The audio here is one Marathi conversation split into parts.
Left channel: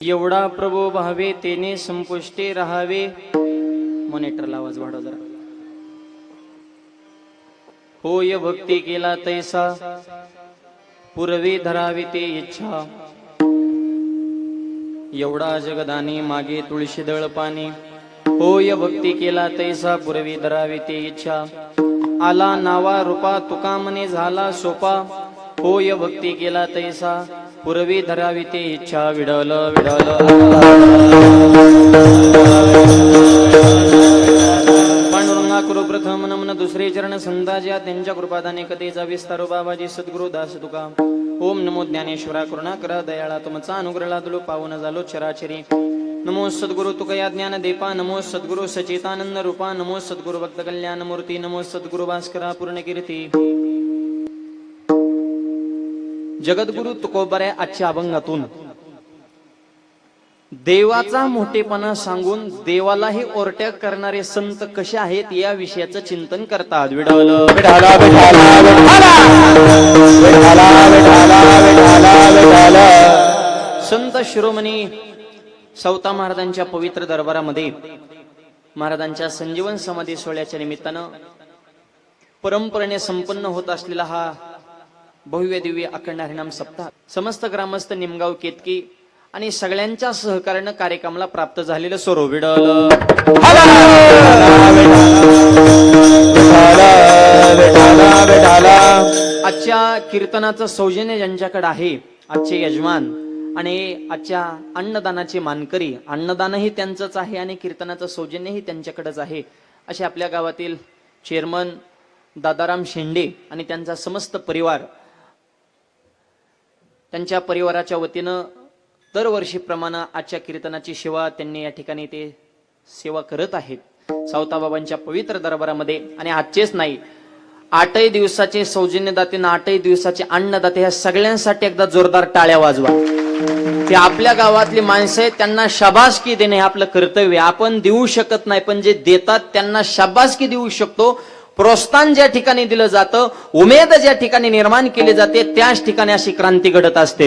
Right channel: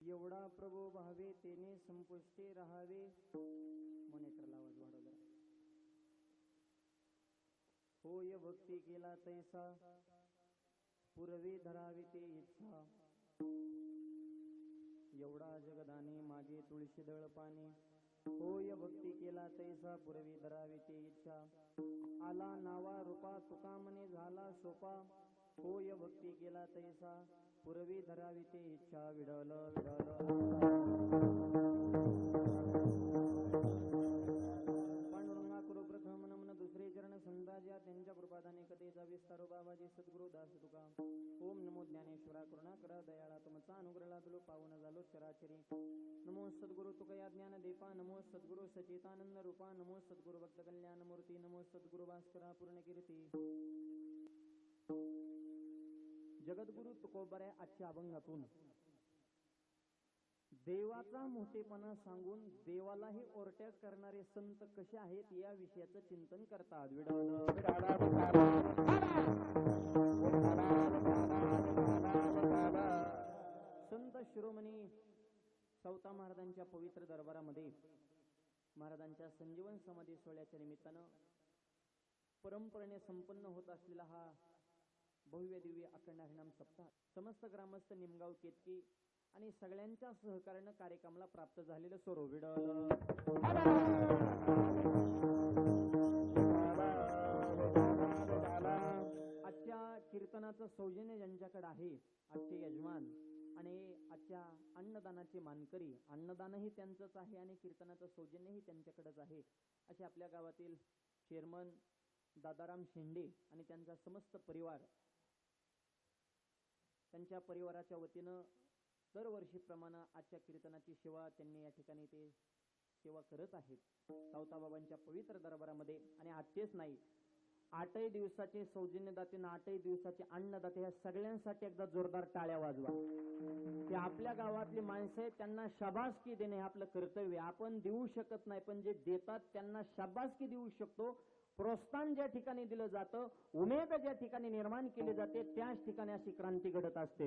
एवढा प्रभू भावे तेने संपुष्टे राहावे. मॉनिटरला आवाज वाढव जरा. होय भक्ती केला तैसा पूर्वी धरावी ते इच्छा. एवढा जगदानी मागे तुळशी दळ पाणी. होय भक्ती केला तैसा पूर्वी धरावी ते इच्छा. आला नावा रूपा तुका मने झाला सोपा. होय भक्ती केला तैसा पूर्वी धरावी ते इच्छा. विडल विडल पांडुरंगा करू प्रथम नमन दुसरे चरण संताज्या त्यांच्या कृपादाने कथेचा विस्तारो बाबाजी सद्गुरु दास तुका. ओम नमो ज्ञानेश्वरा करुणा करा दयाळा तुमचा अनुग्रहाला तुलो पावन झालो चराचरी. नमो सद्गुरु तुकया ज्ञान देपा. नमो सद्गुरु सचेतानंद रूपा. नमो सद्गुरु भक्त कल्याण मूर्ती. नमो सद्गुरु भास्करा पूर्ण कीर्ती. जगद्गुरु तुकोबऱ्या आजच्या अभंगातून देवाचा मोठेपणा सांगून देवालाही ओरट्या करणारे संत कसे आहेत या विषयाचं चिंतन करतात. विडवल विठाला विठाला विठाला विठाला विठाला विठाला. संत शिरोमणी सौता महाराजांच्या पवित्र दरबारामध्ये महाराजांच्या संजीवन समाधी सोहळ्याच्या निमित्तानं परंपरेने संपन्न होत असलेला हा भव्य दिव्य अखंड हरिनाम सप्ताह समस्त ग्रामस्थ निमगाव केतकी आणि सगळ्यांच्या सहकार्यानं कार्यक्रमाला प्राप्त झालेलं स्वरूप. विडल आजच्या कीर्तनाचं सौजन्य ज्यांच्याकडे आहे आजचे यजमान आणि आजच्या अन्नदानाचे मानकरी. अन्नदानही त्यांचंच आहे आणि कीर्तनाचं सौजन्यही त्यांच्याकडेच आहे असे आपल्या गावातील चेअरमन दादाराम शेंडे आणि त्यांचा समस्त परिवार. त्यांच्या परिवाराच्या वतीनं दरवर्षीप्रमाणे आजच्या कीर्तनाची सेवा त्यांनी या ठिकाणी ते सेवा करत आहेत सावताबाबांच्या पवित्र दरबारामध्ये. आणि आजचेच नाही 8 दिवसाचे सौजन्यदाते आणि 8 दिवसाचे अन्नदाते ह्या सगळ्यांसाठी एकदा जोरदार टाळ्या वाजवा. ते आपल्या गावातली माणसं आहेत त्यांना शाबासकी देणे हे आपलं कर्तव्य. आपण देऊ शकत नाही पण जे देतात त्यांना शाबासकी देऊ शकतो. प्रोत्साहन ज्या ठिकाणी दिलं जातं उमेद ज्या ठिकाणी निर्माण केली जाते त्याच ठिकाणी अशी क्रांती घडत असते.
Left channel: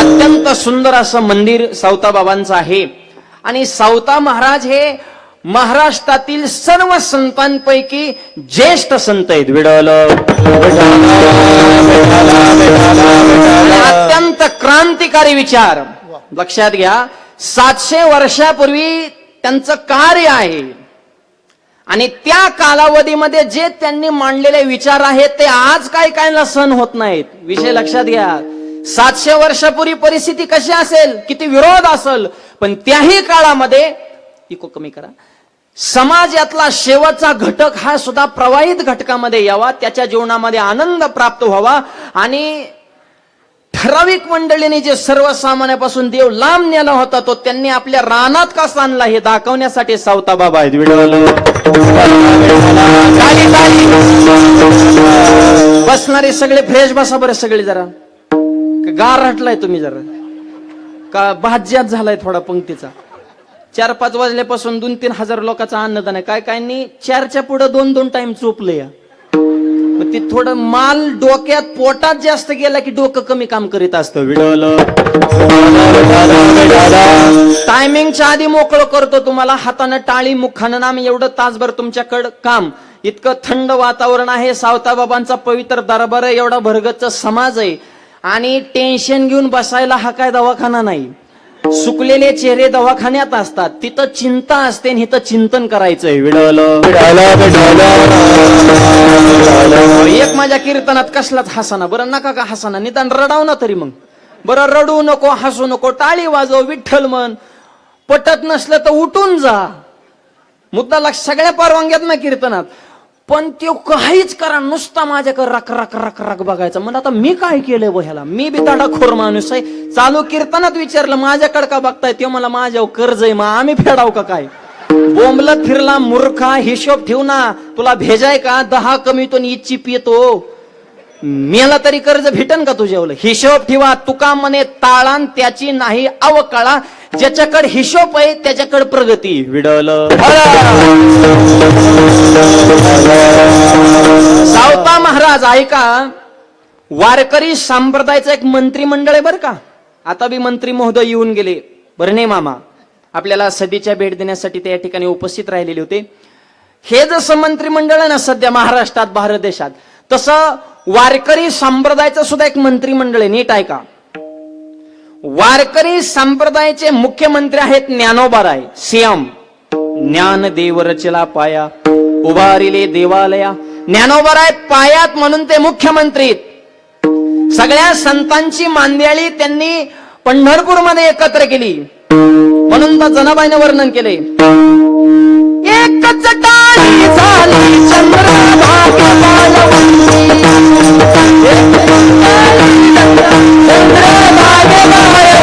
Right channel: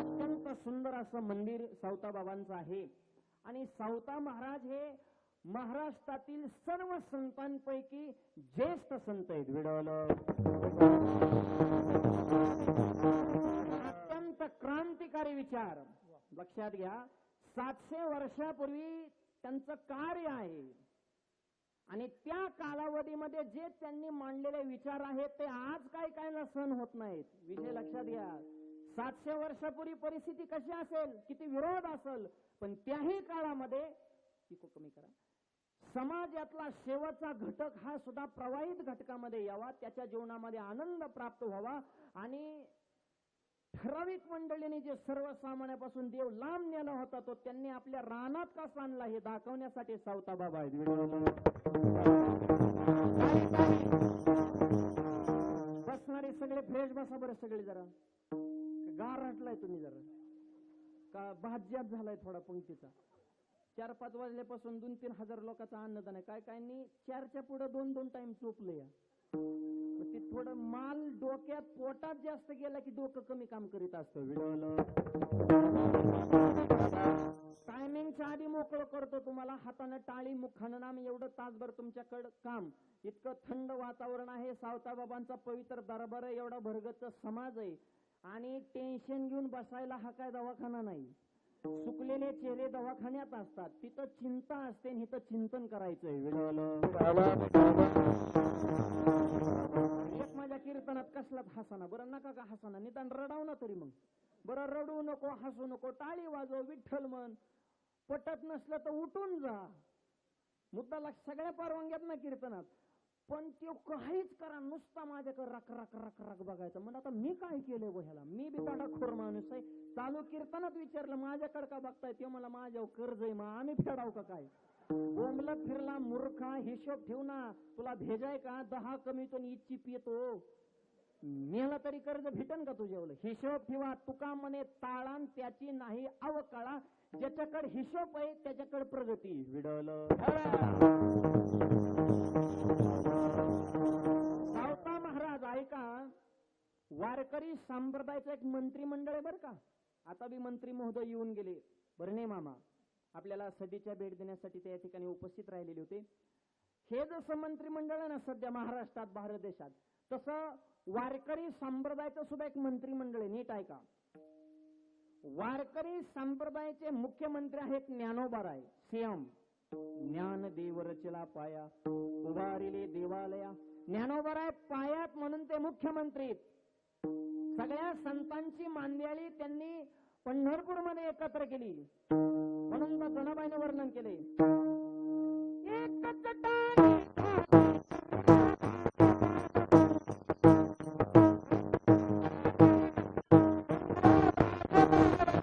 अत्यंत सुंदर असं मंदिर सावता बाबांचं आहे आणि सावता महाराज हे महाराष्ट्रातील सर्व संतांपैकी ज्येष्ठ संत आहेत. अत्यंत क्रांतिकारी विचार लक्षात घ्या. 700 वर्षापूर्वी त्यांचं कार्य आहे आणि त्या कालावधीमध्ये जे त्यांनी मांडलेले विचार आहेत ते आज कायला सहन होत नाहीत. विषय लक्षात घ्या. 700 वर्षापूर्वी परिस्थिती कशी असेल किती विरोध असेल पण त्याही काळामध्ये इको कमी करा समाजातला शेवटचा घटक हा सुद्धा प्रवाहित घटकामध्ये यावा. त्याच्या जीवनामध्ये आनंद प्राप्त व्हावा आणि ठराविक मंडळीने जे सर्वसामान्यापासून देव लांब नेला होता तो त्यांनी आपल्या रानात कसा आणला हे दाखवण्यासाठी सावता बाबा आहेत. बसणारे सगळे फ्रेश बसा बरं सगळे. जरा गार हटलाय तुम्ही जरा का भाज्यात झालाय थोडा पंक्तीचा. 4-5 वाजल्यापासून 2-3 हजार लोकांचा अन्नदान आहे. काय काय 4च्या पुढे 2-2 टाइम चोपले या. ते थोडं माल डोक्यात पोटात जास्त गेला की डोकं कमी काम करीत असतं. टायमिंगच्या आधी मोकळं करतो तुम्हाला हातानं टाळी मुखानं नाम एवढं तासभर तुमच्याकडं काम. इतकं थंड वातावरण आहे. सावता बाबांचा पवित्र दरबार आहे. एवढा भरगच्च समाज आहे आणि टेन्शन घेऊन बसायला हा काय दवाखाना नाही. सुकलेले चेहरे दवाखान्यात असतात. तिथं चिंता असते आणि इथं चिंतन करायचंय. एक माझ्या कीर्तनात कसलाच हसाना बरं नका का हसाना निदान रडाव ना तरी मग बरं. रडू नको हसू नको टाळी वाजव विठ्ठल मन. पटत नसलं तर उठून जा. मुद्दा सगळ्या परवानग्यात ना कीर्तनात पण ते काहीच करा नुसता माझ्याकडे रक रक रक रक बघायचं. म्हणजे आता मी काय केलंय ह्याला. मी बी दाडाखोर माणूस आहे. चालू कीर्तनात विचारलं माझ्याकडे का बघताय ते मला माझ्यावर कर्ज आहे मग आम्ही फेडाव का काय. बोंबलत फिरला मूर्खा. हिशोब ठेव ना. तुला भेजाय का 10 कमी तो इच्छी पितो मेला तरी कर्ज भेटन का तुझ्यावर. हिशोब ठेवा. तुका म्हणे ताळान त्याची नाही अवकाळा. ज्याच्याकडे हिशोब आहे त्याच्याकडे प्रगती. विडवलं सावता महाराज ऐका. वारकरी संप्रदायाचं एक मंत्रिमंडळ आहे बरं का. आता बी मंत्री महोदय येऊन गेले. बरं नाही मामा, आपल्याला सदिच्छा भेट देण्यासाठी ते या ठिकाणी उपस्थित राहिलेले होते. हे जसं मंत्रिमंडळ आहे ना सध्या महाराष्ट्रात, भारत देशात, तसं वारकरी संप्रदायाचं सुद्धा एक मंत्रिमंडळ आहे. नीट आहे का. वारकरी संप्रदायाचे मुख्यमंत्री आहेत ज्ञानोबाराय, सीएम. ज्ञानदेव रचला पाया, उभारिले देवालया. ज्ञानोबाराय पायात म्हणून ते मुख्यमंत्री. सगळ्या संतांची मांदियाळी त्यांनी पंढरपूरमध्ये एकत्र केली, म्हणून तर जनाबाईने वर्णन केले. एकच टाळी झाली चंद्रभागे वाळवंटी, चंद्रभागे वाळवंटी.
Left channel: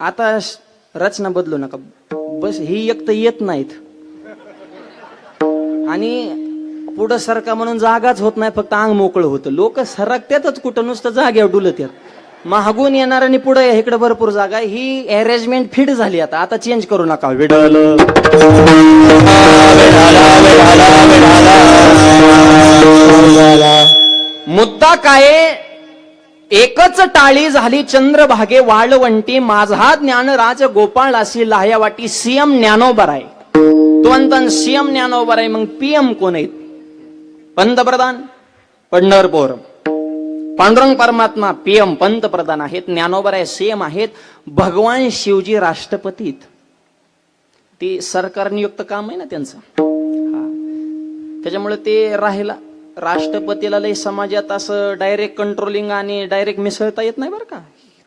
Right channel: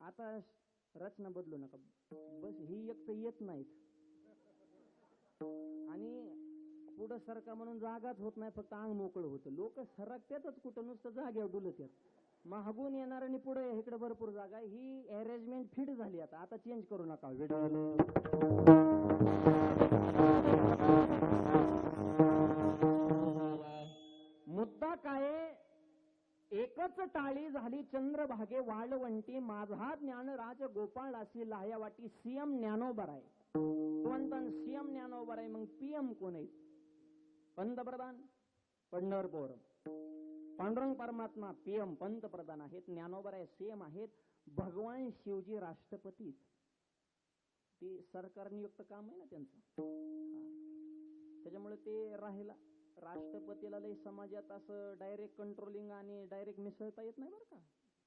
आता रचना बदलू नका बस. ही एक तर येत नाहीत आणि पुढं सरका म्हणून जागाच होत नाही, फक्त अंग मोकळं होतं. लोक सरकत्यातच कुठं, नुसतं जाग्यावर डुलत येत. मागून येणार आणि पुढे इकडे भरपूर जागा. ही अरेंजमेंट फिट झाली. आता चेंज करू नका. मुद्दा काय, एकच टाळी झाली चंद्रभागे वाळवंटी, माझा ज्ञानराज गोपाळ अशी लाह्यावाटी. सीएम ज्ञानोबाराय. तो म्हणतात सीएम ज्ञानोबाराय. मग पीएम कोण आहेत? पंतप्रधान पंढरपूर. पांडुरंग परमात्मा पीएम पंतप्रधान आहेत. ज्ञानोबाराय सीएम आहेत. भगवान शिवजी राष्ट्रपतीत. ती सरकार नियुक्त काम आहे ना त्यांचं. त्याच्यामुळे ते राहिला. राष्ट्रपतीला लय समाजात असं डायरेक्ट कंट्रोलिंग आणि डायरेक्ट मिसळता येत नाही बरं का.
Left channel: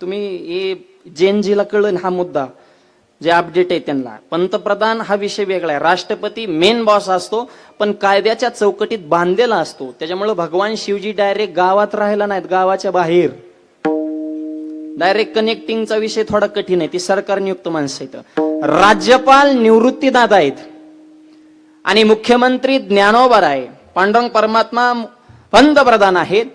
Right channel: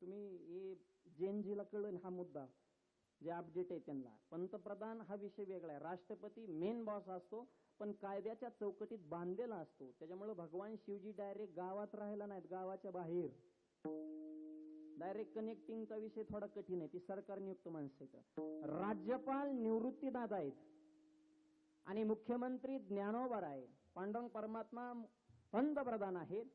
तुम्ही हे जेनजीला कळलं हा मुद्दा, जे अपडेट आहे त्यांना. पंतप्रधान हा विषय वेगळा आहे. राष्ट्रपती मेन बॉस असतो, पण कायद्याच्या चौकटीत बांधलेला असतो. त्याच्यामुळे भगवान शिवजी डायरेक्ट गावात राहिला नाहीत, गावाच्या बाहेर. डायरेक्ट कनेक्टिंगचा विषय थोडा कठीण आहे. ती सरकार नियुक्त माणसं आहेत. राज्यपाल निवृत्तीदादा आहेत आणि मुख्यमंत्री ज्ञानोबाराय. पांडुरंग परमात्मा पंतप्रधान आहेत.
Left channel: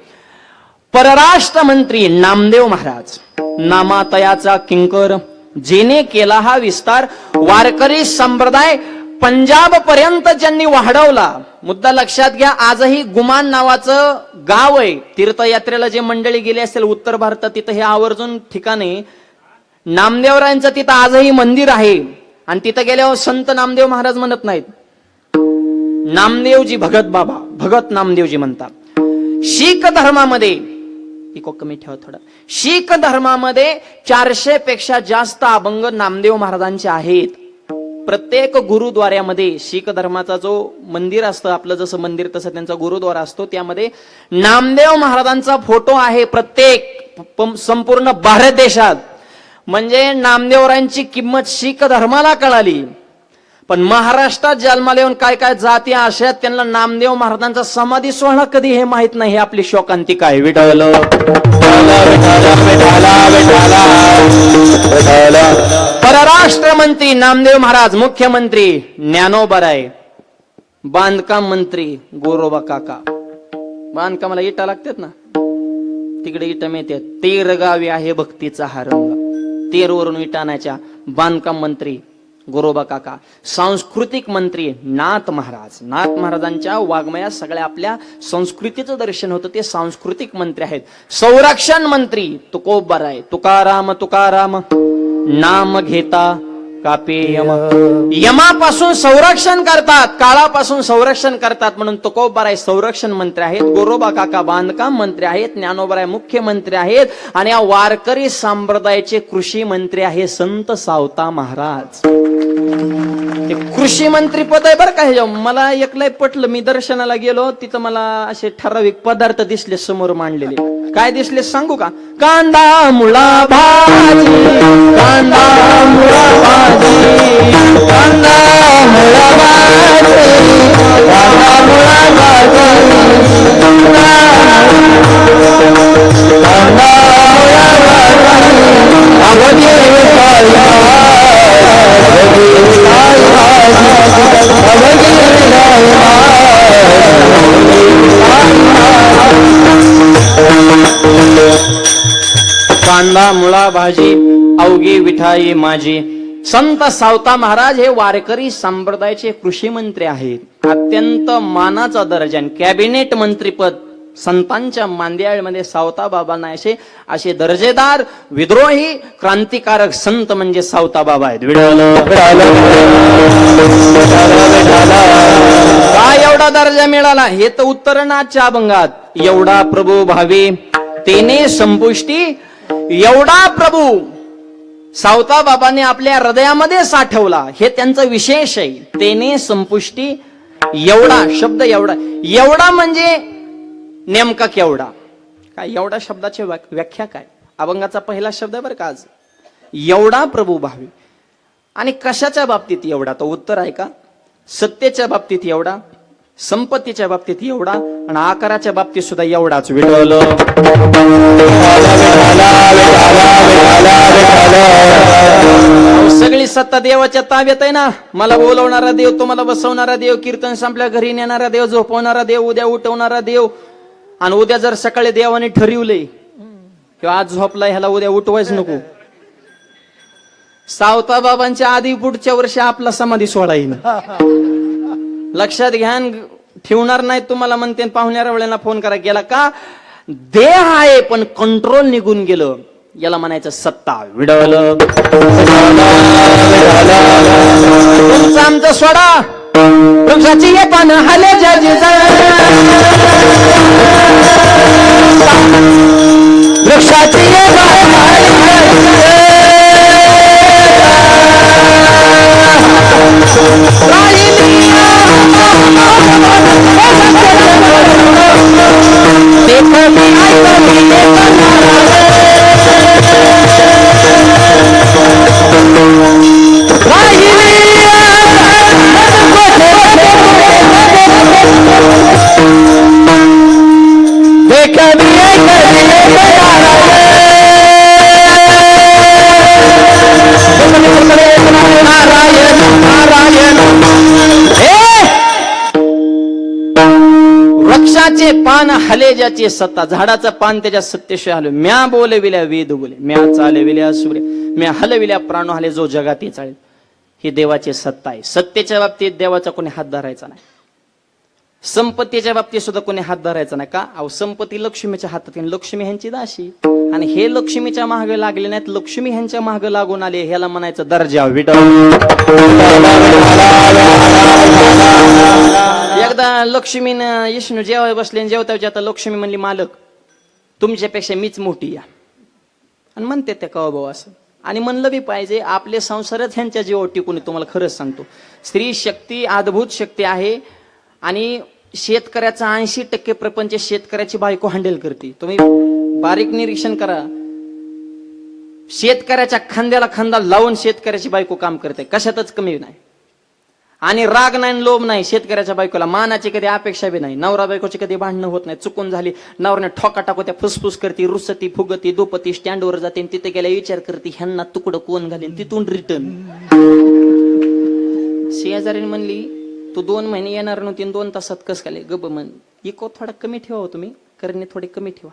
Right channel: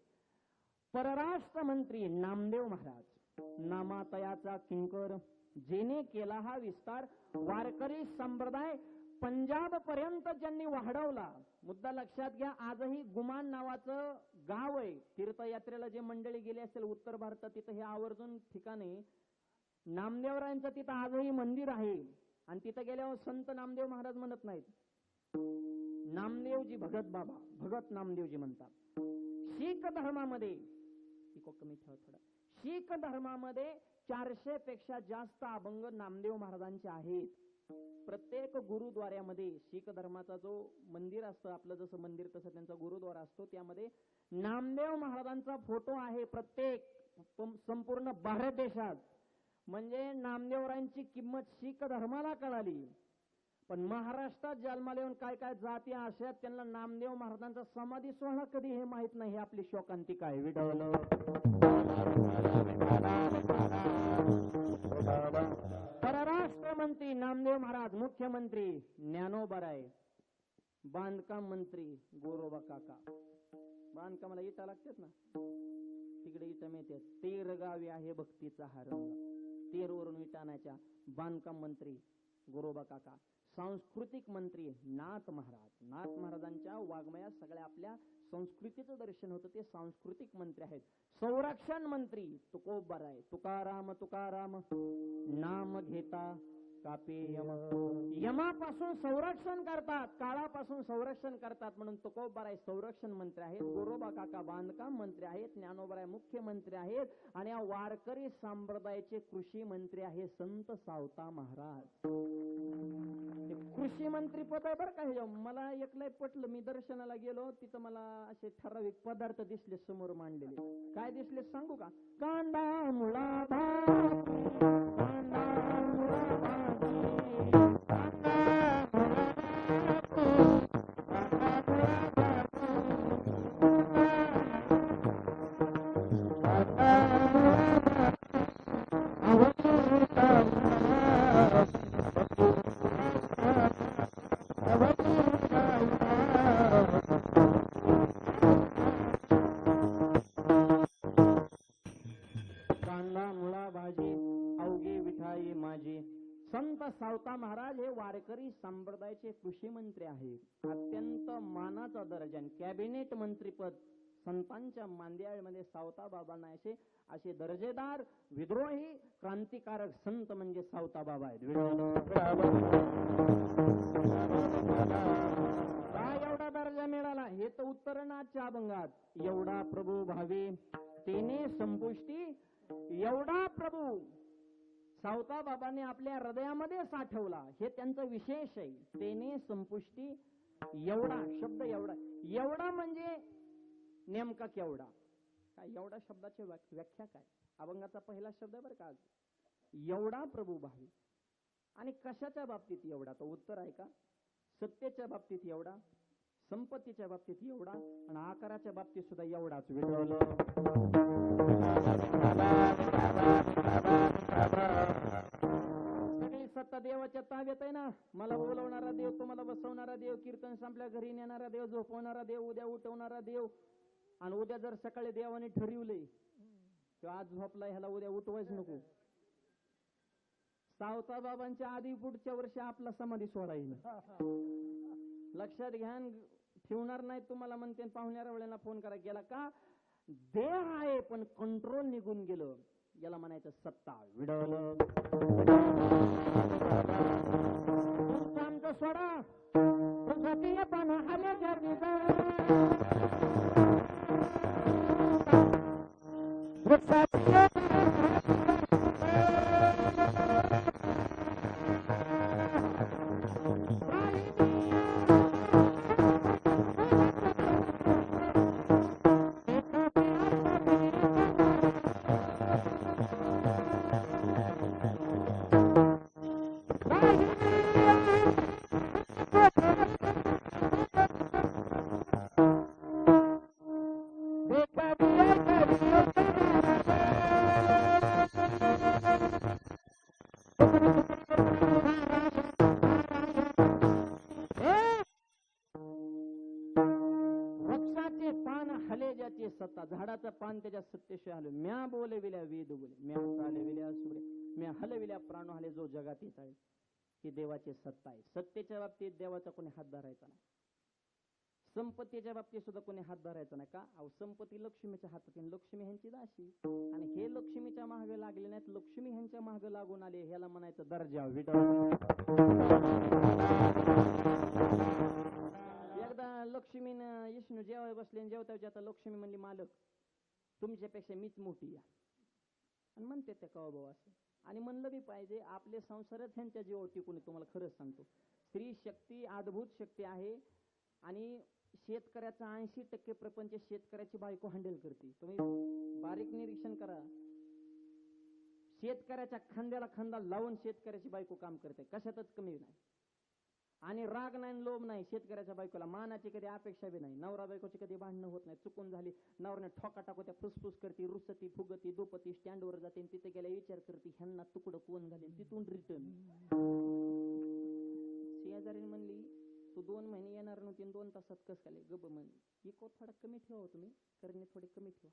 परराष्ट्र मंत्री नामदेव महाराज. नामातयाचा किंकर, जेने केला हा विस्तार. वारकरी संप्रदाय पंजाब पर्यंत ज्यांनी वाढवला. मुद्दा लक्षात घ्या. आजही गुमान नावाचं गाव आहे. तीर्थयात्रेला जे मंडळी गेले असेल उत्तर भारतात, तिथं हे आवर्जून ठिकाणी नामदेवरायांचं तिथं आजही मंदिर आहे. आणि तिथं गेल्यावर संत नामदेव महाराज म्हणत नाहीत, नामदेवजी भगत बाबा, भगत नामदेवजी म्हणतात. शीख धर्मामध्ये कमी ठेवा थोडा. शीख धर्मामध्ये 400 पेक्षा जास्त अभंग नामदेव महाराजांचे आहेत. प्रत्येक गुरुद्वाऱ्यामध्ये शीख धर्माचा जो मंदिर असतं, आपलं जसं मंदिर तसं त्यांचा गुरुद्वारा असतो, त्यामध्ये नामदेव महाराजांचा फोटो आहे. प्रत्येक संपूर्ण भारत देशात. म्हणजे नामदेवरायांची किंमत शीख धर्माला कळाली. पण महाराष्ट्रात जन्माला येऊन काय काय जाती अशा त्यांना नामदेव महाराजांचा समाधी सोहळा कधी हे माहित नाही. आपली शोकांतिका आहे. विठ्ठल परराष्ट्र मंत्री नामदेव महाराज. मुख्यमंत्री ज्ञानोबाराय. बांधकाम मंत्री गोरोबा काका. बांधकामाला इटा लागतात ना, तिकडे इटा मिळतात. तेर गावी आहे भक्तीचा हा रंग. तेरवरून इटा आणायच्या. बांधकाम मंत्री गोरोबा काका. सांस्कृतिक मंत्री नाथ महाराज. नाथ महाराजांच्या वाङ्मयात सगळ्या आपल्या संस्कृतीचं दर्शन होतं. ते सांस्कृतिक मंत्री आहेत. संरक्षण मंत्री तुकोबाराय. तुकाराम तुकाराम नाम घेता कापे यम. यमापासून संरक्षण करतात, काळापासून संरक्षण करतात, म्हणून तुकोबाराय संरक्षण मंत्री आहेत. गोरोबा काका बांधकाम मंत्री आहेत. ज्ञानोबाराय मुख्यमंत्री आहेत. आणि या वारकरी संप्रदायाचे कृषी मंत्री आहे संत सावता महाराज. ते कृषी मंत्री पद आहे बरं का हे. मला एकलंय पटलं. मी दर्शनाला गेलो तिथं मला असे ठराविक पदार्थ दिसले समोर मांडलेले. काय दिसले सांगू का? कांदा मुळा भाजी, कांदा मुळा भाजी, कांदा मुळा भाजी, कांदा मुळा भाजी, कांदा कांदा मुळा भाजी अवघी विठाई माझी. संत सावता महाराज हे वारकरी संप्रदायाचे कृषी मंत्री आहेत. अत्यंत मानाचा दर्जा. कॅबिनेट मंत्रीपद संतांच्या मांदियाळमध्ये सावता बाबांना असे दर्जेदार विद्रोही क्रांतिकारक संत म्हणजे सावता बाबा आहेत. काय एवढा दर्जा मिळाला? हे तर उत्तरनाथच्या अभंगात. एवढा प्रभू भावी तेने संपुष्टी, एवढा प्रभू सावता बाबांनी आपल्या हृदयामध्ये साठवला. हे त्यांचं विशेष आहे. तेने संपुष्टी, एवढा शब्द. एवढा एवढा म्हणजे नेमका केवढा? काय एवढा शब्दाची व्याख्या काय? अभंगाचा पहिला शब्द बरं का आज. एवढा प्रभू भावी. आणि कशाच्या बाबतीत एवढा? तो उत्तर आहे का? सत्तेच्या बाबतीत एवढा, संपत्तीच्या बाबतीत एवढा, आणि आकाराच्या बाबतीत सुद्धा एवढाच. सगळी सत्ता देवाच्या ताब्यात आहे ना. मला बोलवणारा देव, तुम्हाला बसवणारा देव, कीर्तन संपल्या घरी नेणारा देव, झोपवणारा देव, उद्या उठवणारा देव. आणि उद्या जर सकाळी देवाने ठरवले किंवा आज झोपलाय ह्याला उद्या उठवायच नको, सावता बाबांच्या आधी पुढच्या वर्षी आपला समाधी सोहळा येईल. लक्षात घ्या. ठेवणार नाही तुम्हाला म्हणते. पाहुण्याला वेळेला फोन करा गेला का? देह आहे पण कंट्रोल निघून गेलं. याला म्हणायचं सत्ता. विडवलं तुमचं आमचं सोडा. वृक्षाची ये पान हले वृक्षाची ये वृक्षाचे पान हले ज्याची सत्ता. झाडाचं पान त्याच्या सत्तेशिवाय हलवे. म्या बोलविल्या वेद बोले, म्या चालविल्या सूर्य, म्या हलविल्या प्राण हले जो जगाती चालेल. ही देवाची सत्ता आहे. सत्तेच्या बाबतीत देवाचा कोणी हात धरायचा नाही. संपत्तीच्या बाबतीत सुद्धा कोणी हात धरायचा नाही. का? अहो संपत्ती लक्ष्मीच्या हातात. लक्ष्मी ह्यांची दाशी. आणि हे लक्ष्मीच्या मागे लागले नाहीत, लक्ष्मी ह्यांच्या मागे लागून आले. ह्याला म्हणायचं दर्जा. एकदा लक्ष्मीनं विष्णू जेवाय बसले, जेवताच्या आता लक्ष्मी म्हणली मालक तुमच्यापेक्षा मीच मोठी या. आणि म्हणते त्या कवा भाऊ असं. आणि म्हणलं बी पाहिजे. आपले संसारच ह्यांच्या जीवावर टिकून. तुम्हाला खरंच सांगतो, स्त्री शक्ती अद्भुत शक्ती आहे. आणि शेतकऱ्याचा 80% प्रपंच शेतकऱ्याची बायको हँडल करते. तुम्ही बारीक निरीक्षण करा. शेतकऱ्याच्या खांद्याला खांदा लावून शेतकऱ्याची बायको काम करते. कशातच कमी नाही. आणि राग नाही, लोभ नाही शेतकऱ्याच्या बायकोला. मानाची कधी अपेक्षा बी नाही. नवरा बायकोची कधी भांडणं होत नाही. चुकून झाली नवऱ्याने ठोका टाकू त्या फुसफुस करते, रुसती फुगती दुपती स्टँडवर जाते. तिथे गेल्या विचार करते ह्यांना तुकडं कोण घालेन. तिथून रिटर्न. शेजारीने म्हणली तू 2 महिने येणार नव्हती, 2 तासात कस काय? गब म्हण. इको थोडा कमी ठेवा तुम्ही, करणे थोडे कमी ठेवा.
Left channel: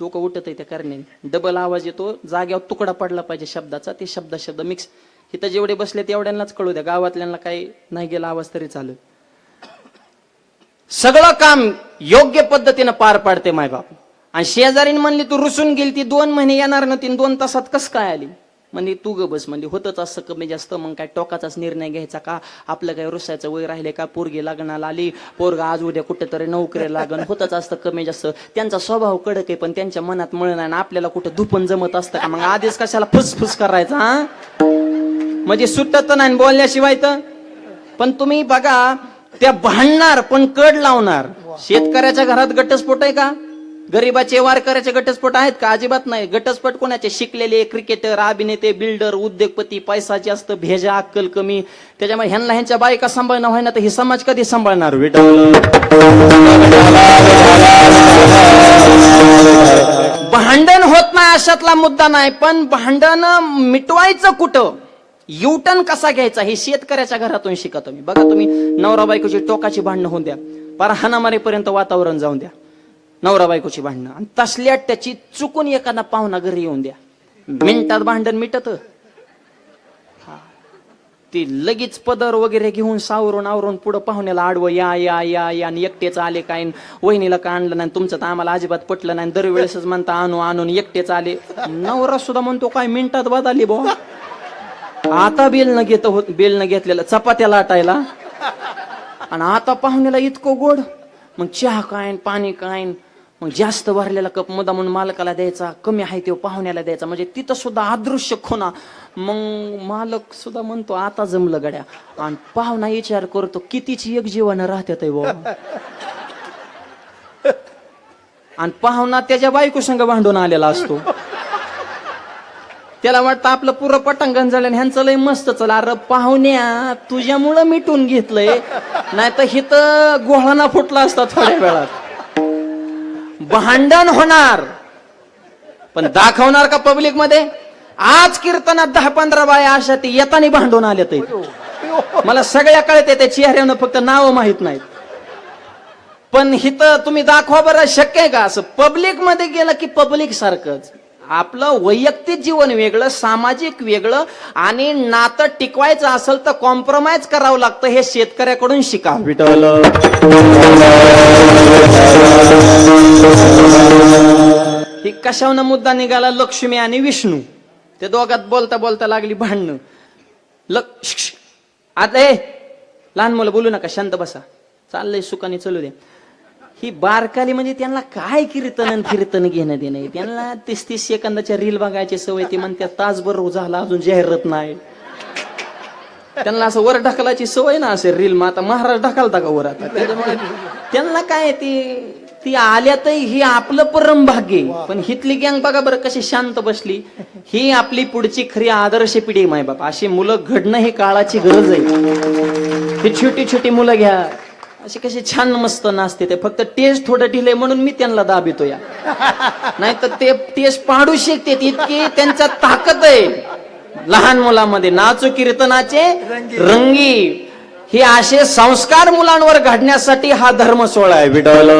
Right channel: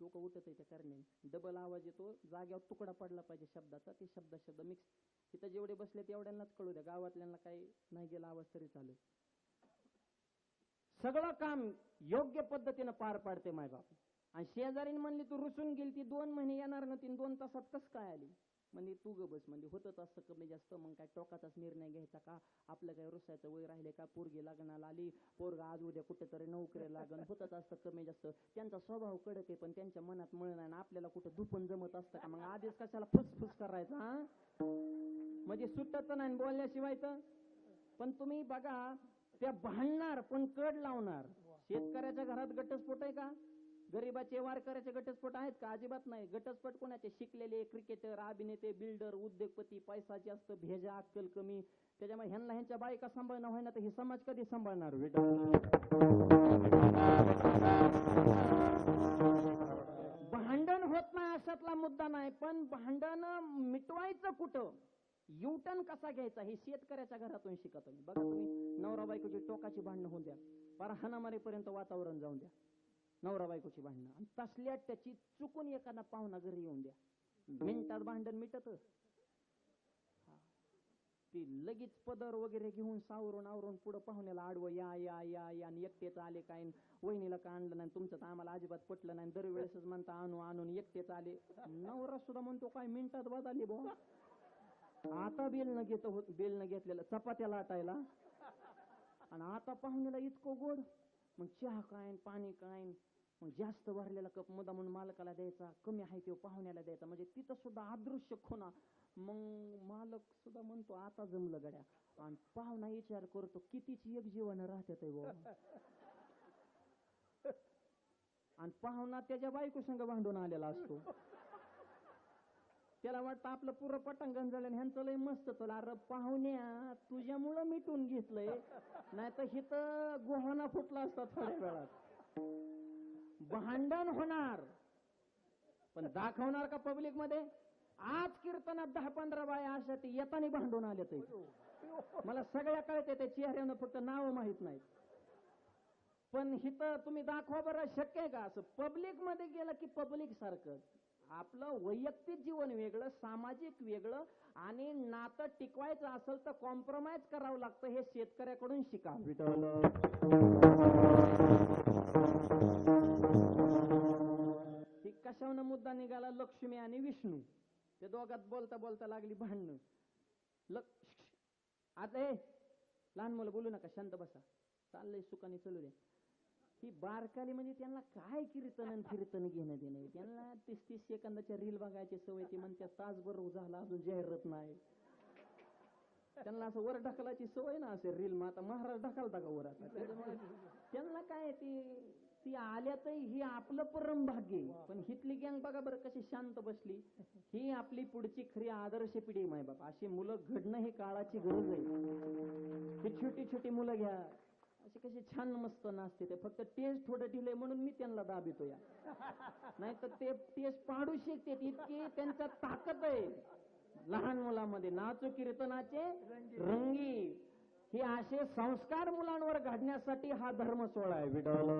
डोकं उठत आहे त्या करण्याने. डबल आवाज येतो. जाग्यावर तुकडा पडला पाहिजे शब्दाचा. ते शब्द मिक्स. इथं जेवढे बसले तेवढ्यांनाच कळू द्या. गावातल्यांना काही नाही गेला आवाज तरी चालेल. सगळं काम योग्य पद्धतीनं पार पाडते मायबाप. आणि शेजारीने म्हणली तू रुसून गेली, ती 2 महिने येणार नव्हती, 2 तासात कस काय आली? म्हणजे तू ग बस. म्हणजे होतच असं कमी जास्त. मग काय टोकाचाच निर्णय घ्यायचा का? आपलं काय रुसायचं वय राहिले का? पोरगी लग्नाला आली, पोरगा आज उद्या कुठेतरी नोकरी लागण. होतच असतं कमी जास्त. त्यांचा स्वभाव कडक आहे पण त्यांच्या मनात मळ नाही. आपल्याला कुठं धुपण जमत असतं का? मग आधीच कशाला फुसफुस करायचा? म्हणजे सुटत नाही बोलण्याशिवाय तर. पण तुम्ही बघा, त्या भांडणार पण कड लावणार. शेतकऱ्याच्या घरात घटस्फोट आहे का? गरीबाचे वारकऱ्याचे घटस्फोट आहेत का? अजिबात नाही. घटस्फोट कोणाचे? शिकलेले, क्रिकेटर, अभिनेते, बिल्डर, उद्योगपती, पैसा जास्त, भेजा, अक्कल कमी. त्याच्यामुळे ह्यांच्या बायका सांभाळणं व्हायना तर ही समाज कधी सांभाळणार? भांडण होत नाही अशातला मुद्दा नाही, पण भांडण मिटवायचं कुठं, युटर्न कसा घ्यायचा हे शेतकऱ्याच्या घरातून शिका तुम्ही. बघा, तुम्ही नवरा बायकोची टोकाची भांडणं होऊन द्या, पार हाणामारीपर्यंत वातावरण जाऊन द्या, नवरा बायकोची भांडणं, आणि तसल्या त्याची चुकून एखादा पाहुणा घरी येऊन द्या, मिनिटात भांडण मिटत. ती लगेच पदर वगैरे घेऊन सावरून आवरून पुढं पाहुण्याला आडवं, या या या या, आणि एकटेच आले काय, वहिनीला का आणलं नाही, तुमचं तर आम्हाला अजिबात पटलं नाही, दरवेळेसच म्हणता आणू आणून एकटेच आले. नवरा सुद्धा म्हणतो काय मिनिटात बदलली बुवा. आता बेल न घेतलेलं चपात्या लाटायला, आणि आता पाहुण्याला इतकं गोड. मग चहा काय पाणी काय, मग जास्त भरलेला कप मुद्दा म्हणून मालकाला द्यायचा, कमी आहे ते पाहुण्याला द्यायचा, म्हणजे तिथं सुद्धा अदृश्य खोना. मग मालक सुद्धा म्हणतो आता जमलं गड्या, आणि पाहुणा विचार करतो कितीची एक जीवन राहत्यात बाबा. आणि पाहुणा त्याच्या बायको संग भांडून आलेला असतो. त्याला वाटतं आपलं पुरं पटांगण झालं, ह्यांचं लय मस्त चला. अरे पाहुण्या, तुझ्यामुळं मिटून घेतलंय, नाही तर हिथं गोळाना फुटला असता थोड्या वेळात. भांडण होणार, पण दाखवणार का पब्लिक मध्ये? आज कीर्तनात 10-15 बाया अशा ती येताना भांडून आल्या ते मला सगळ्या कळते, त्या चेहऱ्यानं फक्त नाव माहित नाहीत. पण हिथं तुम्ही दाखवा बरं, शक्य आहे का असं? पब्लिक मध्ये गेलं की पब्लिक सारखंच. आपलं वैयक्तिक जीवन वेगळं, सामाजिक वेगळं, आणि नातं टिकवायचं असेल तर कॉम्प्रोमाइज करावं लागतं. हे शेतकऱ्याकडून शिका. विठ्ठल ही कशावनं मुद्दा निघाला? लक्ष्मी आणि विष्णू, ते दोघात बोलता बोलता लागली भांडणं. आता लहान मुलं बोलू नका, शांत बसा, चाललंय सुखाने चलू दे. ही बारकाली म्हणजे त्यांना काय कीर्तन घेणं देणं, त्यांना 30-30 सेकंदाच्या रील बघायची सवय. ती म्हणते तासभर झाला अजून जाहिरात नाही. त्यांना असं वर ढकलायची सवय ना, असे रील. मग आता महाराज ढकलता का वर? आता त्याच्यामुळे त्यांना काय, ती आल्यातही ही आपलं परम भाग्य. पण हितली गँग बघा बरं कशी शांत बसली. ही आपली पुढची खरी आदर्श पिढी माय बाप. अशी मुलं घडणं ही काळाची गरज आहे. ही छोटी छोटी मुलं घ्या, अशी कशी छान मस्त नाचते. ते फक्त टेस्ट थोडं ढिले म्हणून मी त्यांना दाबितो या, नाही तर ते टेस्ट पाडू शकते. इतकी त्यांच्या ताकद आहे लहान मुलांमध्ये. नाचू कीर्तनाचे रंगी, हे असे संस्कार मुलांवर घडण्यासाठी हा धर्म सोहळा आहे. विठ्ठल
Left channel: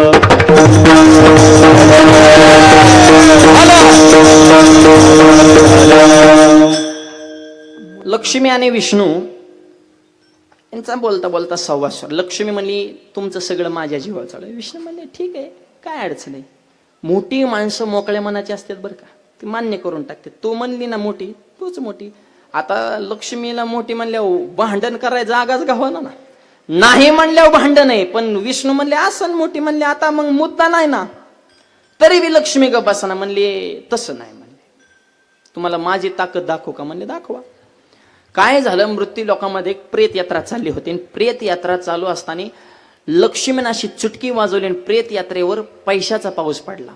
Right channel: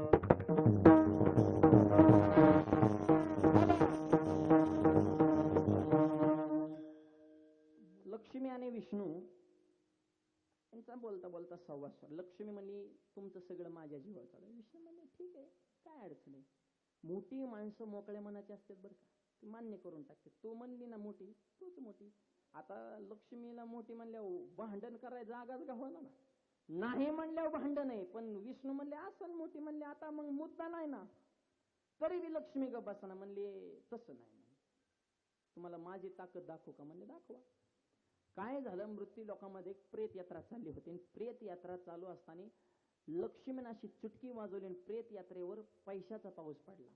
लक्ष्मी आणि विष्णू यांचा बोलता बोलता संवाद. लक्ष्मी म्हणली तुमचं सगळं माझ्या जीवावर चालू आहे. विष्णू म्हणले ठीक आहे, काय अडचण आहे. मोठी माणसं मोकळ्या मनाची असतात बरं का, ती मान्य करून टाकते. तू म्हणली ना मोठी, तूच मोठी. आता लक्ष्मीला मोठी म्हणल्यावर भांडण करायचं जागाच गावाना ना, नाही म्हणल्यावर भांडण आहे. पण विष्णू म्हणले असं, मोठी म्हणले आता मग मुद्दा नाही ना. तरी बी लक्ष्मी ग बसाना म्हणले तसं नाही. म्हणले तुम्हाला माझी ताकद दाखवू का? म्हणले दाखवा. काय झालं, मृत्यू लोकांमध्ये एक प्रेत यात्रा चालली होती. प्रेत यात्रा चालू असताना लक्ष्मीने अशी चुटकी वाजवली आणि प्रेत यात्रेवर पैशाचा पाऊस पडला.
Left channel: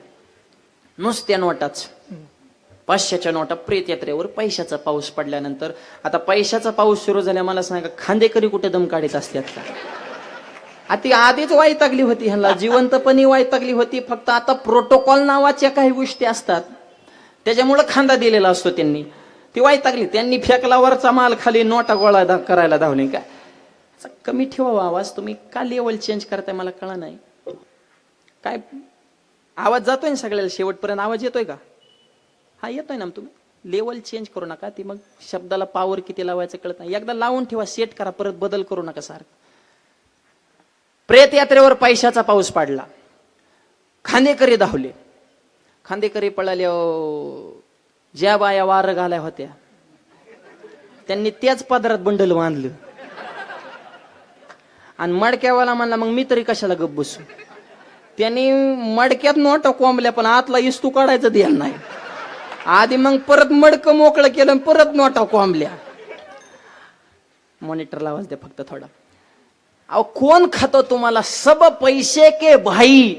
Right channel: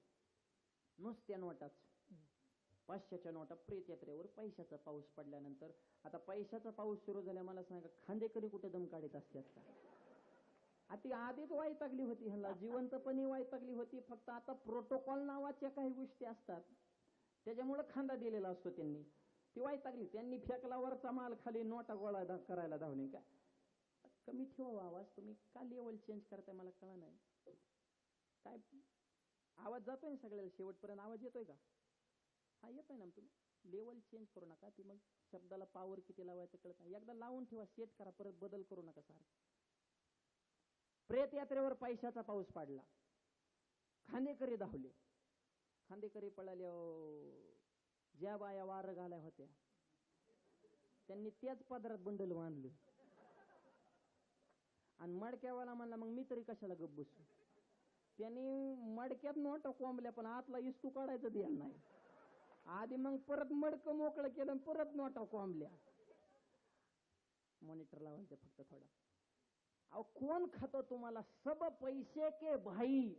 नुसत्या नोटाच, 500च्या नोटा. प्रेत यात्रेवर पैशाचा पाऊस पडल्यानंतर आता पैशाचा पाऊस सुरू झाला. मला सांगा, खांदेकरी कुठे दम काढीत असतात का? ती आधीच वैतागली होती, ह्याला जिवंतपणी वैतागली होती. फक्त आता प्रोटोकॉल नावाच्या काही गोष्टी असतात, त्याच्यामुळे खांदा दिलेला असतो. त्यांनी ती वैतागली, त्यांनी फेकला वरचा माल खाली, नोटा गोळा करायला धावले. काय कमी ठेवा आवाज, तुम्ही का लेवल चेंज करताय मला कळलं नाही. काय आवाज जातोय ना सगळ्याला शेवटपर्यंत? आवाज येतोय का? हा येतोय ना. तुम्ही लेवल चेंज करू नका. ती मग शब्दाला पावर किती लावायचं कळत नाही. एकदा लावून ठेवा, सेट करा, परत बदल करू नका सारखं. प्रेत यात्रेवर पैशाचा पाऊस पडला. खांदेकरी धावले. खांदेकरी पळाले. ज्या बाया वार घालाय होत्या त्यांनी त्याच पदरात बंडल बांधलं आणि मडक्यावाला म्हणला मग मी तरी कशाला गप बसू. त्यांनी मडक्यात नोटा कोंबल्या, पण आतला इस्तू काढायचं ध्यान नाही. आधी मग परत मडकं मोकळं केलं, परत नोटा कोंबल्या. मॉनिटरला आवाज द्या फक्त थोडा. अहो कोण खातो तुम्हाला? सब पैसे के भाई,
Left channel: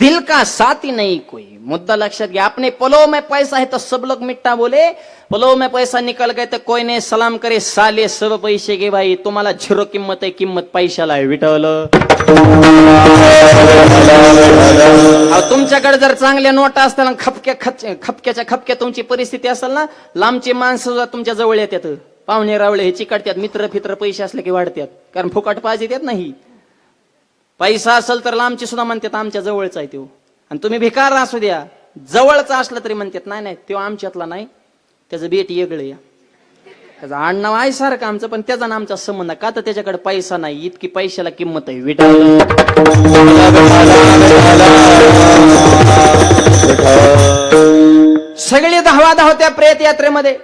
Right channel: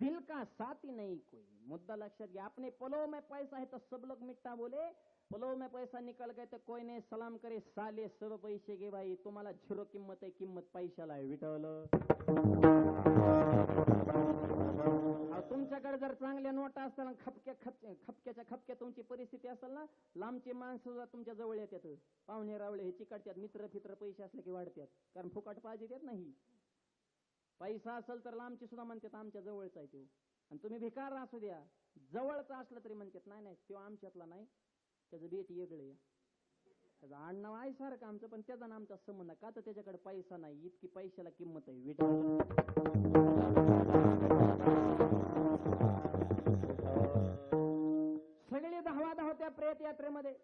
दिल का साथी नहीं कोई. मुद्दा लक्षात घ्या. आपने पलो में पैसा है तो सब लोग मिट्टा बोले, पलो में पैसा निकल गए तो कोई नहीं सलाम करे. साले सब पैसे के भाई. तुम्हाला झिरो किंमत आहे, किंमत पैशाला आहे. विठवल. तुमच्याकडे जर चांगल्या नोटा असताना खपक्याच्या खपक्या तुमची परिस्थिती असेल ना, लांबची माणसं सुद्धा तुमच्या जवळ येतात. पाहुणे रावळे हे चिकटतात, मित्र फित्र पैसे असले की वाढतात, कारण फुकट पाहिजे त्यात नाही. पैसा असेल तर लांबची सुद्धा म्हणतात आमच्या जवळचा आहे तो. आणि तुम्ही भिकार असू द्या, जवळचा असला तरी म्हणतात नाही नाही तो आमच्यातला नाही, त्याचं बेट वेगळं या, त्याचं आडनाव आहे सारखं आमचं, पण त्याचा ना आमचा संबंध का तर त्याच्याकडे पैसा नाही. इतकी पैशाला किंमत आहे. विठ्ठल. सगळे धावा धावत्या प्रेत यात्रेमध्ये.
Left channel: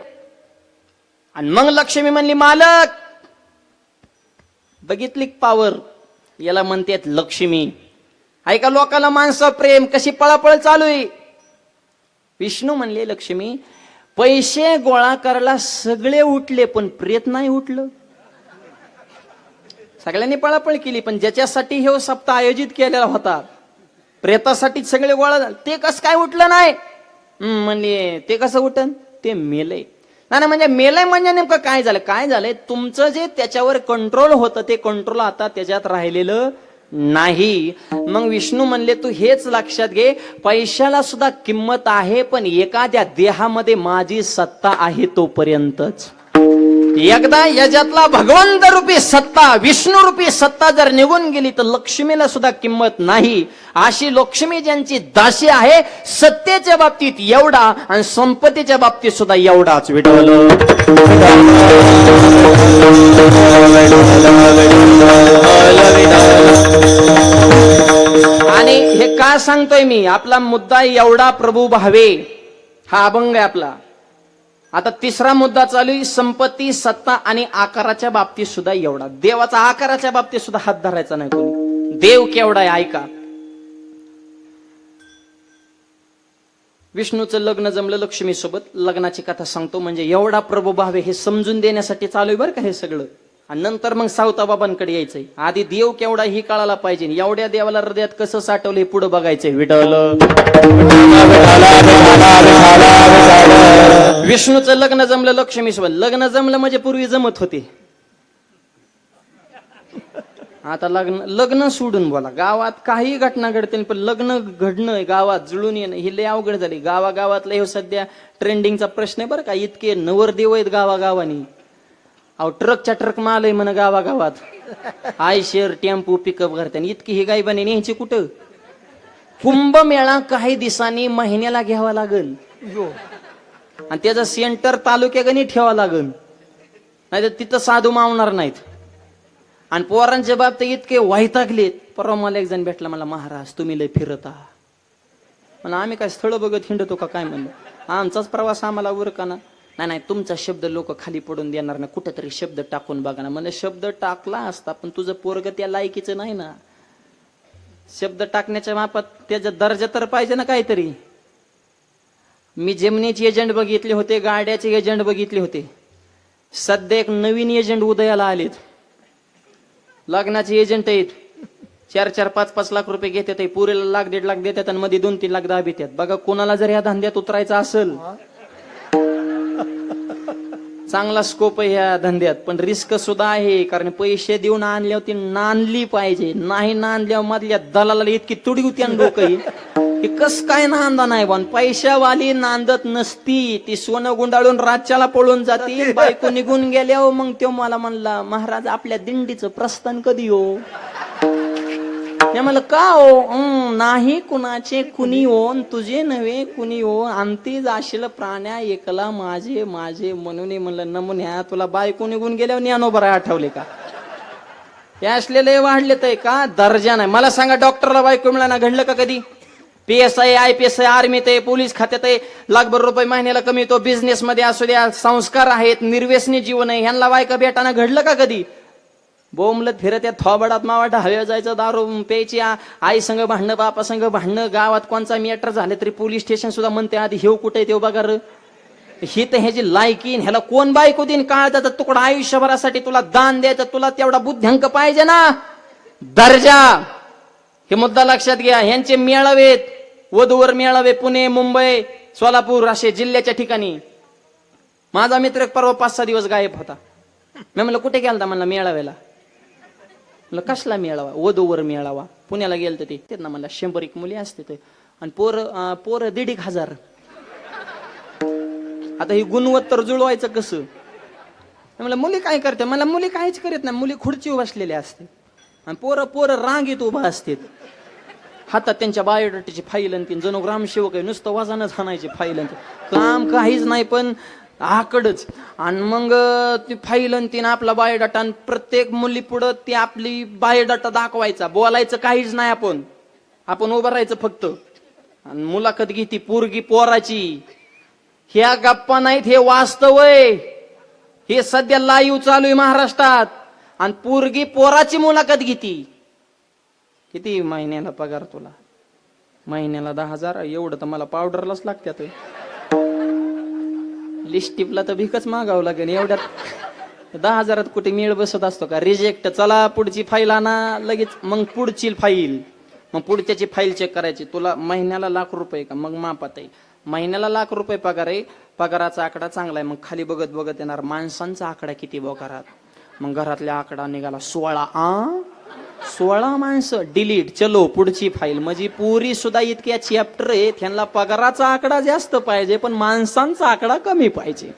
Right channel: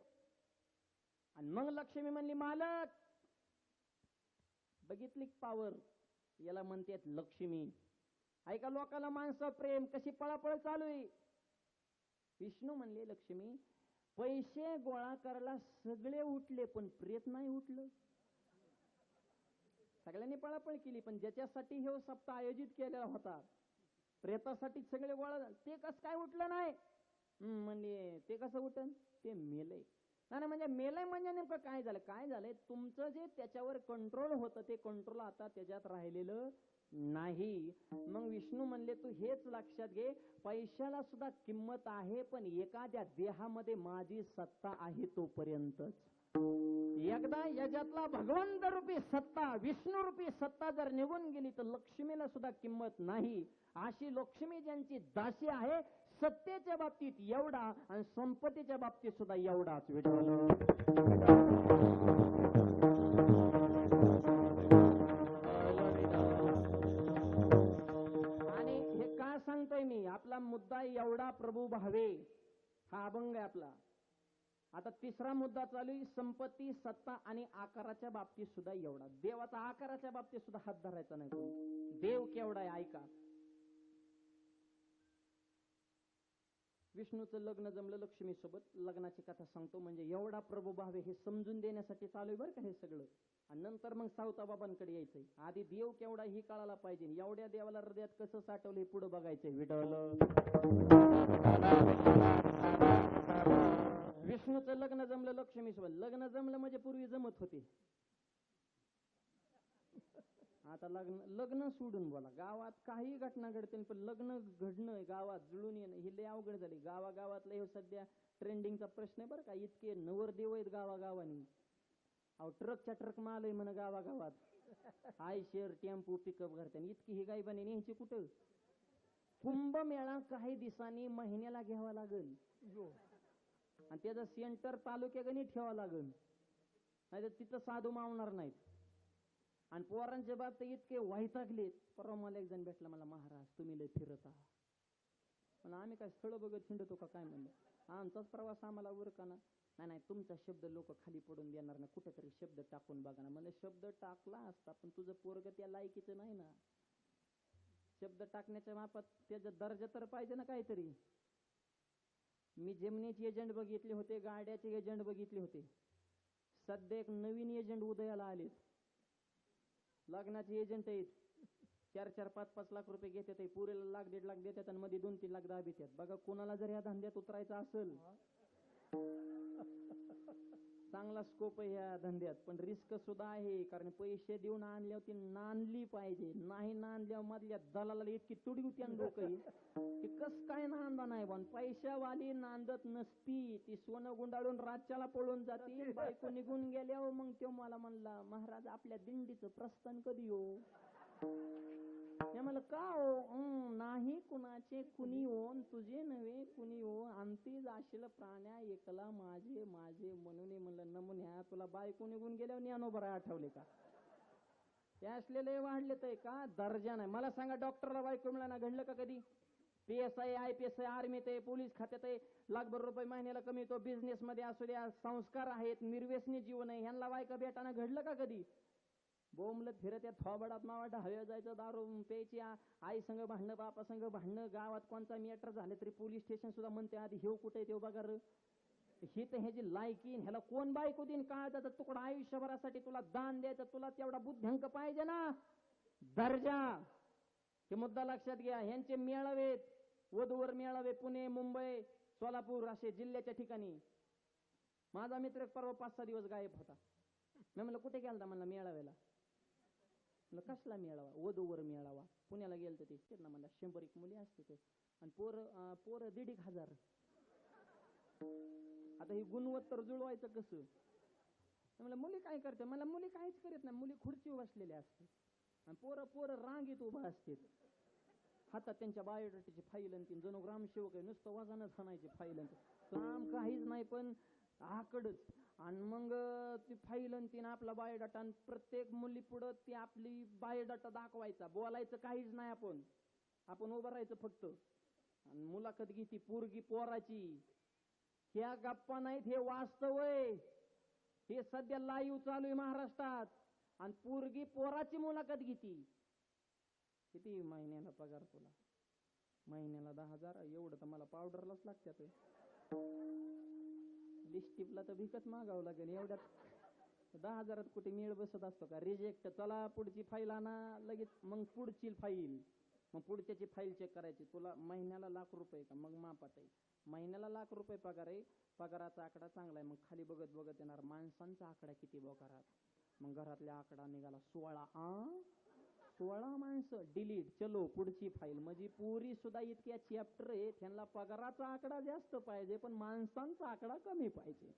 आणि मग लक्ष्मी म्हणली मालक बघितली पावर, याला म्हणतात लक्ष्मी. ऐका लोकांना माणसं प्रेम कशी पळापळ चालू आहे. विष्णू म्हणले लक्ष्मी पैसे गोळा करायला सगळे उठले पण प्रेत नाही उठलं. सगळ्यांनी पळापळ केली पण ज्याच्यासाठी हे सप्ताह आयोजित केलेला होता प्रेतासाठी सगळे गोळा झाले, ते कसं काय उठलं नाही? म्हणले ते कसं उठन, ते मेलय. नाही म्हणजे मेलय म्हणजे नेमकं काय झालं? काय झालंय तुमचं जे त्याच्यावर कंट्रोल होतं ते कंट्रोल आता त्याच्यात राहिलेलं नाही. मग विष्णू म्हणले तू हेच लक्षात घे, पैशाला सुद्धा किंमत आहे पण एखाद्या देहामध्ये माझी सत्ता आहे तोपर्यंतच. एकदा याच्यातला भगवंत रूपी सत्ता, विष्णू रूपी सत्ता जर निघून गेली तर लक्ष्मीला सुद्धा किंमत नाही. अशी लक्ष्मी ज्यांची दासी आहे, सत्तेच्या बाबतीत एवढा आणि संपत्तीच्या बाबतीत सुद्धा एवढाच. विठ्ठल. आणि हे का सांगतोय मी? आपला मुद्दा एवढा प्रभू भावे हा अभंग आहे आपला. आता तिसरा मुद्दा चालू आहे, संपत्ती, सत्ता आणि आकाराच्या बाबतीत सुद्धा एवढा. देवाचा आकाराच्या बाबतीत सुद्धा हात धरायचा नाही कोणी. देव केवढा आहे ऐका. विष्णूचं लग्न जमलं लक्ष्मी सोबत. लग्नाची कथा सांगतो म्हणजे एवढा प्रभू भावे हे समजून देण्यासाठी चालू आहे बरं का हे सगळं. आणि नंतर मग सावताबाबांकडे यायचंय. आधी देव केवढा ही कळायला पाहिजे. एवढ्या देवाला हृदयात कसं साठवलं हे पुढे बघायचंय. विठ्ठल. विष्णूचं लग्न जमलं लक्ष्मी सोबत. लग्न जमलं म्हणजे पूर्वी जमत होते, आता लग्न सोडून बोला. गावात काही घटना घडते पण लग्न घडणं, गावात जुळून येणं ही लय अवघड झाली. गावागावातलं हे सध्या ट्रेंडिंगचा प्रश्न आहे बरं का. इतके नवरदेव आहेत गावागावानी. अहो ट्रकच्या ट्रक माल आहे म्हण गावागावात. आयशर टेम्पो पिकअप करते. इतकी ही गायबाने न्यायची कुठं? कुंभमेळा काही दिवसांनी महिन्याला घ्यावा लागल आणि त्याचं सेंटर तालुक्यागणी ठेवावं लागल, नाही तर तिथं साधू मावणार नाहीत. आणि पोरांच्या बाबतीत इतके वैतागलेत. परवा मला एक जण भेटला, मला महाराज तुम्ही लय फिरता. म्हणलं आम्ही काय स्थळ बघत हिंडतो का काय? म्हणलं आमचाच प्रवास आम्हाला उरकाना. नाही नाही तुमचा शब्द लोक खाली पडून देणार ना, कुठेतरी शब्द टाकून बघा ना. म्हणजे शब्द टाकला असता पण तुझं पोरग त्या लायकीचं नाही ना. शब्द टाकण्याच्या मापात त्याचा दर्जा तर पाहिजे ना काहीतरी. मी जेमनीचे एजंट बघितले होते, गाड्याचे एजंट बघितले होते. सध्या एक नवीन एजंट उदयाला आलेत. लग्नाचे एजंट आहेत. 4-4, 5-5 लाख रुपये घेतात. पुरेला 1-1.5 लाख देतात आणि मध्ये 2-3 लाख दाब येतात. बघा कोणाला जर या धंद्यात उतरायचं असेल, चांगला स्कोप आहे ह्या धंद्यात, पण रिस्क सुद्धा आहे. कारण पैसे देऊन आणल्यावर ती नांदली पाहिजे. नाही नांदल्यावर मधल्या दलाला इतकी तुडी होती आणि डोकं ही कस काय नांदा नाही बन. पैशावाली नांदत नसती, ती सोनं गुंडाळून राज्याला पळून जाती. बायको निघून गेल्यावर मग तो मला म्हणला महाराज आपल्या दिंडीचं प्रस्थान कधी हो? म्हणलं का हो? नाही कुणाचे कुणी हो, तुझे नव्हे कुणी हो, अंती जाशील प्राण्या एकला माझे माझे म्हणून. म्हणलं नमुन्या तुला बायको निघून गेल्यावर ज्ञानोबर आठवले का? हे असलेले वाढले तर का दर्जा नाही. मला सांगा डॉक्टरला बायको मिळाना घडलं का कधी? PSI IPS आर्मीत आहे, पोलीस खात्यात आहे, लाखभर रुपये महिन्याला कमी येतो. बिझनेस मध्ये असू द्या, संस्कार आहेत, निर्व्यसनी जीवन आहे, ह्यांना बायका भेटाना घडलं का कधी? बोंबलत फिरत या थोबाडात मावाट हवे जायचं, दारू प्यायची, आई संग भांडणं, बापा संग भांडणं, गावात कोणचा मॅटर झाले तरी पोलीस स्टेशन सुद्धा म्हणते आधी हेव कुठे तेव बघा. ही तर ह्याची लायकीन, ह्याला कोण बायको देईन, काळजाचा तुकडा आयुष्यभरासाठी तुला दान द्यायचं, तुला तेवढा बुद्ध्यांक पाहिजे ना, दर्जा. हे मुद्दा लक्षात घ्या. ह्यांचे मेळावेत, वधूवर मेळावे पुणे, मुंबई, सोलापूर असे जिल्ह्याच्या ठिकाणी. माझा मित्र परवा 5-6 दिवस गायब होता. मी म्हणलं कुठे गेलता? म्हणला मेळाव्याला. म्हणलं कसला मेळावा? वधूवर मेळावा. पुण्याला गेलत ते ना. म्हणला 100 मुली असते ते, आणि पोर 1,500. आता ही गुणवत्तर जुळवायचं कसं? म्हणलं मुली काय करते? मला मुली काहीच करीत नाही, मुली खुर्चीवर बसलेल्या असते आणि पोरं रांगेत उभा असतात. हातात त्यांच्या बायोडाटाची फाईल आणि तीन, जणू ग्रामसेवक आहे, नुसतं वजनच हाणायची फाईल. काम काहीच नाही पण आकडच. आणि मग ती फाईल आणि तीन आपला बायोडाटा, आणि प्रत्येक मुली पुढं ती आपली बायोडाटा दाखवायचा. बोलायचं काहीच नाही, आपण उभं राहायचं फक्त. आणि मुलाखत घेती पोरगी पोराची. ह्या गप्पा नाहीत, हे वास्तव आहे. हे सध्या लाईव्ह चालू आहे महाराष्ट्रात. आणि पोरगी पोराची मुलाखत घेती. किती महिन्याला पगार तुला? महिन्याला 10,000. एवढं तर मला पावडरलाच लागत्यात. लिस्टिपला तर भिकच मागावं लागेल. एवढ्यात 10,000 कुठे मेळ बसत असतो का? रिजेक्ट. चला पुढची फाईल आणा लगेच. मग पुढची फाईल, मग पुढच्याची फाईल चेक करायची. तुला महिन्याला ₹1,00,000 का? मग मापात आहे. महिन्याला ₹1,00,000 पगार आहे. पगाराचा आकडा चांगला आहे. मग खाली बघत बघत येणार माणसांचा आकडा किती घरात. मग घरातल्या आकडा निघाला 16 माणसं. डिलीट. चलो पुढची फाईल. म्हणजे पुरी सुद्धा इतक्या चॅप्टर आहे, त्यांना पगाराचा आकडा जास्त पाहिजे पण माणसांचा आकडा कमी पाहिजे.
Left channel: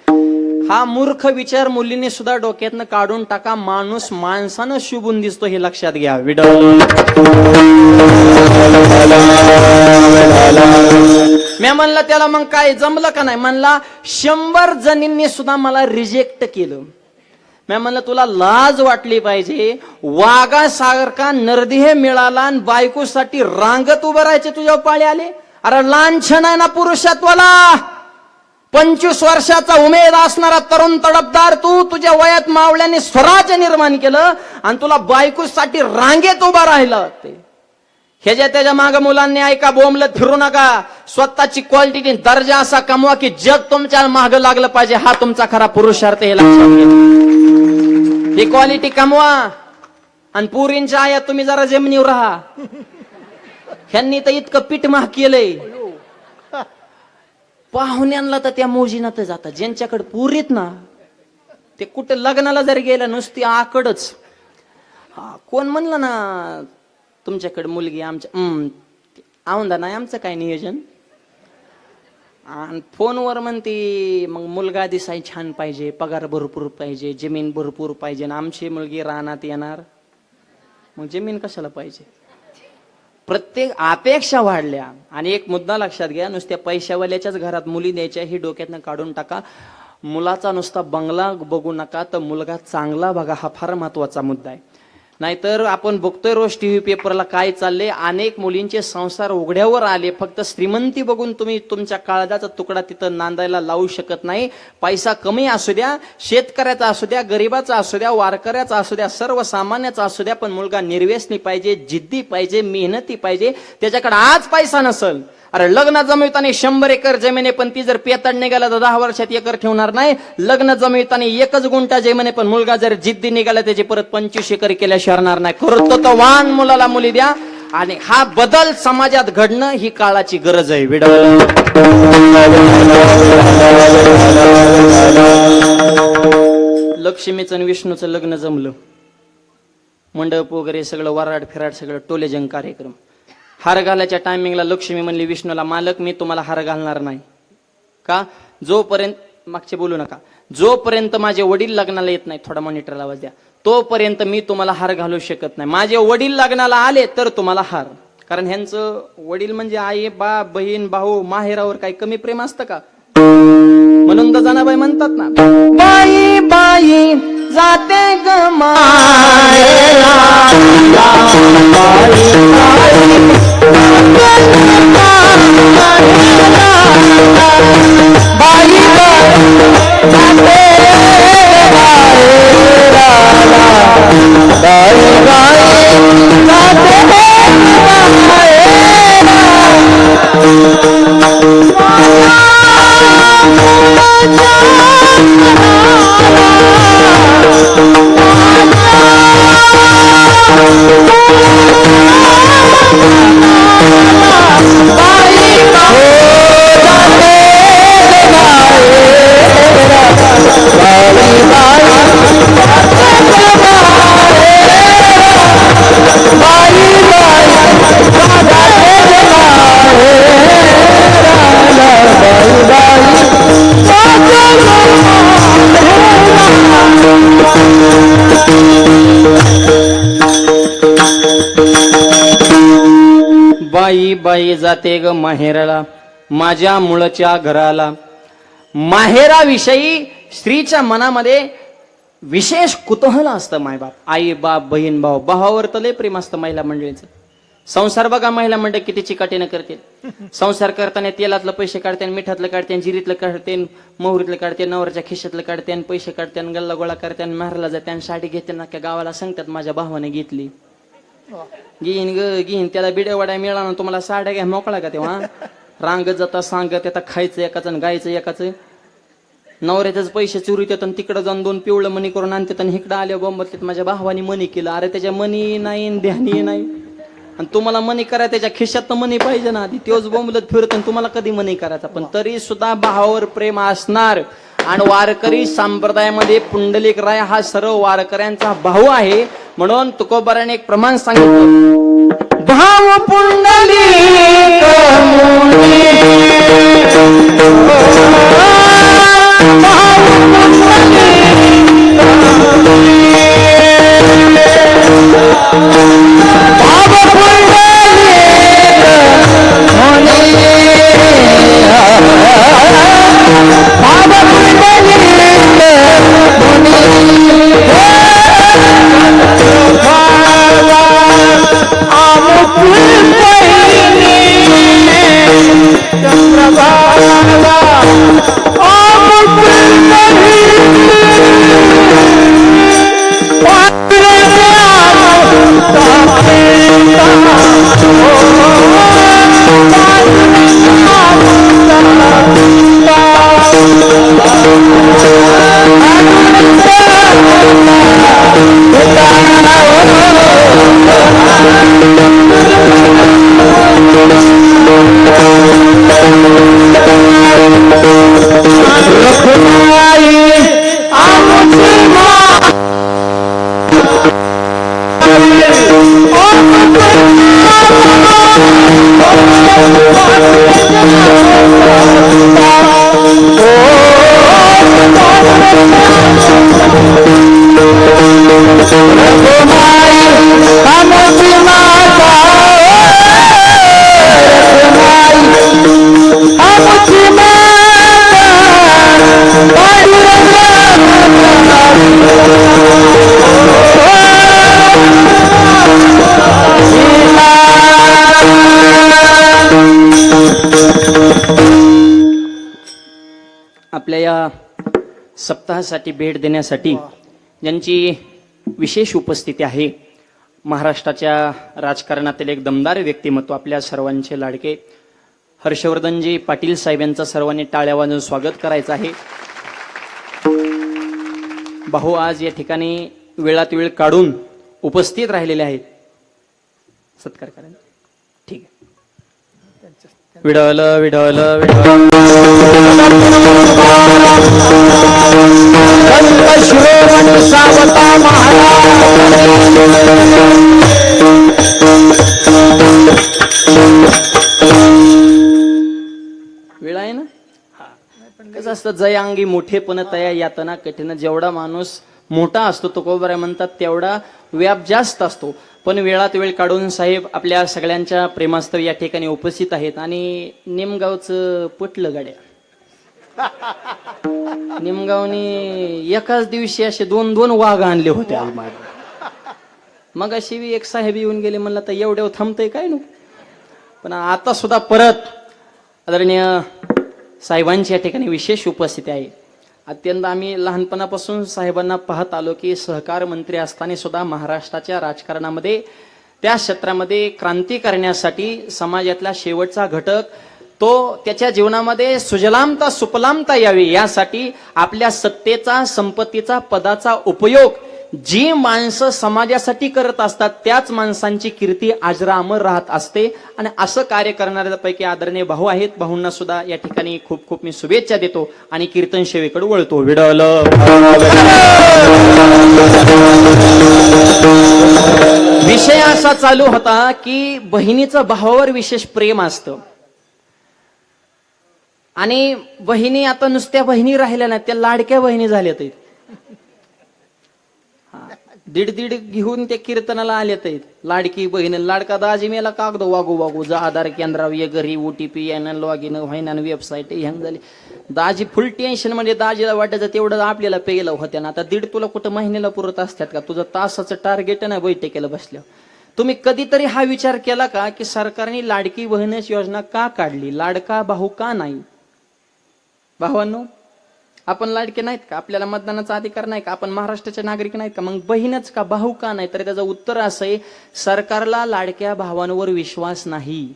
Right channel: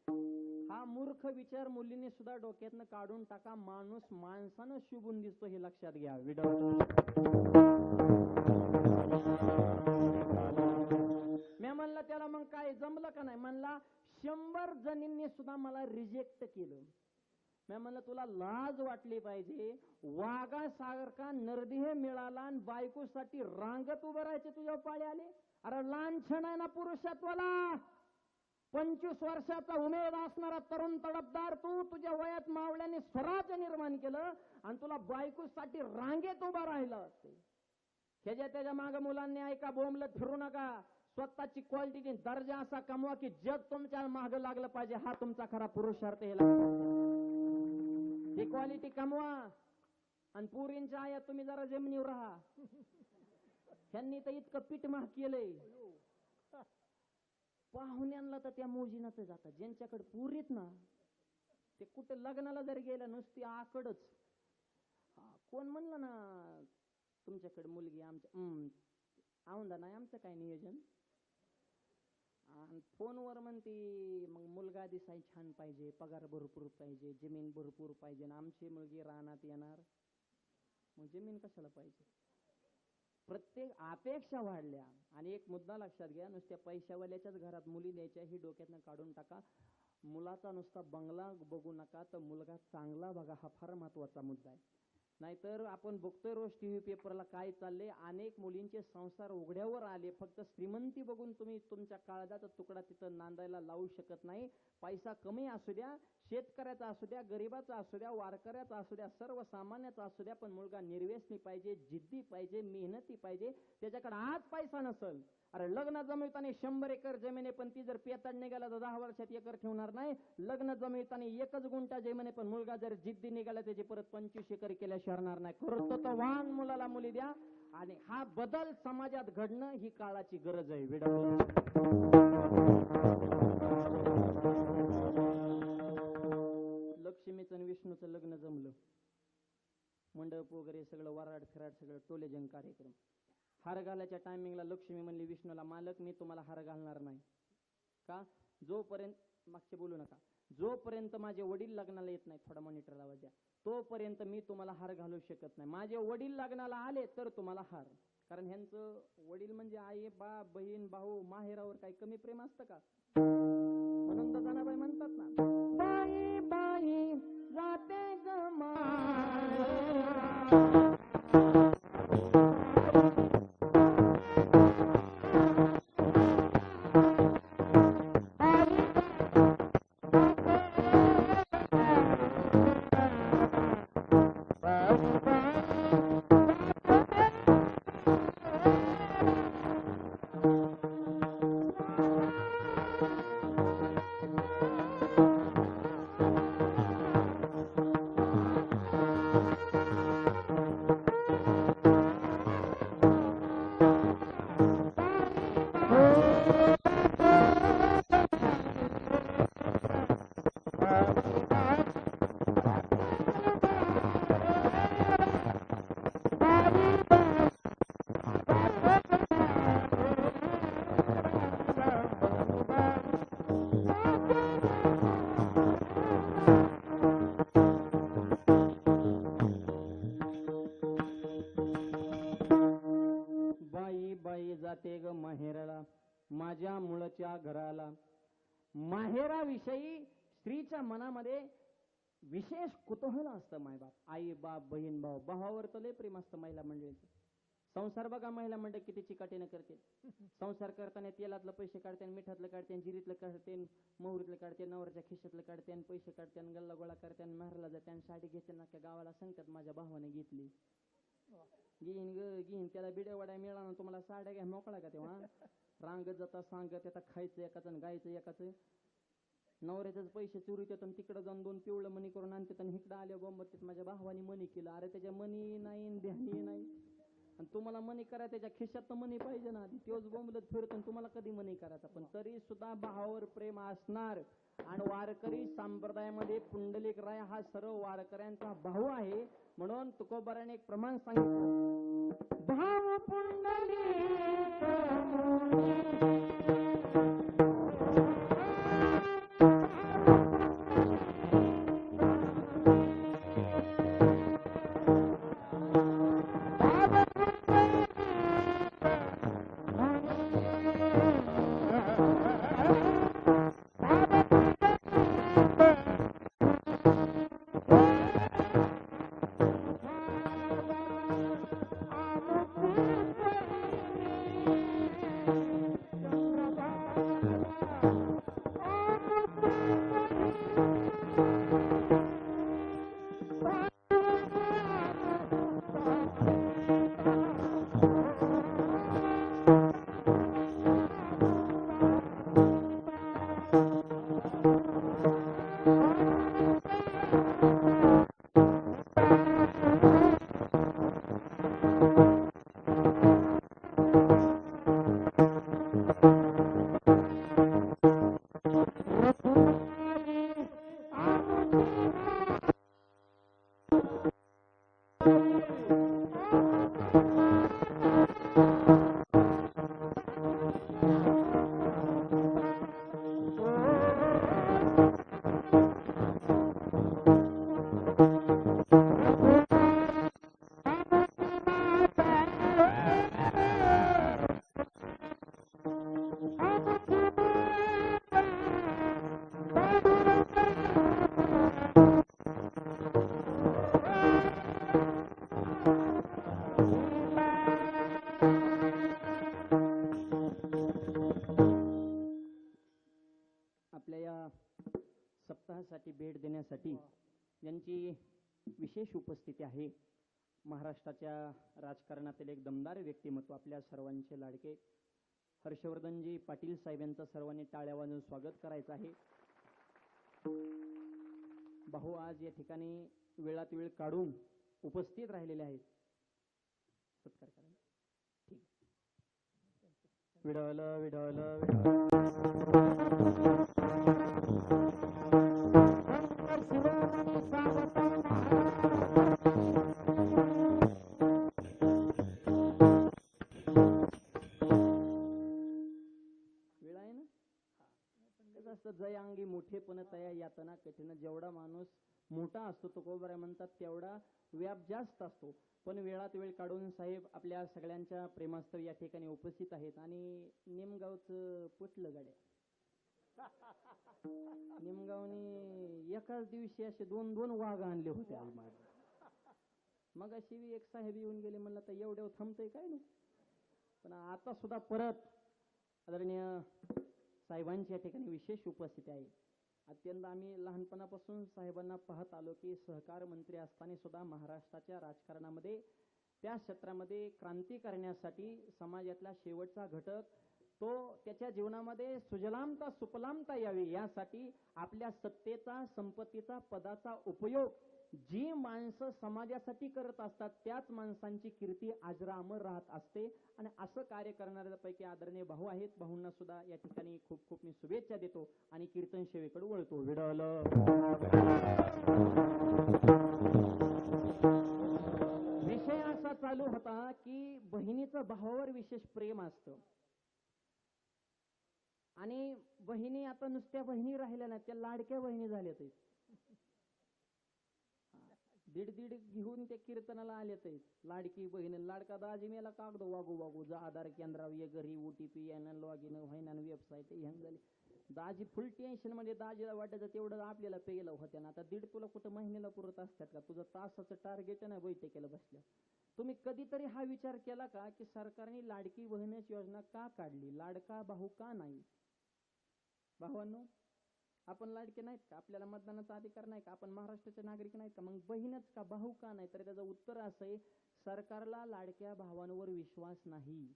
हा मूर्ख विचार मुलीने सुद्धा डोक्यातनं काढून टाका. माणूस माणसानं शुभून दिसतो हे लक्षात घ्या. मी म्हणलं त्याला मग काय जमलं का नाही? म्हणला 100 जणींनी सुद्धा मला रिजेक्ट केलं. मी म्हणलं तुला लाज वाटली पाहिजे. वाघासारखा नरदेह मिळाला आणि बायकोसाठी रांगत उभं राहायचे तुझ्यावर पाळी आले. अरे लांछन आहे ना पुरुषत्वाला. 25 वर्षाचा उमेद असणारा तरुण तडफदार तू, तुझ्या वयात मावळ्याने स्वराज्य निर्माण केलं आणि तुला बायकोसाठी रांगेत उभा राहिलं. ते ह्याच्या त्याच्या माग मुलांनी ऐका, बोंबलत फिरू नका. स्वतःची क्वालिटी दर्जा असा कमवा की जग तुमच्या माग लागलं पाहिजे. हा तुमचा खरा पुरुषार्थ हे लक्षात घ्या. ही क्वालिटी कमवा. आणि पुरींच्या आया तुम्ही जरा जमिनीवर राहा. ह्यांनी तर इतकं पीठ महाग केलंय. पाहुण्यांना तर त्या मोजीनात जातात. ज्यांच्याकडे पुरीत ना ते कुठे लग्नाला जर गेलं नुसती आकडच. कोण म्हणलं ना तुमच्याकडे मुलगी? आमच्या औंदा नाही आमचं काय नियोजन. आणि फोनवर म्हणते मग मुलगा दिसाय छान पाहिजे, पगार भरपूर पाहिजे, जमीन भरपूर पाहिजे. आणि आमची मुलगी रानात येणार. मग जमीन कशाला पाहिजे? प्रत्येक अपेक्षा वाढल्या. आणि एक मुद्दा लक्षात घ्या, नुसत्या पैशावाल्याच्याच घरात मुली द्यायच्या ही डोक्यातनं काढून टाका. मुलाचा नुसता बंगला बघू नका, तर मुलगा चांगला बघा. हा फार महत्वाचा मुद्दा आहे. नाहीतर आपण बघतोय रोज टीव्ही पेपरला काय चाललंय. अनेक मुलींचे संसार उघड्यावर आले. फक्त श्रीमंती बघून तुम्ही तुमच्या काळजाचा तुकडा तिथं नांदायला लावू शकत नाही. पैसा कमी असू द्या, शेतकऱ्याचा असू द्या, गरीबाचा असू द्या, वारकऱ्याचा असू द्या, सर्वसामान्याचा असू द्या, पण मुलगा निर्व्यसनी पाहिजे, जिद्दी पाहिजे, मेहनती पाहिजे. त्याच्याकडे आज पैसा नसल, अरे लग्न जमविताना 100 एकर जमीन आहे, पण ती जर पेताड निघाला तर 10 वर्षात एकर ठेवणार नाही. लग्न जमविताना 1 गुंठा जमीन आहे, पण मुलगा जर जिद्दी निघाला त्याची परत 25 एकर केल्या शरणार नाही. करतो तर वान मुलाला मुली द्या. आणि हा बदल समाजात घडणं ही काळाची गरज आहे. लक्ष्मीचं आणि विष्णूचं लग्न जमलं. मंडप वगैरे सगळं वराड फिराड सगळं टोलेजंग कार्यक्रम. हार घालायच्या टायमिंगला लक्ष्मी म्हणली विष्णूला, मालक मी तुम्हाला हार घालणार नाही. का? जोपर्यंत, मागचे बोलू नका, जोपर्यंत माझे वडील लग्नाला येत नाही, थोडा मॉनिटरला आवाज द्या, तोपर्यंत मी तुम्हाला हार घालू शकत नाही. माझे वडील लग्नाला आले तर तुम्हाला हार. कारण ह्यांचं वडील म्हणजे आई, बाप, बहीण, भाऊ, माहेरावर काही कमी प्रेम असतं का? म्हणून तर जनाबाई म्हणतात ना, बाई बाई जाते ग मायला, बाई जाते ग माहेराला, माझ्या मुळच्या घराला. माहेराविषयी स्त्रीच्या मनामध्ये विशेष कुतूहल असतं. मायबाप, आई बाप, बहीण भाऊ, भावावर तर लय प्रेम असतं महिला मंडळीचं. संसार बघा महिला मंडळ किती चिकाटीनं करते. संसार करताना तेलातलं पैसे काढते, मिठातलं काढते, जिरीतलं काढते, मोहरीतलं काढते, नवऱ्याच्या खिशातलं काढते, पैसे काढते, गल्ला गोळा करते, मारायला जाते, साडी घेते, ना गावाला सांगतात माझ्या भावाने घेतली. घेईन ग घेईन, त्याला बिड्या वड्या मिळाला ना, तुम्हाला साड्या घ्या मोकळा का तेव्हा. रांगत जाता सांगत येतात, खायचं एकाचं गायचं एकाचं. नवऱ्याचेच पैसे चोरीत येतात, तिकडे जाऊन 2 पिवळं मनी करून आणतात, आणि इकडे आल्या बोंबत माझ्या भावानी मनी केलं. अरे त्याच्या मनी नाही, ध्यानी नाही, आणि तुम्हाला मनी करायचं त्याच्या खिशात तर मनी पाहिजे ना आधी. तोच बोंबलत फिरत, तुम्हाला कधी मनी करायचा. पण तरी सुद्धा भावावर प्रेम असणार. आणि वारकरी संप्रदायामध्ये पुंडलिक राय हा सर्व वारकऱ्यांचा भाऊ आहे. म्हणून तुकोबाराने एक प्रमाण सांगितलं, भाव पुंडलिक आपल्या या सप्ताहासाठी भेट देण्यासाठी ज्यांची विशेष उपस्थिती आहे, महाराष्ट्राच्या राजकारणातील एक दमदार व्यक्तिमत्व, आपल्या सर्वांचे लाडके हर्षवर्धनजी पाटील साहेब यांचं सर्वांनी टाळ्या वाजवून स्वागत करायचं आहे. भाऊ आज या ठिकाणी वेळात वेळ काढून उपस्थित राहिलेले आहेत. सत्कार करायला ठीक आहे. विडवल विडवल विडवल शिरोमणी सावता महाराज. वेळ आहे ना. कसं असतं, जय अंगी मोठेपण तया यातना कठीण. जेवढा माणूस मोठा असतो तुकोबाराय म्हणतात तेवढा व्याप जास्त असतो. पण वेळात वेळ काढून साहेब आपल्या सगळ्यांच्या प्रेमास्तव या ठिकाणी उपस्थित आहेत. आणि निमगावचं पटलं गाड्या. निमगावनी एकाच दिवशी असे 2-2 वाघ आणले होते. मग अशी एक साहेब येऊन गेले, म्हणलं तर एवढ्या थांबतंय काय नको. पण आता सुद्धा परत आदरणीय साहेबांची या ठिकाणी विशेष उपस्थिती आहे. अत्यंत आम्ही लहानपणापासून साहेबांना पाहत आलो की सहकार मंत्री असताना सुद्धा महाराष्ट्राच्या राजकारणामध्ये त्या क्षेत्रामध्ये क्रांती करण्यासाठी समाजातला शेवटचा घटक तो त्याच्या जीवनामध्ये सुजलामता सुफलामता यावी यासाठी आपल्या सत्तेचा, संपत्तीचा, पदाचा उपयोग जी माणसं समाजासाठी करत असतात त्याच माणसांची कीर्ती अजरामर राहत असते. आणि असं कार्य करणाऱ्यापैकी आदरणीय भाऊ आहेत. भाऊंना सुद्धा या ठिकाणी खूप खूप मी शुभेच्छा देतो आणि कीर्तन सेवेकडे वळतो. विडल विषय असा चालू होता की बहिणीचं भावावर विशेष प्रेम असतं. आणि बहिणी आता नुसत्या बहिणी राहिल्या नाही, त्या लाडक्या बहिणी झाल्यात. दीड दीड घेऊन त्या कीर्तनाला आलेत आहेत. लाडकी बहीण लाडका दाजी मेला कागद वागू वागू जा आधार केंद्रावर ये घरी OTP यानं लॉग इन व्हायना वेबसाईट हँग झाली. दाजी फुल टेन्शन म्हणजे दाजीला वाटायचं तेवढं आपल्याला पेलं होत्या ना. आता दीड तुला कुठं महिन्याला पुरत असतात का? तुझं तासाचं टार्गेट नाही बैठकीला बसल्या. तुम्ही कधीतरी हा विचार केला का की सरकारने लाडकी बहीणच योजना का काढली? लाडका भाऊ का नाही? भावांनो, आपण लाडके नाहीत का? आपल्याला मतदानाचा अधिकार नाही का? आपण महाराष्ट्राचे नागरिक नाहीत का? मग बहीणच का, भाऊ का नाही? तर त्याचं उत्तर असं आहे, सरकारला लाडक्या भावांवर विश्वास नाही.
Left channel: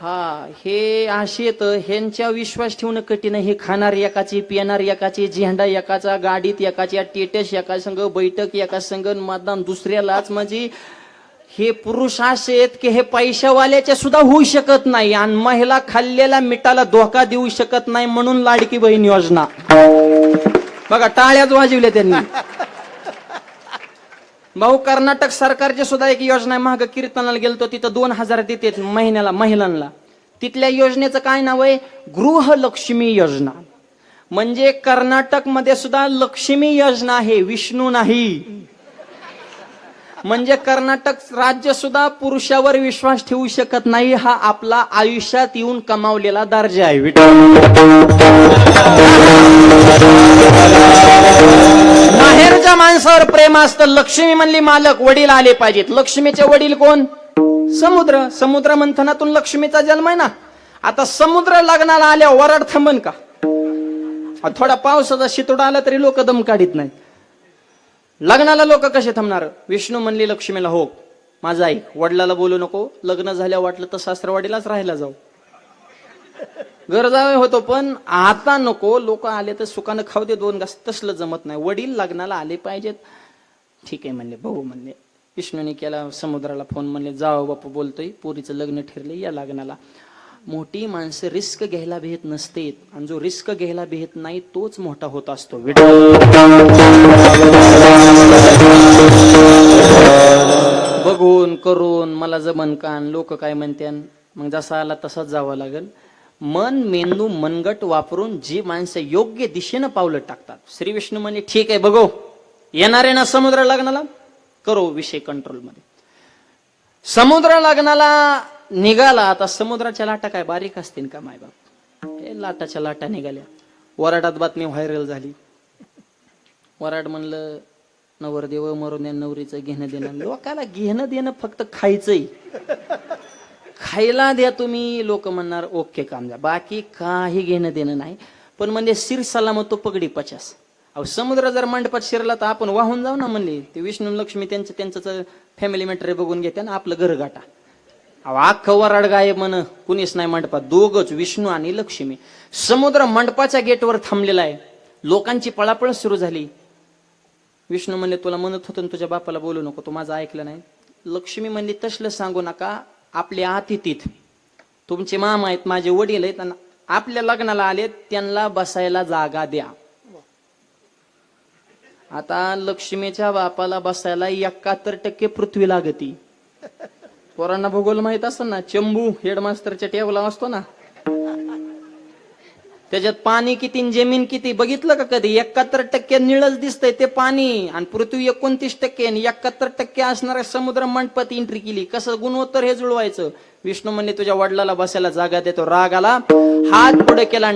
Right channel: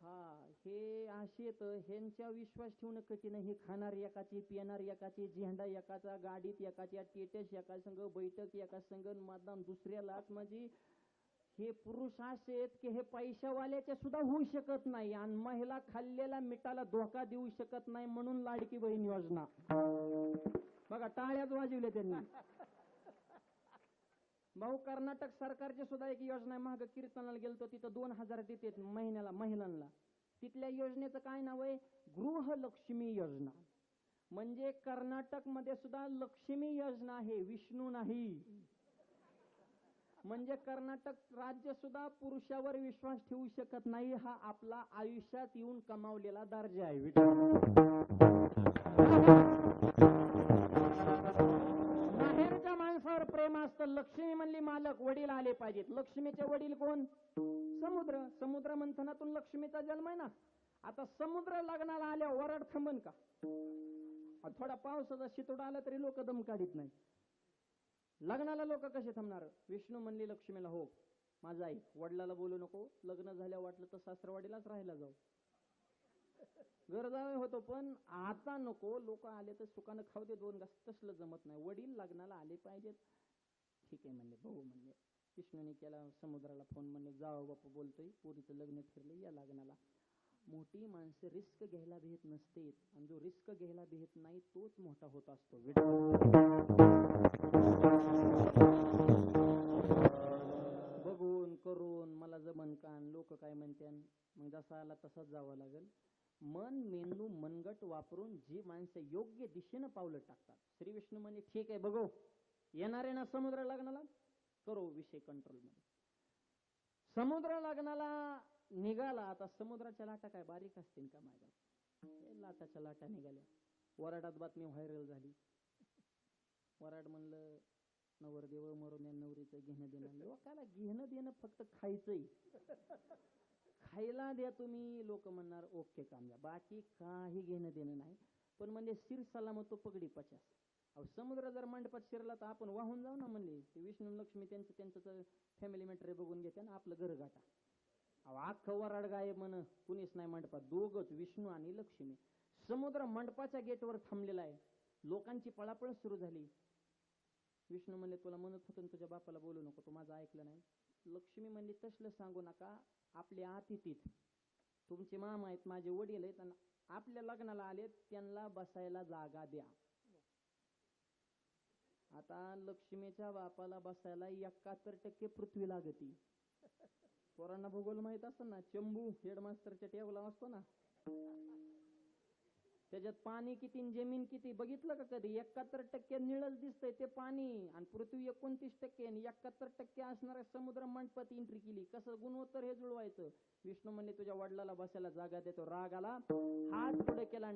हा, हे असे येतं, ह्यांच्या विश्वास ठेवणं कठीण आहे. हे खाणार एकाची, पिणार एकाची, झेंडा एकाचा, गाडीत एकाची, टेटस एका संघ, बैठक एका संघ, मतदान दुसऱ्यालाच. म्हणजे हे पुरुष असे आहेत की हे पैशावाल्याच्या सुद्धा होऊ शकत नाही आणि महिला खाल्लेल्या मिठाला धोका देऊ शकत नाही. म्हणून लाडकी बहीण योजना बघा, टाळ्याच वाजवल्या त्यांनी. भाऊ, कर्नाटक सरकारची सुद्धा एक योजना आहे. महाग कीर्तनाला गेलतो तिथं 2000 देतात महिन्याला महिलांना. तिथल्या योजनेचं काय नाव आहे? गृहलक्ष्मी योजना. म्हणजे कर्नाटक मध्ये सुद्धा लक्ष्मी योजना आहे, विष्णू नाही. म्हणजे कर्नाटक राज्य सुद्धा पुरुषावर विश्वास ठेवू शकत नाही. हा आपला आयुष्यात येऊन कमावलेला दर्जा आहे. माहेरच्या माणसावर प्रेम असतं. लक्ष्मी म्हणली मालक, वडील आले पाहिजेत. लक्ष्मीचे वडील कोण? समुद्र. समुद्र मंथनातून लक्ष्मीचा जन्म आहे ना. आता समुद्र लग्नाला आल्या वराड थांबन का? थोडा पावसाचा शितोडा आला तरी लोक दम काढीत नाही. लग्नाला लोक कसे थांबणार? विष्णू म्हणली लक्ष्मीला, हो माझा ऐक, वडिलाला बोलू नको. लग्न झाल्या वाटलं तर सासरवाडीलाच राहायला जाऊ. गरजा होतो पण आता नको. लोक आले तर सुखानं खाऊ दे 2 घास. तसलं जमत नाही. वडील लग्नाला आले पाहिजेत. ठीक आहे म्हणले भाऊ. म्हणले विष्णूने केला समुद्राला फोन. म्हणले जाओ बापू बोलतोय, पोरीचं लग्न ठरले या लग्नाला. मोठी माणसं रिस्क घ्यायला भेट नसते आणि जो रिस्क घ्यायला भेट नाही तोच मोठा होत असतो. बघून करून मला जमन कान, लोक काय म्हणत्यान, मग जसा आला तसाच जावं लागेल. मन मेंदू मनगट वापरून जी माणसं योग्य दिशेनं पावलं टाकतात. श्री विष्णू म्हणजे ठीक आहे बघू, येणारे ना समुद्र लग्नाला, करो विषय कंट्रोल मध्ये. समुद्र लग्नाला निघाला. आता समुद्राच्या लाटा काय बारीक असतील का मायबाप? हे लाटाच्या लाटा निघाल्या. वराडात बातमी व्हायरल झाली. वराड म्हणलं नवरदेव मरून या नवरीचं घेणं देणं. लोकाला घेणं देणं फक्त खायचंय, खायला द्या तुम्ही. लोक म्हणणार ओके काम द्या, बाकी काही घेणं देणं नाही. पण म्हणजे शिर सलामत तो पगडी 50. अहो समुद्र जर मंडपात शिरला तर आपण वाहून जाऊ ना. म्हणले ते विष्णू लक्ष्मी त्यांचं फॅमिली मॅटर बघून घेते ना आपलं घर गाठा. अख्खं वराड गायब म्हण, कुणीच नाही मंडपात. दोघच विष्णू आणि लक्ष्मी. समुद्र मंडपाच्या गेटवर थांबलेला आहे. लोकांची पळापळ सुरू झाली. विष्णू म्हणले तुला म्हणत होतो तुझ्या बापाला बोलू नको, तू माझं ऐकलं नाही. लक्ष्मी म्हणली तसलं सांगू नका. आपल्या अतिथीत तुमचे मामा आहेत, माझे वडील आहेत, आपल्या लग्नाला आले, त्यांना बसायला जागा द्या. आता लक्ष्मीच्या बापाला बसायला 71% पृथ्वी लागती. पोरांना भूगोल माहित असतं ना. चंबू हेडमास्टरच्या टेबला असतो ना, त्याच्यात पाणी किती जमीन किती बघितलं का कधी? 71% निळच दिसतंय ते पाणी, आणि पृथ्वी 29% आणि 71% असणाऱ्या समुद्र मंडपात एंट्री केली. कसं गुणोत्तर हे जुळवायचं? विष्णू म्हणले तुझ्या वडिलाला बसायला जागा देतो. राग आला, हात पुढे केला,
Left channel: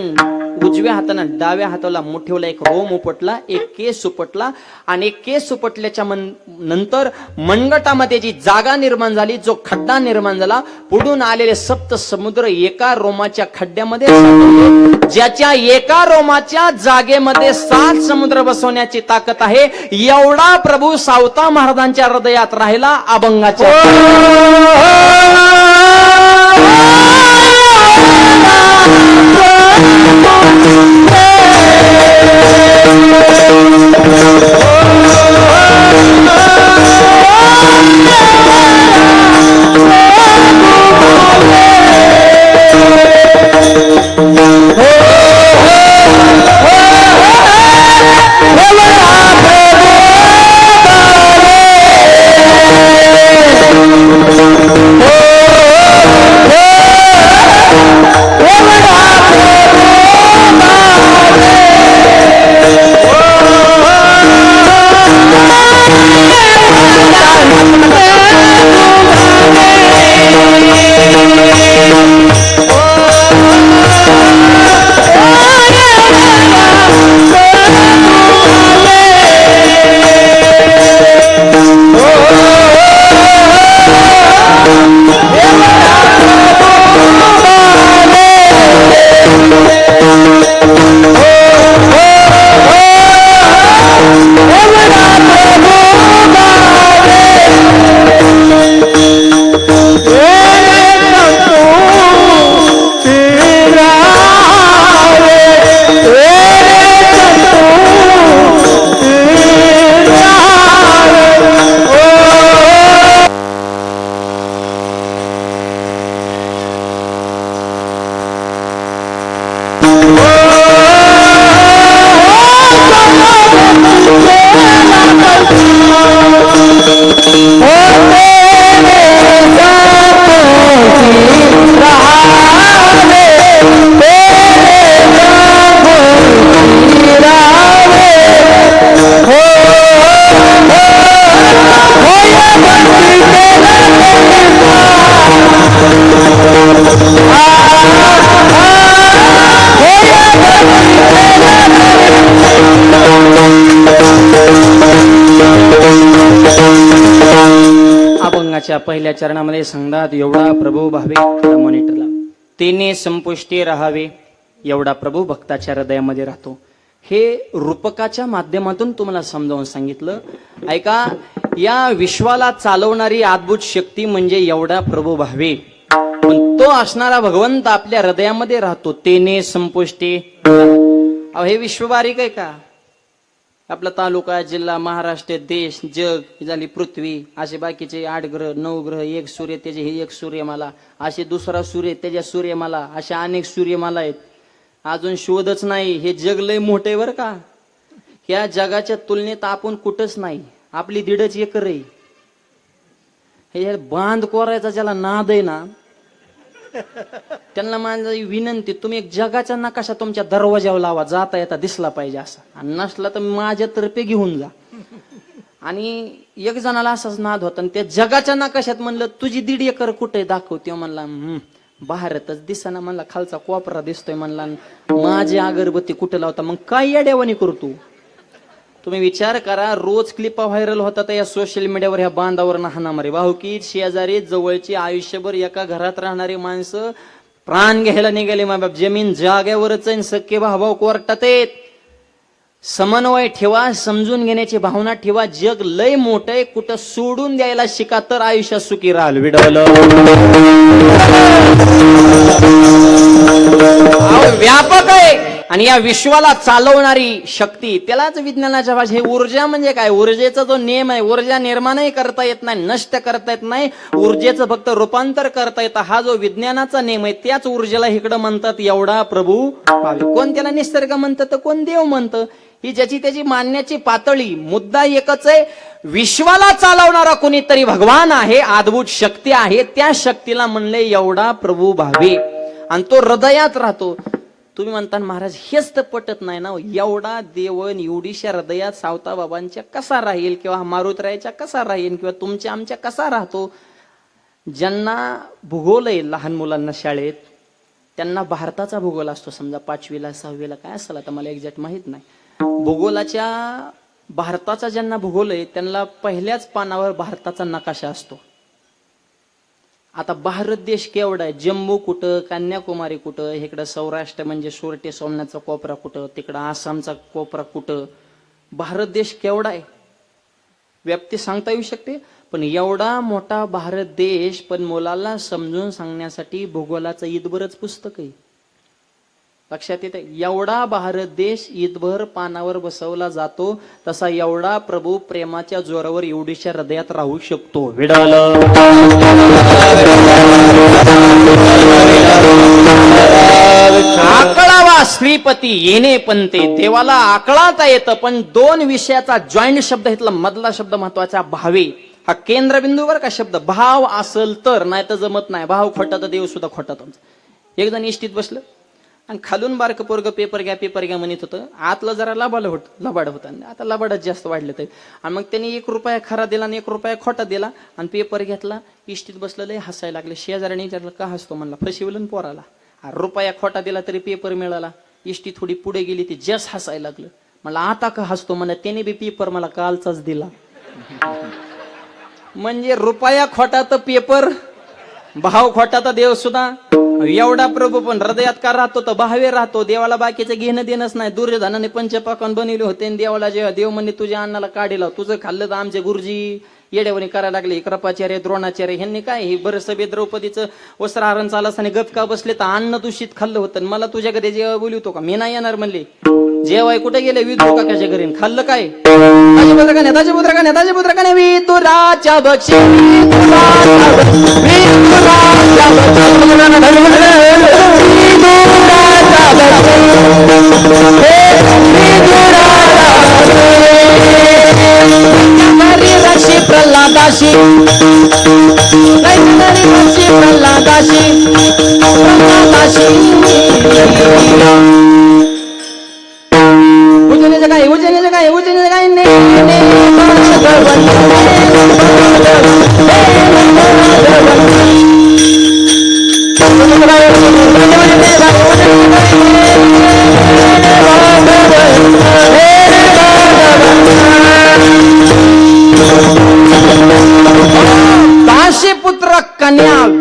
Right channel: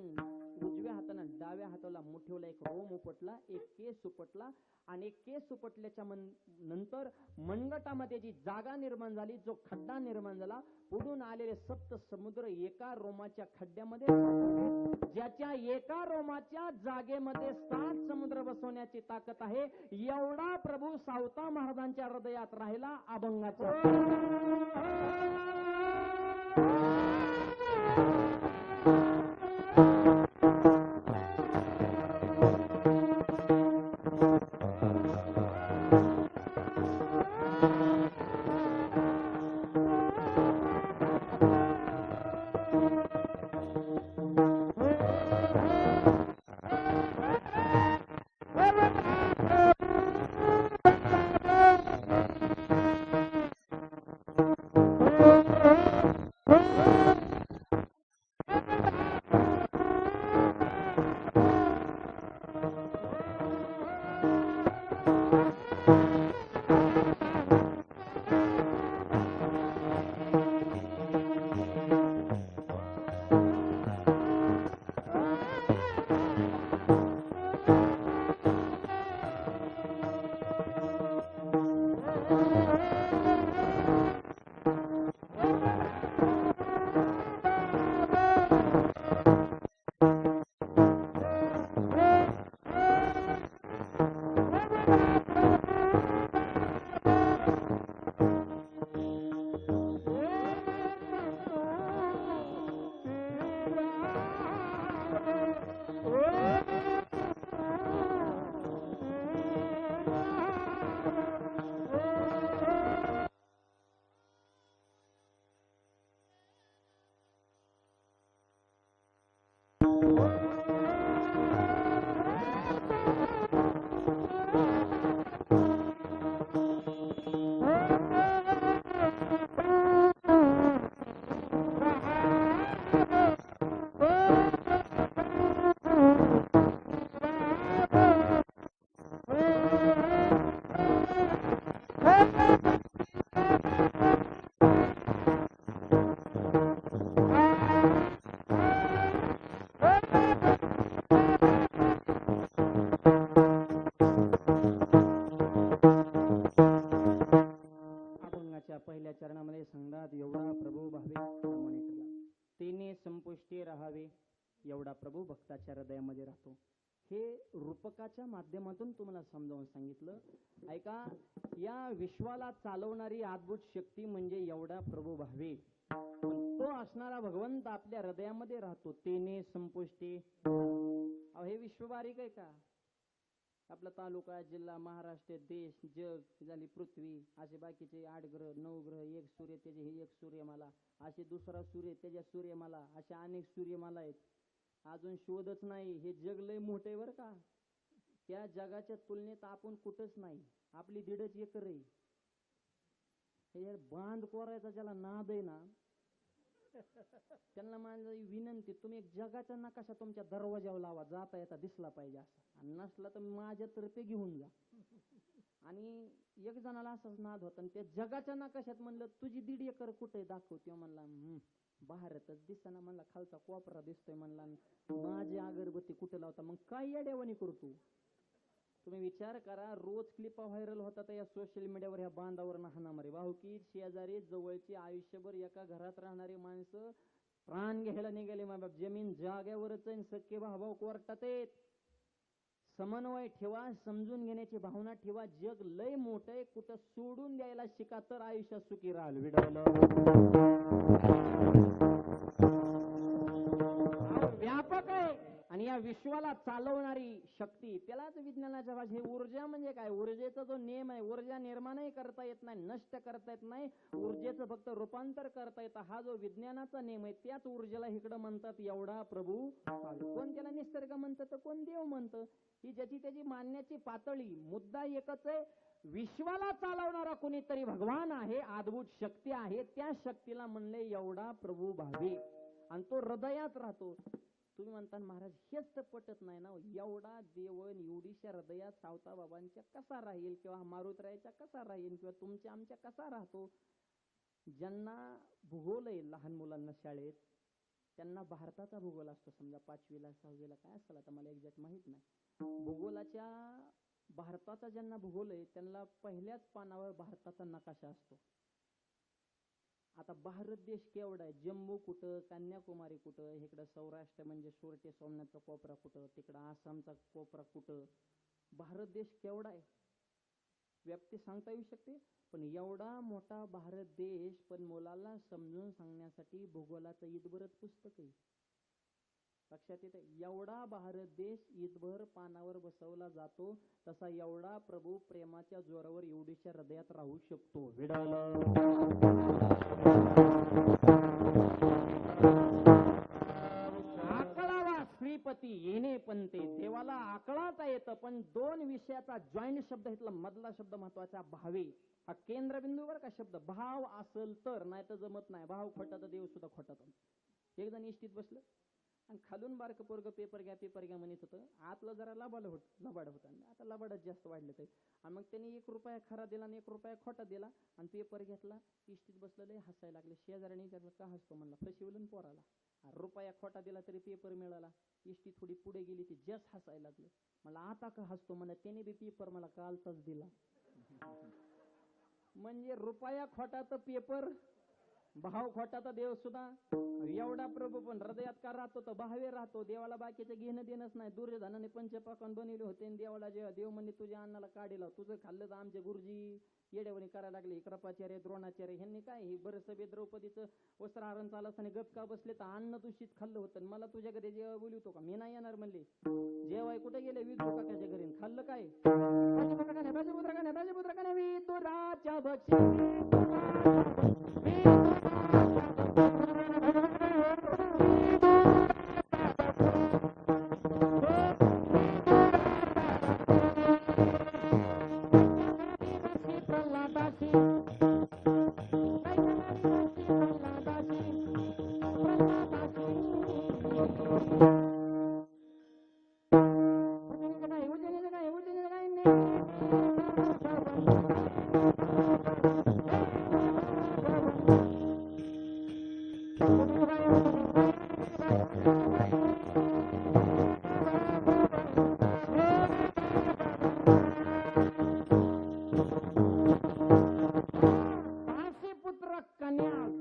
उजव्या हातानं डाव्या हाताला मुठीवला एक रोम उपटला, एक केस उपटला, आणि एक केस उपटल्याच्या नंतर मनगटामध्ये जी जागा निर्माण झाली, जो खड्डा निर्माण झाला, पुढून आलेले 7 समुद्र एका रोमाच्या खड्ड्यामध्ये साठवले. ज्याच्या एका रोमाच्या जागेमध्ये 7 समुद्र बसवण्याची ताकद आहे, एवढा प्रभू सावता महाराजांच्या हृदयात राहिला अभंगाच्या. श्लोकाच्या पहिल्या चरणामध्ये सांगतात एवढा प्रभू भावे मॉनिटरला तेने संपुष्टी राहावे एवढा प्रभू भक्ताच्या हृदयामध्ये राहतो. हे रूपकाच्या माध्यमातून तुम्हाला समजावून सांगितलं. ऐका, या विश्वाला चालवणारी अद्भुत शक्ती म्हणजे एवढा प्रभू भावे, पण तो असणारा भगवंत आपल्या हृदयामध्ये राहतो. तेने संपुष्टी. अहो हे विश्व बारीक आहे का? आपला तालुका, जिल्हा, महाराष्ट्र, देश, जग, ही झाली पृथ्वी, असे बाकीचे 8 ग्रह 9 ग्रह, एक सूर्य त्याचे हे एक सूर्यमाला, असे दुसरा सूर्य त्याच्या सूर्यमाला, अशा अनेक सूर्यमाला आहेत. अजून शोधच नाही. हे जग लय मोठे बर का. ह्या जगाच्या तुलनेत आपण कुठंच नाही. आपली 1.5 एकर आहे. हे बांध कोरायचा ज्याला नाद आहे ना, त्यांना माझी विनंती, तुम्ही एक जगाचा नकाशा तुमच्या दरवाजावर लावा, जाता येता दिसला पाहिजे असा, आणि नसला तर माझ्यातर्फे घेऊन जा. आणि एक जणाला असाच नाद होता, आणि त्या जगाच्या नकाशात म्हणलं तुझी 1.5 एकर कुठे दाखव. तेव्हा म्हणला भारतच दिसना. म्हणला खालचा कोपरा दिसतोय. म्हणला माझी अगरबत्ती कुठे लावता? मग काय येड्यावानी करतो? तुम्ही विचार करा, रोज क्लिपा व्हायरल होतात या सोशल मीडियावर, ह्या बांधावर हाणामारी, भाऊकी, शेजारी, जवळची, आयुष्यभर एका घरात राहणारी माणसं प्राण घ्यायला निघाले. मा बाप जमीन जाग्यावरच आहे. सख्खे भाऊ कोर्टात आहेत. समन्वय ठेवा, समजून घेण्याची भावना ठेवा. जग लय मोठं आहे. कुठं सोडून द्यायला शिका तर आयुष्यात सुखी राहाल. विडवलं व्यापक आहे. आणि या विश्वाला चालवणारी शक्ती, त्यालाच विज्ञानाच्या भाषेत हे ऊर्जा म्हणजे काय? ऊर्जेचा जो नियम आहे, ऊर्जा निर्माणही करता येत नाही, नष्ट करता येत नाही, ऊर्जेचं फक्त रूपांतर करता येतं. हा जो विज्ञानाचा नियम आहे, त्याच ऊर्जेला इकडं म्हणतात एवढा प्रभू भावे. कोण त्याला निसर्ग म्हणतं तर कोण देव म्हणतं. ही ज्याची त्याची मानण्याची पातळी. मुद्दा एकच आहे, विश्वाला चालवणारा कोणीतरी भगवान आहे, अद्भुत शक्ती आहे. त्या शक्तीला म्हणले एवढा प्रभू भावे, आणि तो हृदयात राहतो. तुम्ही म्हणता महाराज हेच तर पटत नाही ना, एवढा देवन एवढीशा हृदयात सावता बाबांच्या कसा राहील, किंवा मारुतरायाच्या कसा राहील, किंवा तुमच्या आमच्या कसा राहतो? ज्यांना भूगोल आहे लहान मुलांना शाळेत, त्यांना भारताचा भूगोल असतो. समजा 5वीला 6वीला काय असेल, आता मला एक्झॅक्ट माहित नाही. भूगोलाच्या भारताचा ज्यांना भूगोल आहे त्यांना पहिल्याच पानावर भारताचा नकाशा असतो. आता भारत देश केवढा आहे? जम्मू कुठं, कन्याकुमारी कुठं, इकडं सौराष्ट्र म्हणजे सोरटे सोमनाथचा कोपरा कुठं, तिकडं आसामचा कोपरा कुठं. भारत देश केवढा आहे? व्याप्ती सांगता येऊ शकते. पण एवढा मोठा भारत देश, पण मुलाला समजून सांगण्यासाठी भूगोलाचं ईदभरच पुस्तक आहे. लक्षात येते? एवढा भारत देश ईदभर पानावर बसवला जातो, तसा एवढा प्रभू प्रेमाच्या जोरावर एवढीशा हृदयात राहू शकतो. विडालं आकळावा श्रीपती येणे पंते. देवाला आकळाता येतं, पण 2 विषयाचा जॉईंट शब्द घेतला. मधला शब्द महत्वाचा, भावे. हा केंद्रबिंदूवर का शब्द. भाव असल तर, नाही तर जमत नाही. भाव खोटा तर देव सुद्धा खोटा. तुमचा एक जण इष्टीत बसलं आणि खालून बारक पोरग पेपर घ्या म्हणत होतं. आतलं जरा लबाड होतं. आता लबाडच जास्त वाढलं ते. आणि मग त्यांनी 1 रुपया खरा दिला आणि 1 रुपया खोटा दिला आणि पेपर घेतला. इष्टीत बसलेलं हसायला लागले. शेजाऱ्याने विचारलं का हसतो? म्हणला फसवलं पोराला. रुपया खोटा दिला तरी पेपर मिळाला. इष्टी थोडी पुढे गेली, ती जस हसायला लागलं. म्हणला आता का हसतो? म्हणला त्याने बी पेपर मला कालचाच दिला. म्हणजे रुपया खोटा तर पेपर, भाव खोटा तर देव सुद्धा. एवढा प्रभू पण हृदयात का राहतो? तर भावे राहतो. देवाला बाकीचं घेणं देणंच नाही. दुर्योधनाने पंचपाकवान बनवले होते, आणि देवाला जेव्हा देव म्हणले तुझ्या अन्नाला काढीला, तुझं खाल्लं तर आमचे गुरुजी येड्यावणी करायला लागले. कृपाचार्य, द्रोणाचार्य ह्यांनी काय हे बरं सभे द्रौपदीचं वस्त्रहरण चालत असताना गपका बसले तर अन्न दूषित खाल्लं होतं. मला तुझ्याकडे जेव्हा बोलवतो का? मी नाही येणार म्हणले. जेवाय कुठे गेले? विदुर काकाच्या घरी. खाल्लं काय? ताजेपुत्र विदुराच्या बक्षी प्रल्हादाशी उजनीचं काय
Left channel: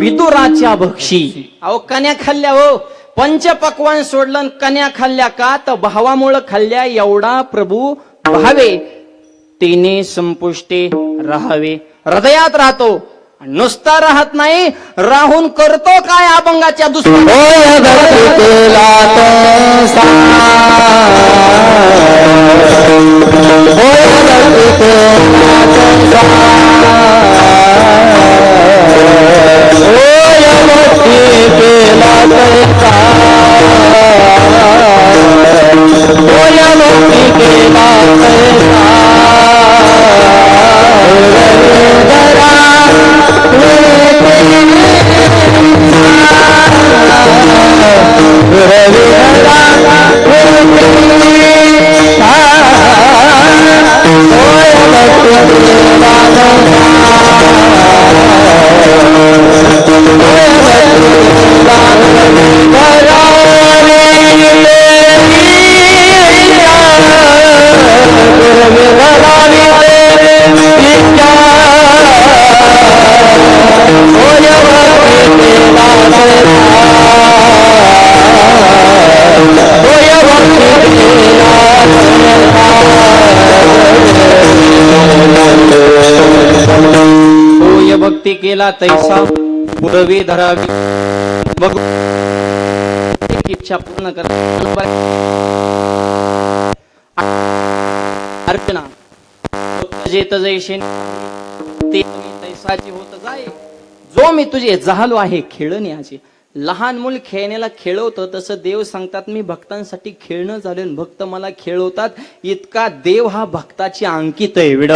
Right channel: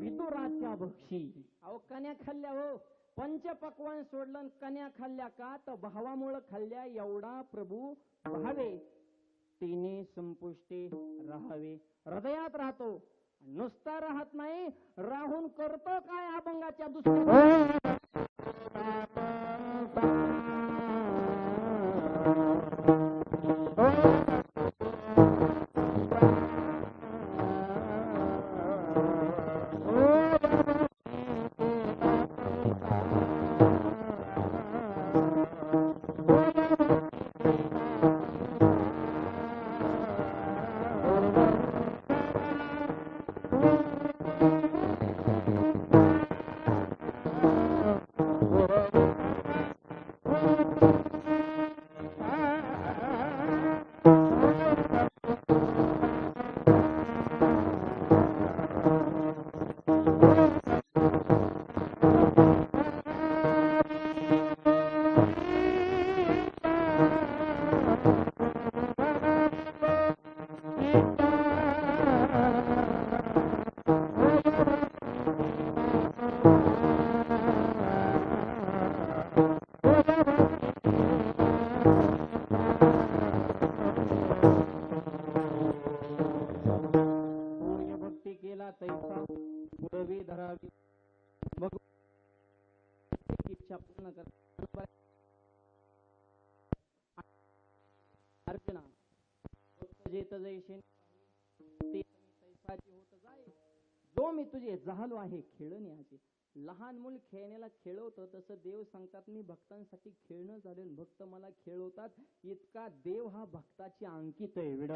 विदुराच्या भक्षी. अहो कन्या खाल्ल्या हो, पंचपक्वान सोडलं आणि कन्या खाल्ल्या का तर भावामुळं खाल्ल्या एवढा प्रभू भावे. तिने संपुष्टे राहावे, हृदयात राहतो, नुसता राहत नाही, राहून करतो काय अभंगाच्या दुसऱ्या. भक्ती केला तैसा पुरवी धरावी. बघ इच्छा पूर्ण कर अर्चना जेत जैसे ते तैसाची होत जाय. जो मी तुझे झालो आहे खेळण्याचे. लहान मूल खेळण्याला खेळवतं तसं देव सांगतात मी भक्तांसाठी खेळणं झालं, भक्त मला खेळवतात. इतका देव हा भक्ताची अंकित आहे.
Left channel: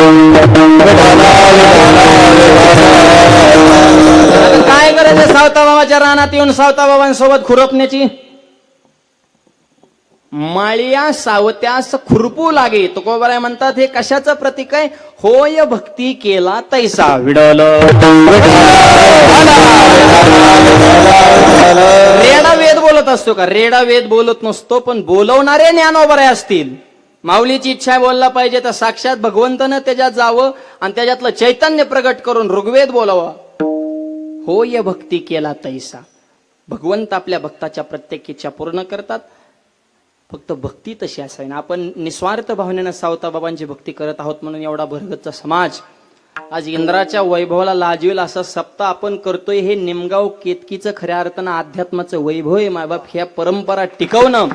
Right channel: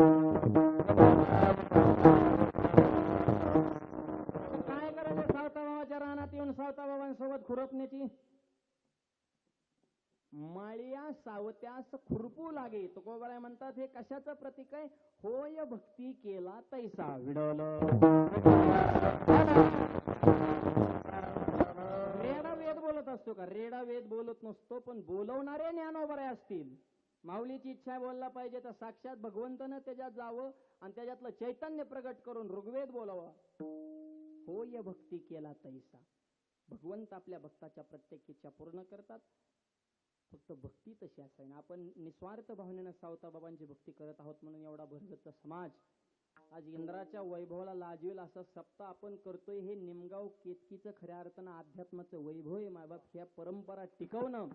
काय करायचं सावता बाबाच्या रानात येऊन सावता बाबांसोबत खुरपण्याची. माळिया सावत्यास खुरपू लागे. तुकोबाराय म्हणतात हे कशाचं प्रतीक आहे. होय भक्ती केला तैसा विडल. रेडा वेद बोलत असतो का. रेडा वेद बोलत नसतो, पण बोलवणारे ज्ञानोबराय असतील. माऊलीची इच्छा बोलला पाहिजे तर साक्षात भगवंतानं त्याच्यात जावं आणि त्याच्यातलं चैतन्य प्रगट करून ऋग्वेद बोलावा. होय भक्ती केला तैसा. भगवंत आपल्या भक्ताच्या प्रत्येक इच्छा पूर्ण करतात. फक्त भक्ती तशी असावी ना. आपण निस्वार्थ भावनेनं सावता बाबांची भक्ती करत आहोत म्हणून एवढा भरगतचा समाज आज इंद्राच्या वैभवाला लाजवेल असं सप्ताह आपण करतोय. हे निमगाव केतकीचं खऱ्या अर्थानं अध्यात्माचं वैभव आहे. मायबाप ह्या परंपरा टिकवणं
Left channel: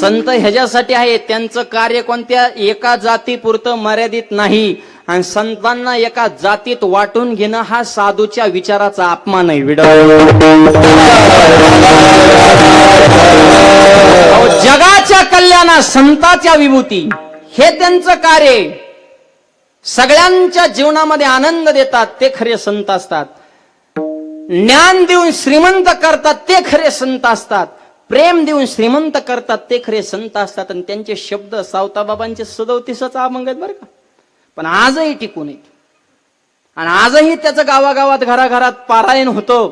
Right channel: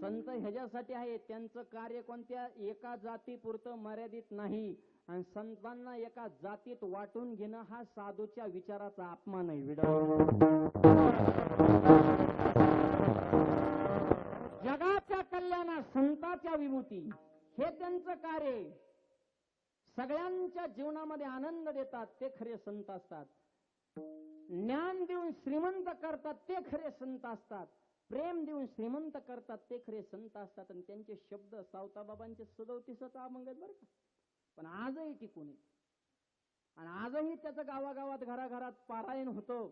संत ह्याच्यासाठी आहे. त्यांचं कार्य कोणत्या एका जातीपुरतं मर्यादित नाही. आणि संतांना एका जातीत वाटून घेणं हा साधूच्या विचाराचा अपमान आहे. जगाच्या कल्याणा संताच्या विभूती हे त्यांचं कार्य. सगळ्यांच्या जीवनामध्ये आनंद देतात ते खरे संत असतात. ज्ञान देऊन श्रीमंत करतात ते खरे संत असतात. प्रेम देऊन श्रीमंत करतात ते खरे संत असतात. आणि त्यांचे शब्द सावताबाबांचे 37च अभंग आहेत बरं का, पण आजही टिकून आहेत. आणि आजही त्याचं गावागावात घराघरात पारायण होतं.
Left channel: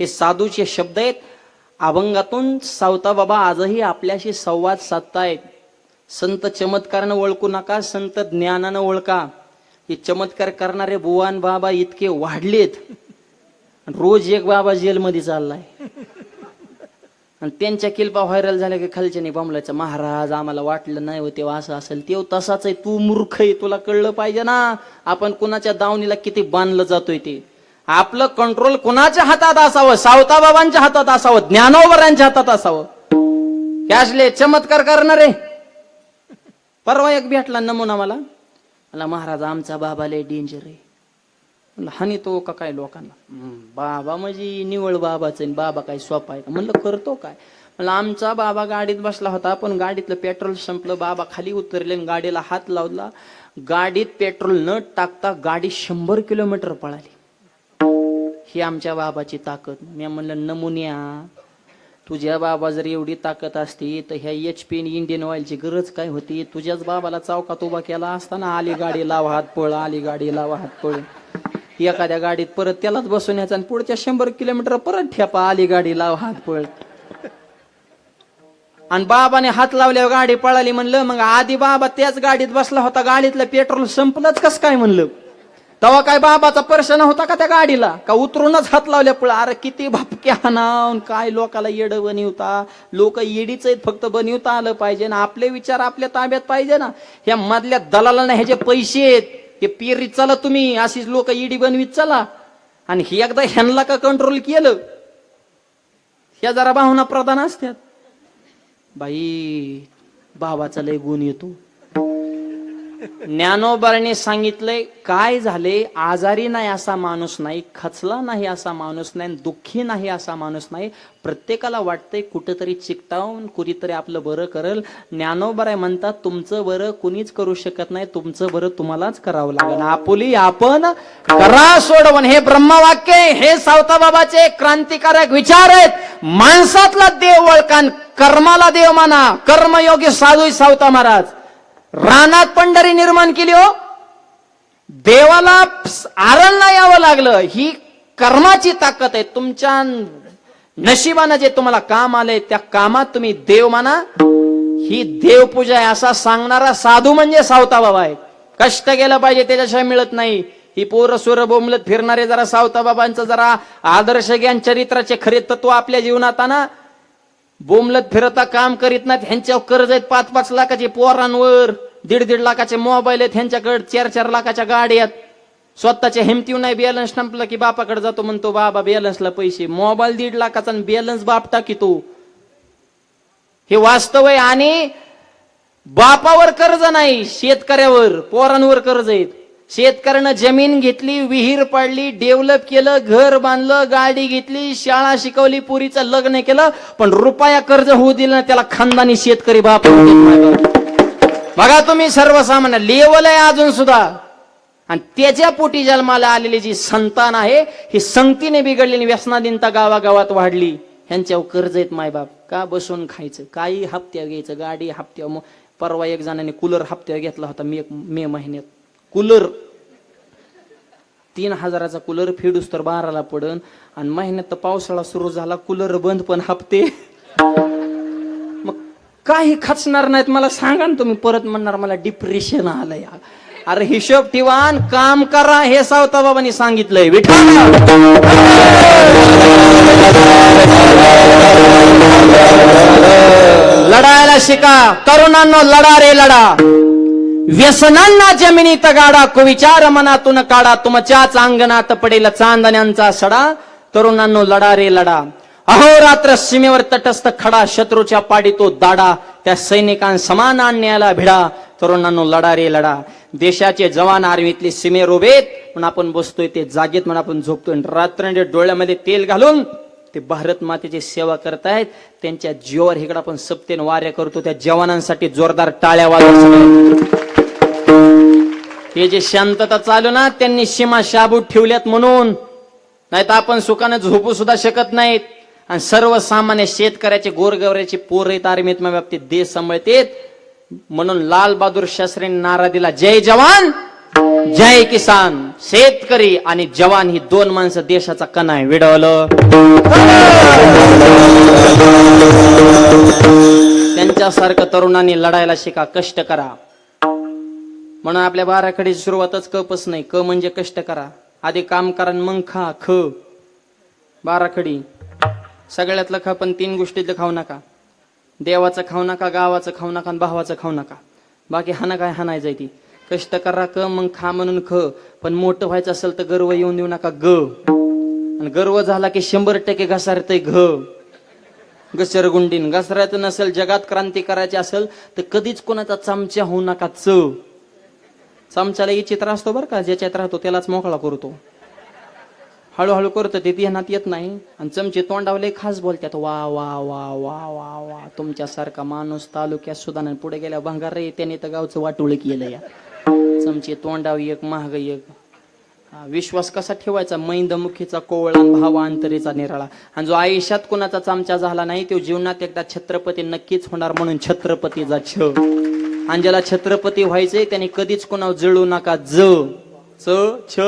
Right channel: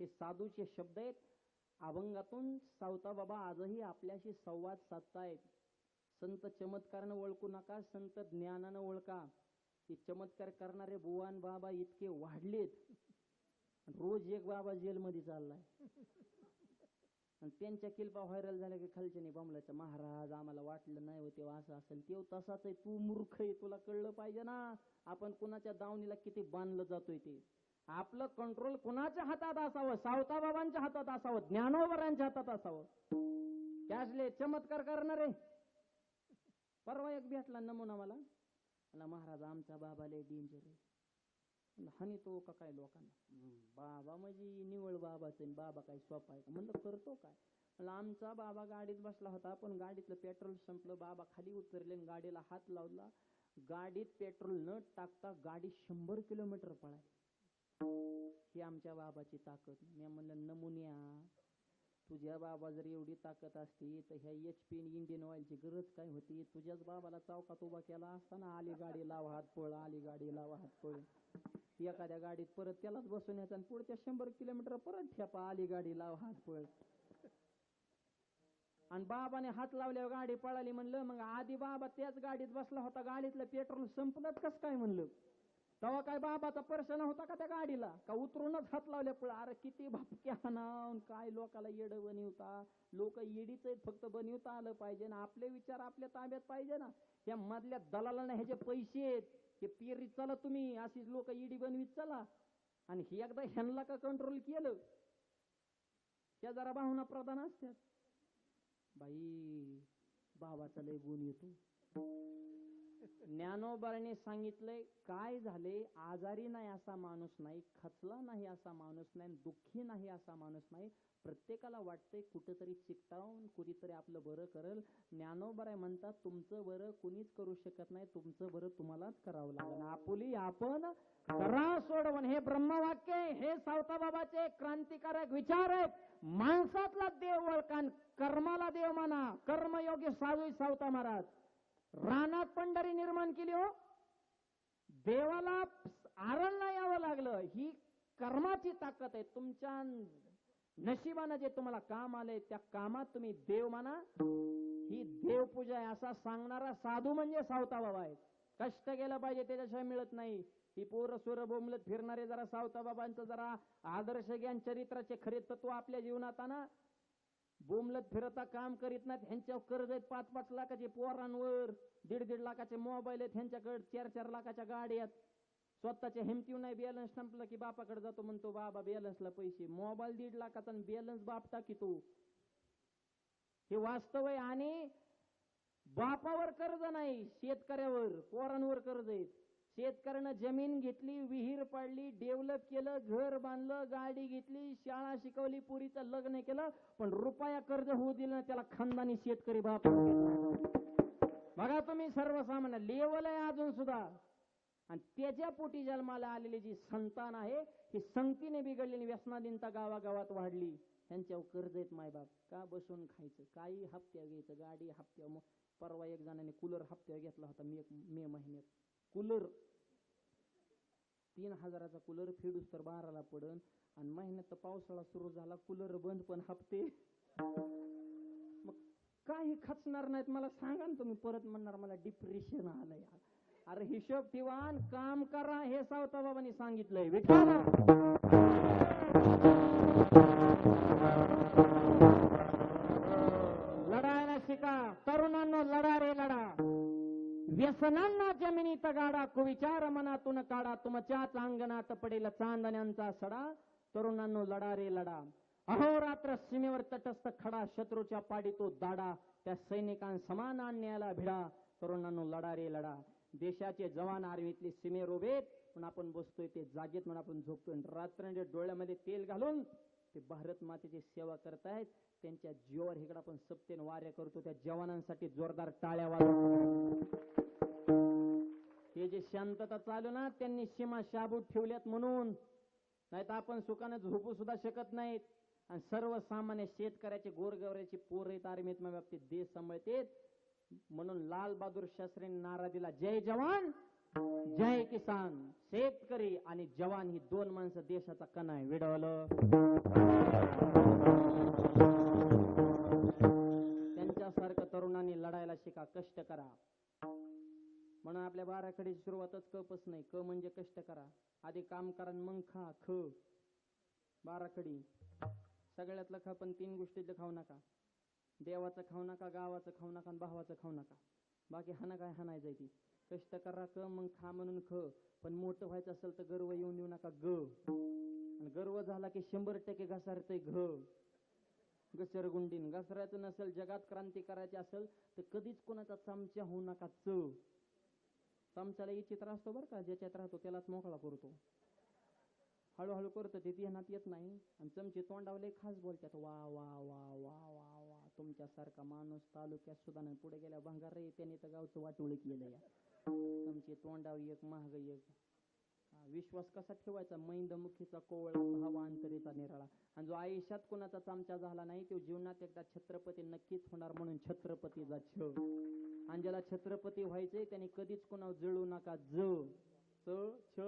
हे साधूचे शब्द आहेत. अभंगातून सावताबाबा आजही आपल्याशी संवाद साधतायत. संत चमत्कारानं ओळखू नका, संत ज्ञानानं ओळखा. हे चमत्कार करणारे बुवान बाबा इतके वाढलेत. रोज एक बाबा जेलमध्ये चाललाय आणि त्यांच्या किल्पा व्हायरल झाल्या की खालच्याने बमलायचं महाराज आम्हाला वाटलं नाही हो तेव्हा असं असेल. तेव्हा तसाच आहे. तू मूर्ख आहे, तुला कळलं पाहिजे ना आपण कुणाच्या दावणीला किती बांधलं जातोय ते. आपलं कंट्रोल कुणाच्या हातात असावं. सावताबाबांच्या हातात असावं, ज्ञानोबरांच्या हातात असावं. कॅशले चमत्कार करणारे. परवा एक भेटला नमुना मला महाराज आमचा बाबा लय डेंजर आहे. हानी तो का काय लोकांना. बाबा म्हणजे निवळ बाबाच बाबा काय सोपा आहे का. म्हणलं करतो काय. म्हणलं आमचा बाबा गाडीत बसला होता पण गाडीतलं पेट्रोल संपलं. बाबा खाली उतरले आणि गाडीला हात लावला. गाडीत पेट्रोल न टाकता गाडी 100 किलोमीटर पळाली. ही आमच्या बाबाची ताकद. मी म्हणलं नमुन्या तुझ्या बाबा जर एवढी ताकद असती तर ह्या HP इंडियन ऑइलची गरज काय होती. तुझ्याच बाबाला चौकात उभा केला असताना आली गाडी लावा हात पळ, आली गाडी लावा हात पळ. एखाद्या गाडीत परत त्यालाच बसून यायचं आणि पुढच्या 100 किलोमीटर परत ठेपा, आली गाडी लाव हात पळ. आणि बाबाने हात लावल्यावर गाडी पळाली. म्हणलं मग आधी बाबा त्याच गाडीत बसला होता, गाडीतलं पेट्रोल संपलंच कस काय म्हणलं. तेव्हा काय बाबाचा प्रश्न होता का त्या गाडीला, का उतरूनच हात लावल्या पळ? अरे किती भापक्या हाणावून काय लोकाला येड बनवता. लोक येडीच आहेत, फक्त बनवता आलं पाहिजे ना, आपले विचार आपल्या ताब्यात पाहिजे ना. ह्या मधल्या दलालांना ह्याचे पैसे आहेत, हे पेरीत चला तुम्ही, अशीच लोक येडी बनवीत चला. आणि ही एकदा ह्यांना का कंट्रोल केलं, ह्या जरा भावना प्रधान असतात. बाई बाबाचा लय गुण येतो. ज्ञानोबाने सांगितलंय, काय झाले, आजारी नाही असा माणूस नाही, खचला नाही असा माणूस नाही, दुःखी नाही असा माणूस नाही. प्रत्येकाला वाटतंय कुठेतरी चिकटावून कुणीतरी आपलं बरं करल. ज्ञानोबा म्हणतात, तुमचं बरं कुणीच करू शकत नाही, तुमचं बरं तुम्हालाच करावं लागेल. आपुली आपण करा सोडवण, हे ब्रह्मवाक्य, हे सावताबाबाचे क्रांतिकारक विचार आहेत. माणसातला देव वळकान कर्माला देव माना. कर्मयोगी साधू सावता महाराज. रानात पंढरी निर्माण केली हो, देवाला आरणला यावं लागलं. ही कर्माची ताकद आहे. तुमच्या नशिबानं जे तुम्हाला काम आलंय त्या कामात तुम्ही देव माना. ही देवपूजा आहे असा सांगणारा साधू म्हणजे सावता बाबा आहे. कष्ट केलं पाहिजे, त्याच्याशिवाय मिळत नाही. ही पोरं सोरं बोंबलत फिरणारे जरा सावता बाबांचं जरा आदर्श ज्ञान चरित्राचे खरे तत्व आपल्या जीवनात आणा. बोंबलत फिरता काम करीत नाहीत, ह्यांच्यावर कर्ज आहेत 5-5 लाखाचे पोरांवर, 1.5-1.5 लाखाचे मोबाईल आहेत ह्यांच्याकडे, 4-4 लाखाच्या गाड्या आहेत. स्वतःच्या हिमतीव नाही, बॅलन्स संपला की बापाकडे जातो, म्हणतो बाबा बॅलन्सला पैसे. मोबाईल 1.5 लाखाचा बॅलन्स बाप टाकीतो. हे वास्तव आहे. आणि बापावर कर्ज नाही, शेतकऱ्यावर पोरांवर कर्ज आहेत. शेतकऱ्यानं जमीन घेतली, विहीर पाडली, डेव्हलप केलं, घर बांधलं, गाडी घेतली, शाळा शिकवली, पुरीचं लग्न केलं, पण रुपया कर्ज होऊ दिलं ना, त्याला खानदानी शेतकरी बाप. बघा तुम्ही, सर्वसामान्य लेवल आहे अजून सुद्धा. आणि त्याच्या पोटी जन्माला आलेली जी संतान आहे, ही संगतीने बिघडलेली व्यसनाधीनता गावागावात वाढली. ह्यांच्यावर कर्ज आहेत मायबाप. का बसून खायचं, काही हप्त्या घ्यायचं, गाडी हप्त्या. परवा एक जणांनी कूलर हप्त्या घेतला होता मे महिन्यात. कूलर 3,000चा कूलर फेडूस तर 12ला पडन. आणि महिन्यात तर पावसाळा सुरू झाला, कूलर बंद पण हप्ते. मग काही खचणार नाहीत. मला सांगा ना तुम्ही, परत म्हणणार मला डिप्रेशन आलंय. अरे हिशोब ठेवा, काम करा, हे सावता बाबांनी सांगितलंय. विठ्ठल लढायला शिका तरुणांनो, लढा रे लढा. व्यसनांना जमिनीत गाडा, कुविचार मनातून काढा. तुमच्याच अंगणात पडेल चांदण्यांचा सडा. तरुणांनो लढा रे लढा. अहोरात्र सीमेवर तटस्थ खडा, शत्रूच्या पाडी तो दाडा. त्या सैनिकांसमान अन्यायाला भिडा. तरुणांनो लढा रे लढा. देशाचे जवान आर्मीतले सीमेवर उभेत म्हणून आपण बसतोय, ते जागेत म्हणून आपण झोपतोय. रात्रंदिवस डोळ्यामध्ये तेल घालून ते भारत मातेची सेवा करतायत. त्यांच्या जीवावर इकडे आपण सप्तेन वाऱ्या करतो. त्या जवानांसाठी जोरदार टाळ्या वाजवा. हे जे शांतता चालू ना, त्यांनी सीमा शाबूत ठेवल्यात म्हणून, नाही तर आपण सुखाने झोपू सुद्धा शकत नाहीत. आणि सर्वसामान्य शेतकऱ्याचे गोरगवऱ्याचे पोर आहेत आर्मीत बाबतीत, देश सांभाळतेत. म्हणून लाल बहादूर शास्त्रींनी नारा दिला, जय जवान जय किसान. शेतकरी आणि जवान ही 2 माणसं देशाचा कणा आहे. विडवलं त्यांच्यासारखं तरुणांनी लढायला शिका, कष्ट करा. म्हणून आपल्या बाराखडीची सुरुवातच कपच नाही. क म्हणजे कष्ट करा, आधी काम करा मग खा. ख बाराखडी सगळ्यातलं खा, पण 3 गोष्टीतलं खाऊ नका. देवाचं खाऊ नका, गावाचं खाऊ नका, आणि भावाचं खाऊ नका. बाकी हाना काय हाणायचं ती. कष्ट करा क, मग खा म्हणून ख. पण मोठं व्हायचं असेल तर गर्व येऊन देऊ नका ग. आणि गर्व झाला की 100% घसारतय घ. घसरगुंडीन. घसरायचं नसेल, जगात क्रांती करायची असेल तर कधीच कोणाचा चमचा होऊ नका. च चमच्याला चित्र असतो बरं का, ज्याच्यात राहतो त्यालाच मोकळा करतो. हळूहळू करतो ते ध्यानात येत नाही. आणि चमचे तोंडावले खास बोलतात, वा वा वा वा वा वा. तुमच्यासारखा माणूस तालुक्यात सुद्धा नाही. पुढे गेल्या भंगार रे, त्याने तर गावचं वाटोळ केलं या. चमचे तोंडावी एक, महाग एक. विश्वास कसा ठेवायचा, मैंदमुखीचा कोवळा, भावा अंतरीचा निराळा. आणि जो आयुष्यात कोणाचा चमचा झाला नाही, तो जीवनात एकदा छत्रपती नक्कीच होणार. म्हणून छत्रपतीचा छ. आणि ज्याला छत्रपती व्हायचंय त्याने कधीच कोणावर जळू नका. ज च छ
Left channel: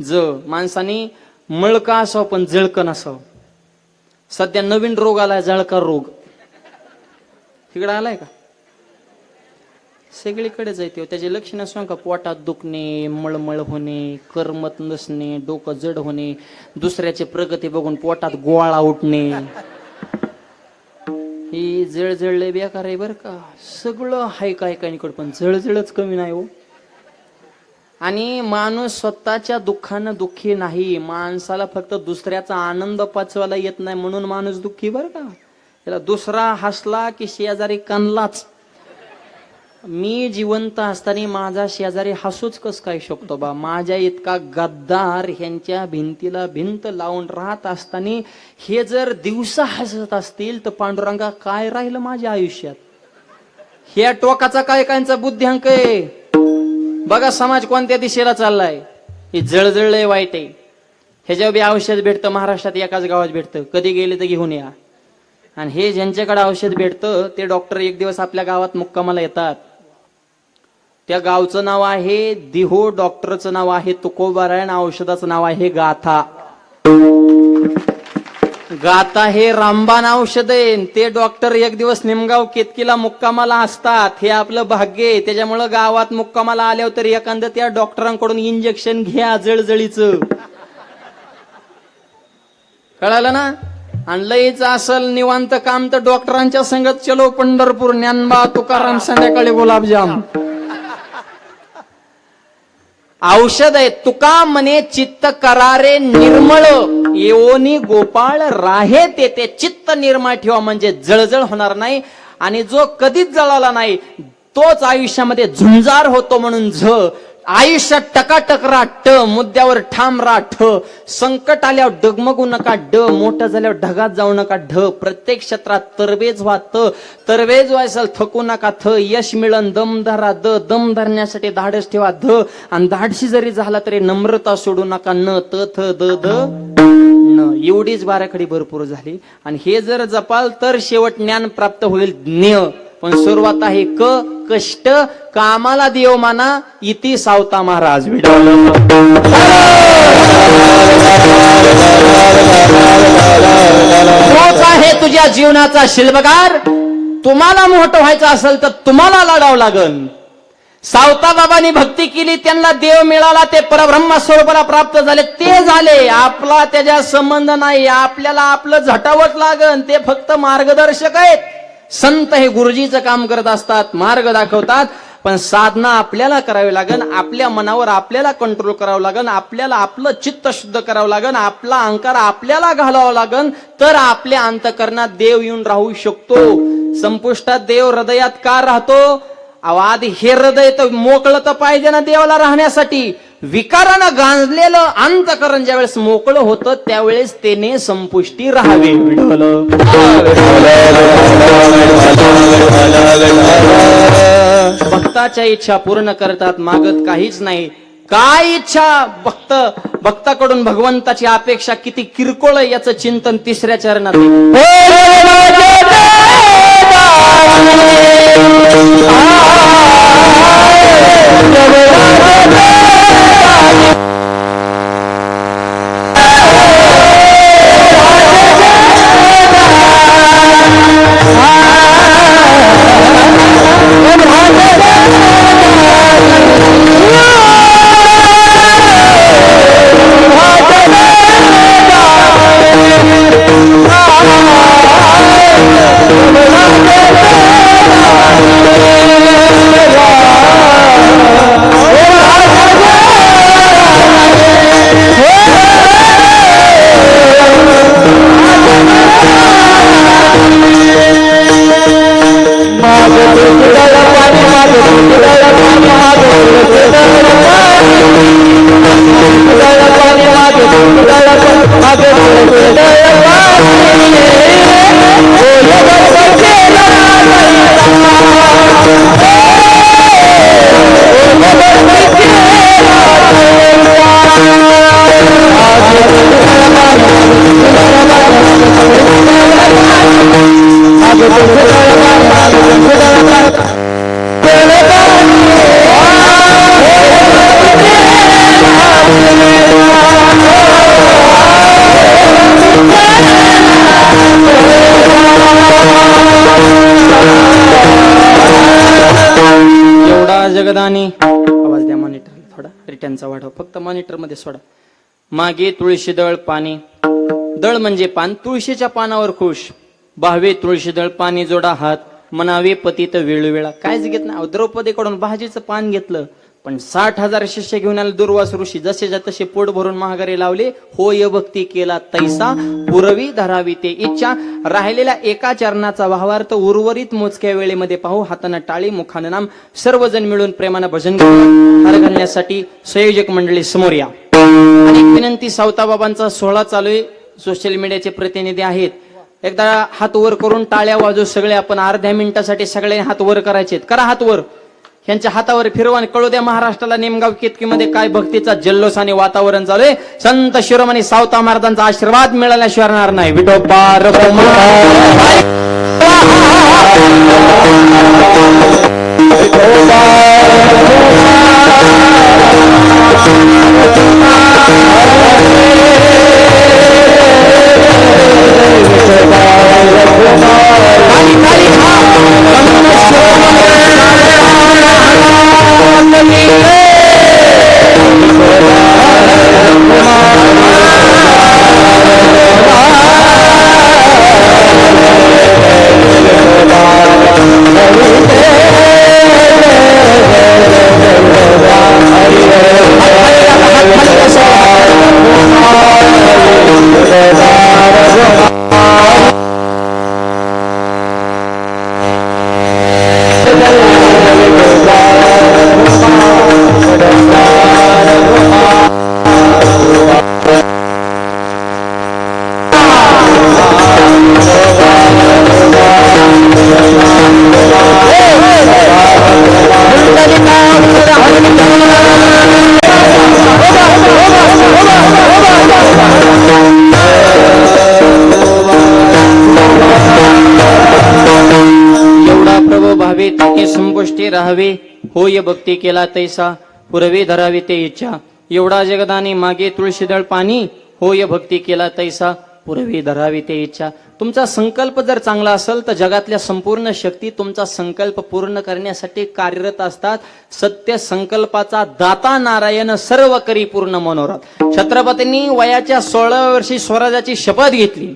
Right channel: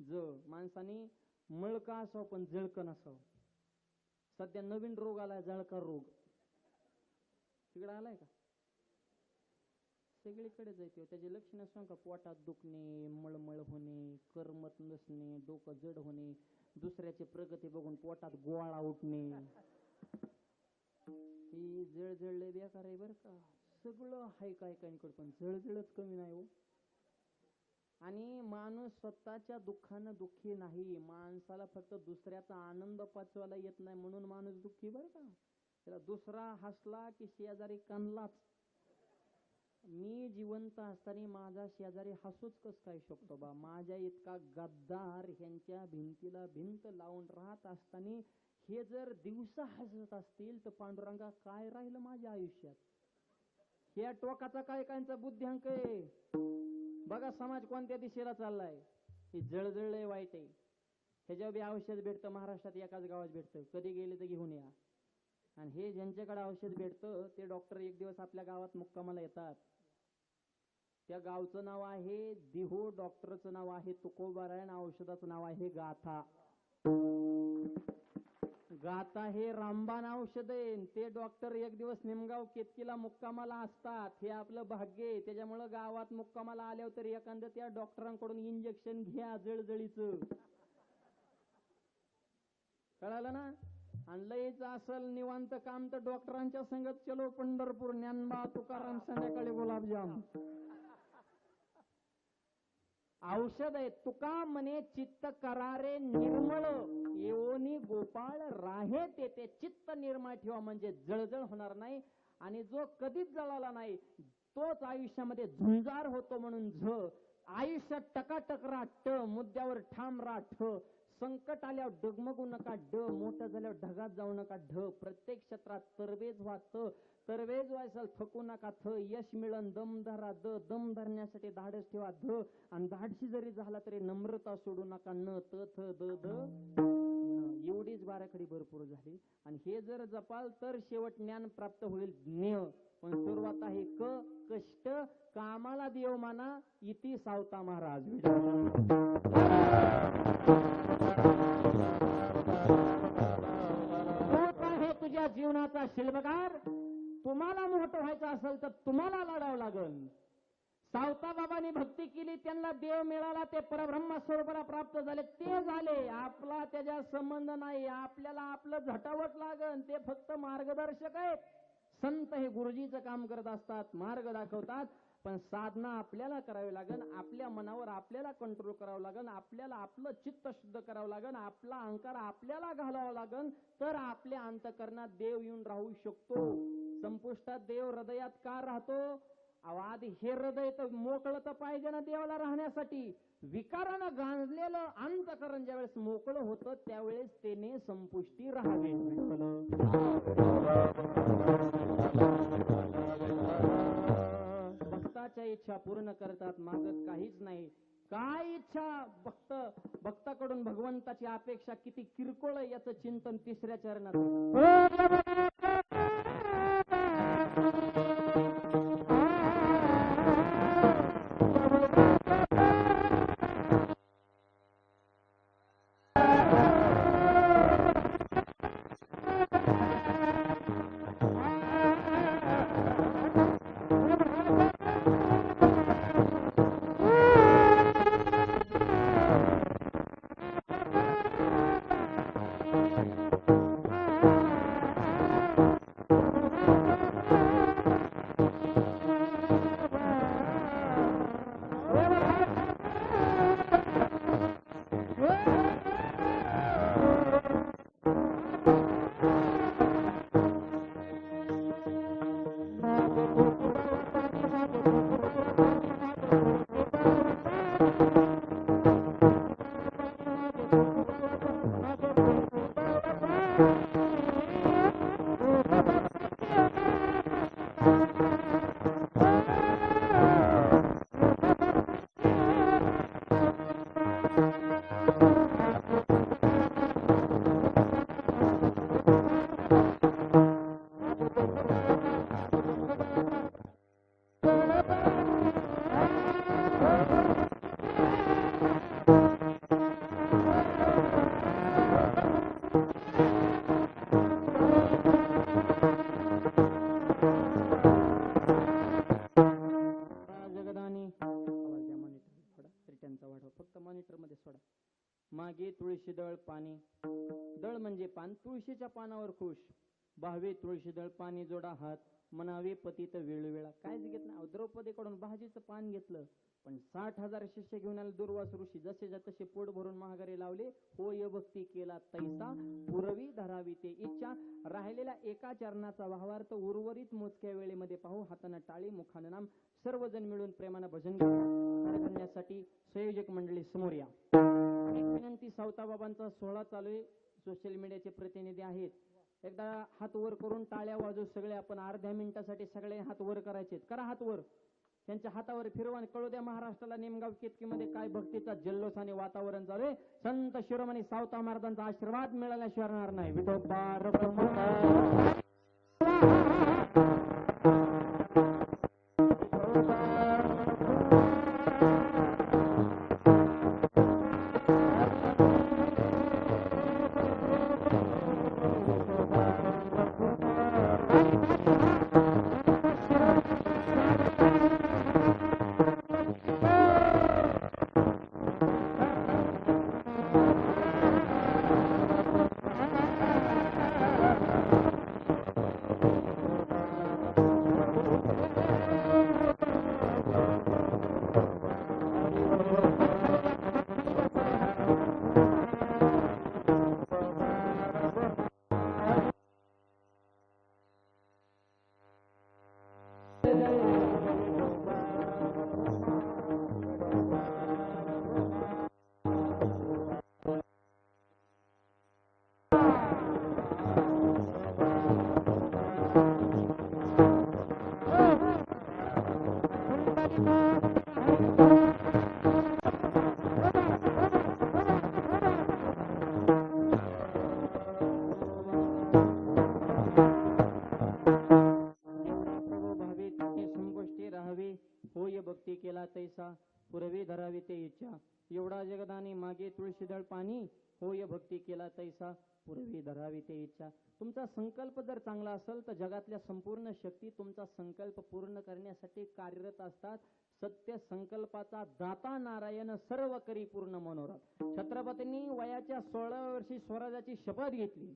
ज. माणसाने मळका असावं पण जळकं नसावं. सध्या नवीन रोग आलाय, जळका रोग. तिकडे आलाय का? सगळीकडेच येते त्याचे लक्षणं सांग का? पोटात दुखणे, मळमळ होणे, करमत नसणे, डोकं जड होणे, दुसऱ्याची प्रगती बघून पोटात गोळा उठणे. ही जळजळले बेकार आहे बर का. सगळं हाय काय काहीकडे, पण जळजळच कमी नाही हो. आणि माणूस स्वतःच्या दुःखानं दुःखी नाही. माणसाला फक्त दुसऱ्याचा आनंद पचवायला येत नाही म्हणून माणूस दुःखी बर का. त्याला दुसरा हसला की शेजारी कानलाच. मी जिवंत असताना माझा शेजारी हसूच कस काय शकतो बा. माझ्या इतका गद्दार ह्यांच्या भिंतीला भिंत लावून राहत असताना हे जर दिवसा हसत असतील तर पांडुरंगा काय राहिलं माझ्या आयुष्यात. ह्या टोकाचा काय कायचा बुद्ध्यांक आहे बघा. समाज कोणत्या दिशेला चाललाय. हे जळजळलंय, वाईट आहे. ह्याच्यावर बी औषध भेटतं. महाराष्ट्रात एकाच गावात भेटतं. कधी गेले तर घेऊन या. आणि हे ज्यांच्याकडे औषध भेटतं ते डॉक्टर एक दिवस आपल्या गावात मुक्कामाला येतात. त्या गावचं नाव आहे दिहो, डॉक्टरचं नाव आहे तुकोबारायण, औषधाचं नाव आहे गाथा. गाथा हे रामबाण औषध आहे. ते डॉक्टर एक दिवस निमगाव केतकीला मुक्कामाला असतात. हे आपलं भाग्य आहे. त्याच्यामुळं गावात मुक्कामाला आल्यावर तर एखादं त्या डॉक्टरांकडून इंजेक्शन घ्या जळजळीचं. कळालं ना. आणि लईच असल निवांत काम तर डॉक्टरांच्या संगत चलो पंढरपूर, ज्ञानबा तुकाराम, संध्याकाळी गुलाबजाम. औषध आहे. तुका म्हणे चित्त करारे निर्मळ, येवोनी गोपाळ राहे ते चित्त निर्मळ ठेवा म्हणजे जळजळ होणार नाही. आणि जो कधीच जळाला नाही तोच आयुष्यामध्ये झुंजार होतो. म्हणून आयुष्यात टकाटक राहा, ट मुद्द्यावर ठाम राहा, ठ संकट आल्यावर डगमगू नका, ड मोठं झाल्यावर ढगात जाऊ नका, ढ प्रत्येक क्षेत्रात तरवेज व्हा, तरवेज व्हायचं थकू नका, थ यश मिळन, दम धरा, दम धरण्यासाठी धाडस ठेवा, ध आणि धाडशी जरी झाला तरी नम्रता सोडू नका, न त थ द ध न. एवढीच बाराखडी भरपूर झाली. आणि हे जर जपाल तर शेवट ज्ञान प्राप्त होईल, ज्ञ. पण सुरुवात आहे क, कष्ट, कामाला देव माना, इति सावता महाराज. तोच आहे तुझ्या जीवनाचा शिल्पकार. तुम्हाला मोठं व्हायचं असेल तर तुम्हाला लढावं लागल. सावता बाबांनी भक्ती केली, त्यांना देव मिळाला, ते परब्रह्म स्वरूपाला प्राप्त झाले, ते झाले. आपला त्याच्या संबंध नाही. आपल्याला आपलं झटावट लागन. ते फक्त मार्गदर्शक आहेत. संत हे गुरुजीचं काम करत असतात, मार्ग दाखवतात. पण साधना आपल्याला करावी लागेल. आपल्या मनावर आपल्याला कंट्रोल करावं लागेल. आपल्याला आपलं चित्त शुद्ध करावं लागेल. आपला अहंकार आपल्याला घालावा लागेल. तर आपल्या अंतकरणात देव येऊन राहू शकतो. संपुष्टात देव हृदयात का राहतो? आधी हे हृदय तर मोकळं तर पाहिजे ना देवाला राहण्यासाठी. विकारानं गांजलेलं अंतकरण ज्यावेळेस मोकळं होतं त्यावेळेस त्याने संपुष्टी राहावी. भक्ताच्या इच्छा पूर्ण करतात, मागत काहीच नाही. काय इच्छा भक्ताकडून भगवंताची अपेक्षा किती किरकोळ याचं चिंतन तिसऱ्या चरणात. मॉनिटर मध्ये सोडा. मागे तुळशी दळ पाणी, दळ म्हणजे पान, तुळशीच्या पानावर खुश. भावे तुळशी दळ पाणी जोडा हात, मनावे पतित वेळोवेळा. कायच घेत नाही. द्रौपदीकडून भाजीचं पान घेतलं, पण 60,000 शिष्य घेऊन आले दुर्वास ऋषी. जसेच्या तसे पोट भरून महागारी लावले. होय भक्ती केला तैसा, पुरवी धरावी ते इच्छा. राहिलेल्या एका चरणाचा भावार्थ उर्वरित मोजक्या वेळेमध्ये पाहू. हातानं टाळी, मुखानं नाम, सर्वजण मिळून प्रेमानं भजन करू. हार घालण्यासाठी संयोजक मंडळी समोर या. आणि विनंती, सावताबाबांचा सोहळा चालू आहे. सोशल मीडियाचे प्रतिनिधी आहेत. एकदा हात वर करून टाळ्या वाजू सगळे. आपण अर्ध्या मिनिटासाठी सगळे हात वर करायचे. करा हात वर. यांच्या हातावर फिरवा आणि कळू द्या महाराष्ट्राला नेमगाव केतकीमध्ये काय भक्तीचा जल्लोष आणि वातावरण चालू आहे. संत शिरोमणी सावता महाराजांचा आशीर्वाद मिळाल्याशिवाय राहणार नाही. विठोबा रखुमाई. राहावे. होय भक्ती केला तैसा, पुरवे धरावे ते इच्छा. एवढा जगदानी मागे तुळशीदळ पाणी, होय भक्ती केला तैसा, पुरवे धरावे ते इच्छा. तुमचा संकल्प जर चांगला असेल तर जगातल्या संपूर्ण शक्ती तुमचा संकल्प पूर्ण करण्यासाठी कार्यरत असतात. सत्य संकल्पाचा दाता नारायण सर्व करी पूर्ण मनोरथ. छत्रपतींनी वयाच्या 16व्या वर्षी स्वराज्याची शपथ घेतली.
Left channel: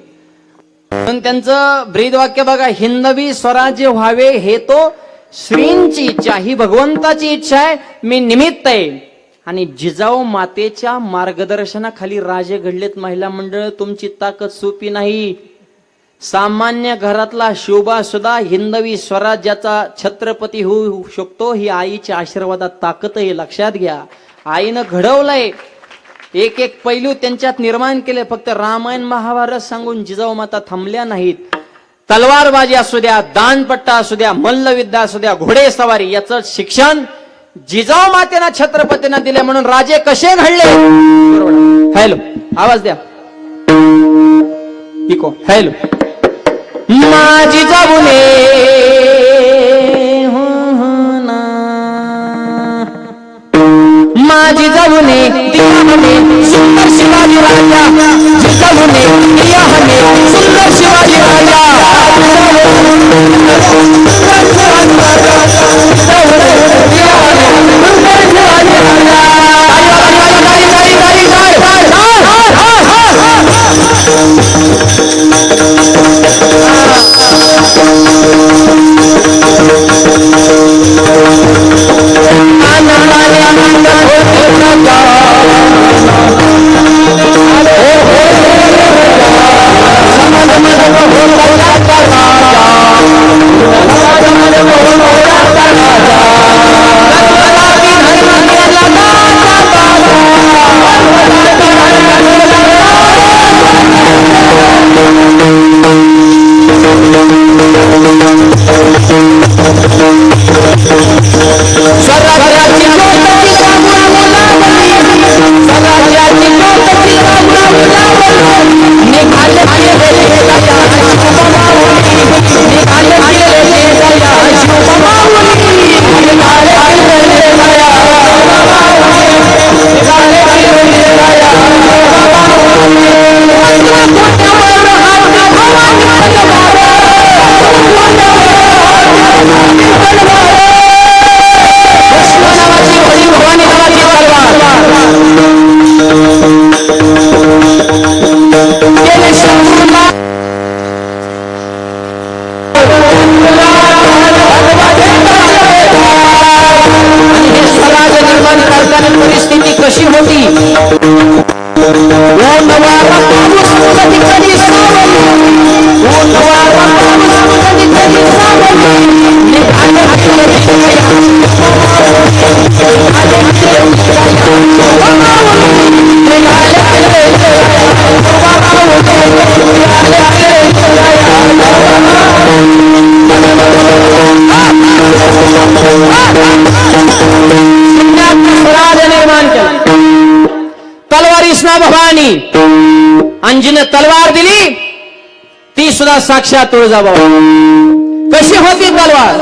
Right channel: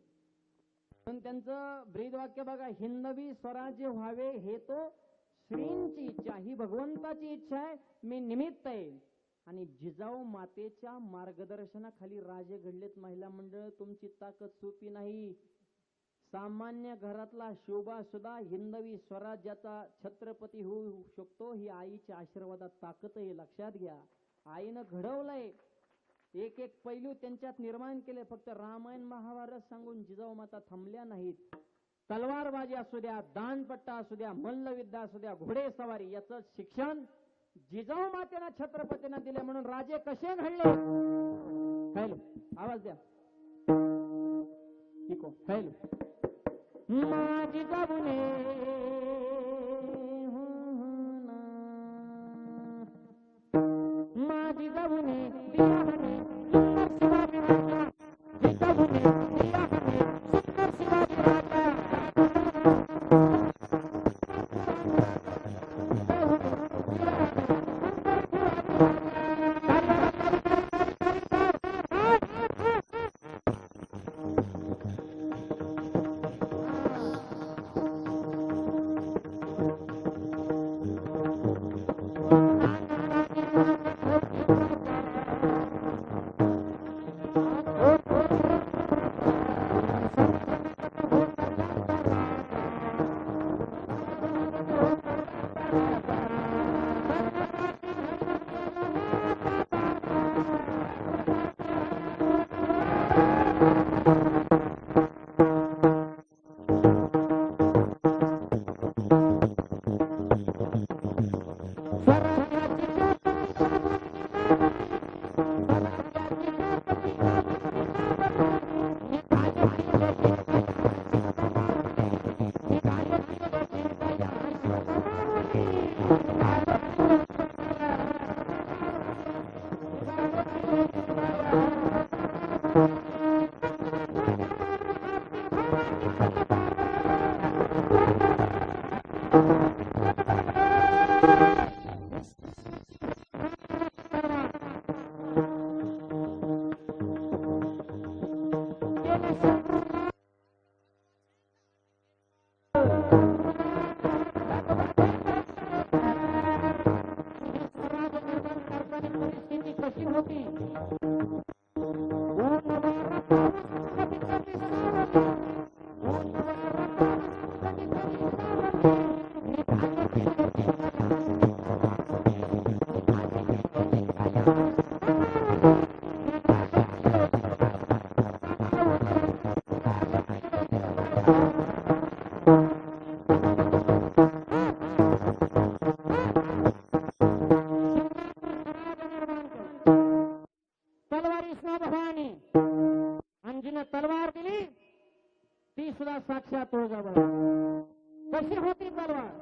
पण त्यांचं ब्रीदवाक्य बघा, हिंदवी स्वराज्य व्हावे हे तो श्रींची इच्छा, ही भगवंताची इच्छा आहे, मी निमित्त आहे. आणि जिजाऊ मातेच्या मार्गदर्शनाखाली राजे घडलेत. महिला मंडळ, तुमची ताकद सोपी नाही. सामान्य घरातला शोभा सुद्धा हिंदवी स्वराज्याचा छत्रपती होऊ शकतो. ही आईच्या आशीर्वादात ताकद आहे, लक्षात घ्या. आईनं घडवलंय, एक एक पैलू त्यांच्यात निर्माण केले. फक्त रामायण महाभारत सांगून जिजाऊ माता थांबल्या नाहीत. तलवारबाजी असू द्या, दानपट्टा असू द्या, मल्लविद्या असू द्या, घोडेसवारी, याचं शिक्षण जिजाऊ मातेना छत्रपतींना दिले. म्हणून राजे कसे घडले. हॅलो, आवाज द्या. इको. हॅलो. माझी जाऊने माझी जाऊने सुंदर शिवाजी राजा, जिजाऊने सुंदर शिवाजी राजा. ऊन वारा पाऊस कधी कधी सावली, ऊन वारा पाऊस कधी कधी सावली, निघाले फिरे विकया, निघाले फिरे विकया, निघाले फिरे विकया, निघाले फिरे स्वराज निर्माण केला. तलवारीसना भवानी अंजीने तलवार दिली, ती सुद्धा साक्षात तुळजाभवानी. कशी होती तलवार?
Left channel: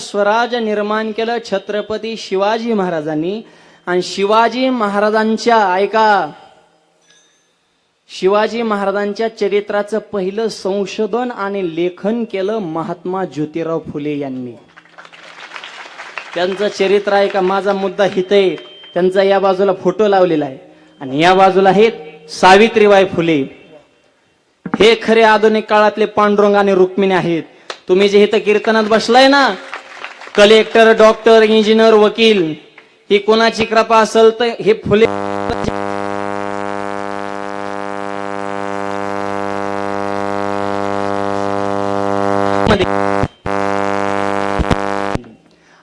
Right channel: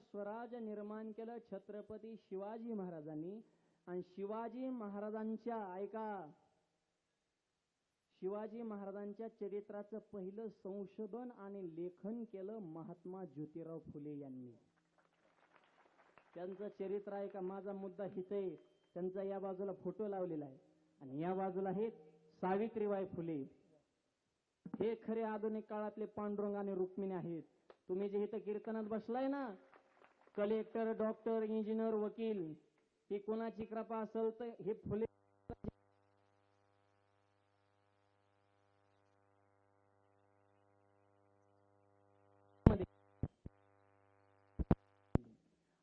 स्वराज निर्माण केलं छत्रपती शिवाजी महाराजांनी. आणि शिवाजी महाराजांच्या ऐका, शिवाजी महाराजांच्या चरित्राचं पहिलं संशोधन आणि लेखन केलं महात्मा ज्योतिराव फुले यांनी. त्यांचं चरित्र आहे का, माझा मुद्दा हित आहे. त्यांचा या बाजूला फोटो लावलेला आहे आणि या बाजूला आहेत सावित्रीबाई फुले. हे खरे आधुनिक काळातले पांडुरंग आणि रुक्मिणी आहेत. तुम्ही जे इथं कीर्तनात बसलाय ना, कलेक्टर, डॉक्टर, इंजिनियर, वकील, ही कोणाची कृपा असेल तर हे फुले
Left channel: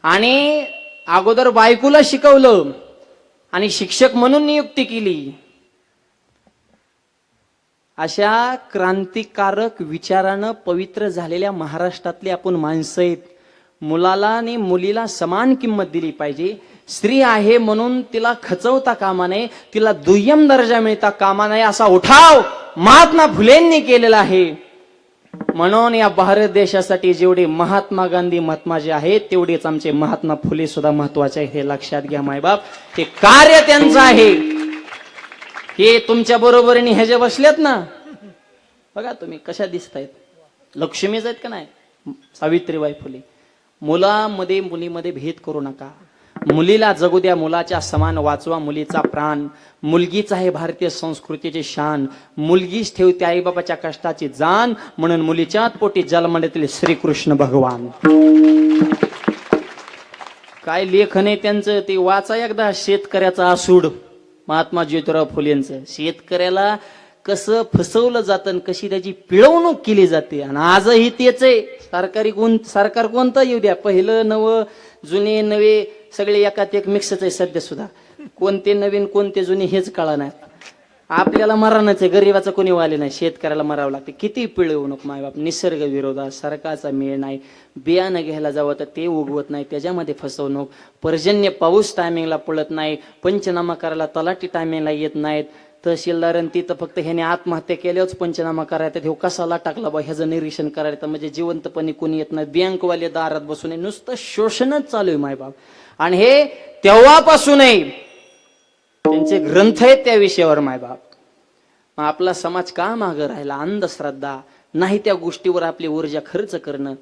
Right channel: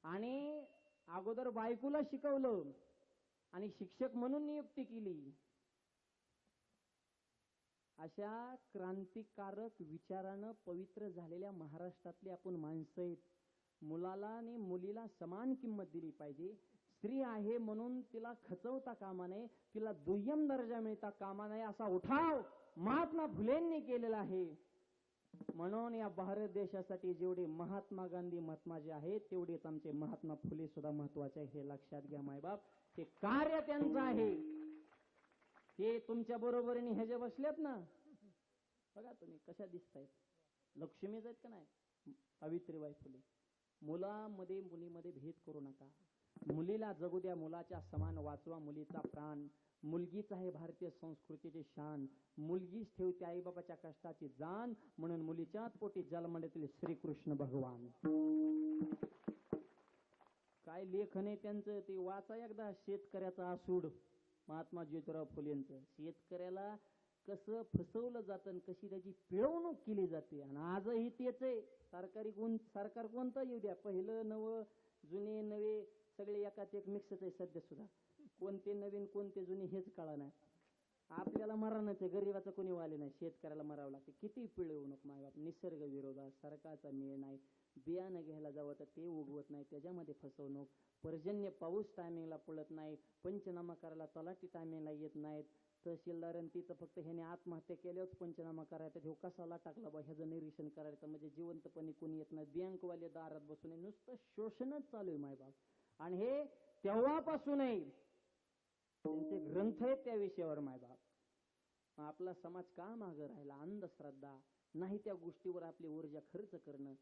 आणि अगोदर बायकोला शिकवलं आणि शिक्षक म्हणून नियुक्ती केली. अशा क्रांतिकारक विचारानं पवित्र झालेल्या महाराष्ट्रातली आपण माणसं आहेत. मुलाला आणि मुलीला समान किंमत दिली पाहिजे. स्त्री आहे म्हणून तिला खचवता कामा नये, तिला दुय्यम दर्जा मिळता कामा नये, असा उठाव महात्मा फुलेंनी केलेला आहे. म्हणून या भारत देशासाठी जेवढे महात्मा गांधी महत्वाचे आहेत, तेवढेच आमचे महात्मा फुले सुद्धा महत्वाचे आहे. हे लक्षात घ्या मायबाप. हे कार्य त्यांचं आहे. हे तुमच्या बरोबरीने हे जे बसलेत ना, बघा तुम्ही कशा दिसतायत, लक्ष्मीच आहेत का नाही. सावित्रीबाई फुले. मुलामध्ये मुलीमध्ये भेद करू नका. मुलीला जगू द्या मुलाच्या समान, वाचवा मुलीचा प्राण. मुलगीच आहे भारतीय संस्कृतीची शान, मुलगीच ठेवते आईबापाच्या कष्टाची जाण, म्हणून मुलीच्याच पोटी जन्मलेतील श्रीकृष्ण भगवान. काय लेखन आहे त्यांचं ते वाचा एकदा. शेतकऱ्याचा आसूड महात्मा ज्योतिराव फुलेंचं. शेतकऱ्याला कसं फसवलं जातं आणि कशी त्याची पिळवणूक केली जाते. आणि आजही तेच आहे. सरकार कोणतं येऊ द्या, पहिलं नवं जुने नवे सगळे एकात एक मिक्सच आहे सध्या सुद्धा. कोणते नवीन कोणते जुने हेच कळा नाही. आपल्याला मरणच आहे, गरीबाचं कोणी वाले नाही, शेतकऱ्याला मरावं लागते. किती पिळवणूक मायबाप, निसर्ग विरोधात, सरकारचा मेळ नाही, बियाणं घ्यायला जावं तर ते उगवत नाही, त्याच्यामध्ये फसवणूक, पर्जन्य पाऊस टायमिंगला पडत नाही, पंचनामा करायला तलाठी टायमिंगला येत नाहीत, तहसीलदार तिथं फक्त ह्याने आत्महत्या केल्याच पंचनामा करायचा, हे कसाला टाकला बा ह्याचं निरीक्षण करायचं, म्हणजे जिवंतपणे कोणी येत नाही, बँकवाले दारात बसून नुसतं शोषणच चालू आहे मायबाप. आणि हे तेव्हापासूनही त्यांचे ग्रंथ आहेत त्या विषयावर मायबाप. मग आपला समाज का मागं राहिला? अंधश्रद्धा नाही, त्या गोष्टीवर आपली ऊर्जा खर्च करणं,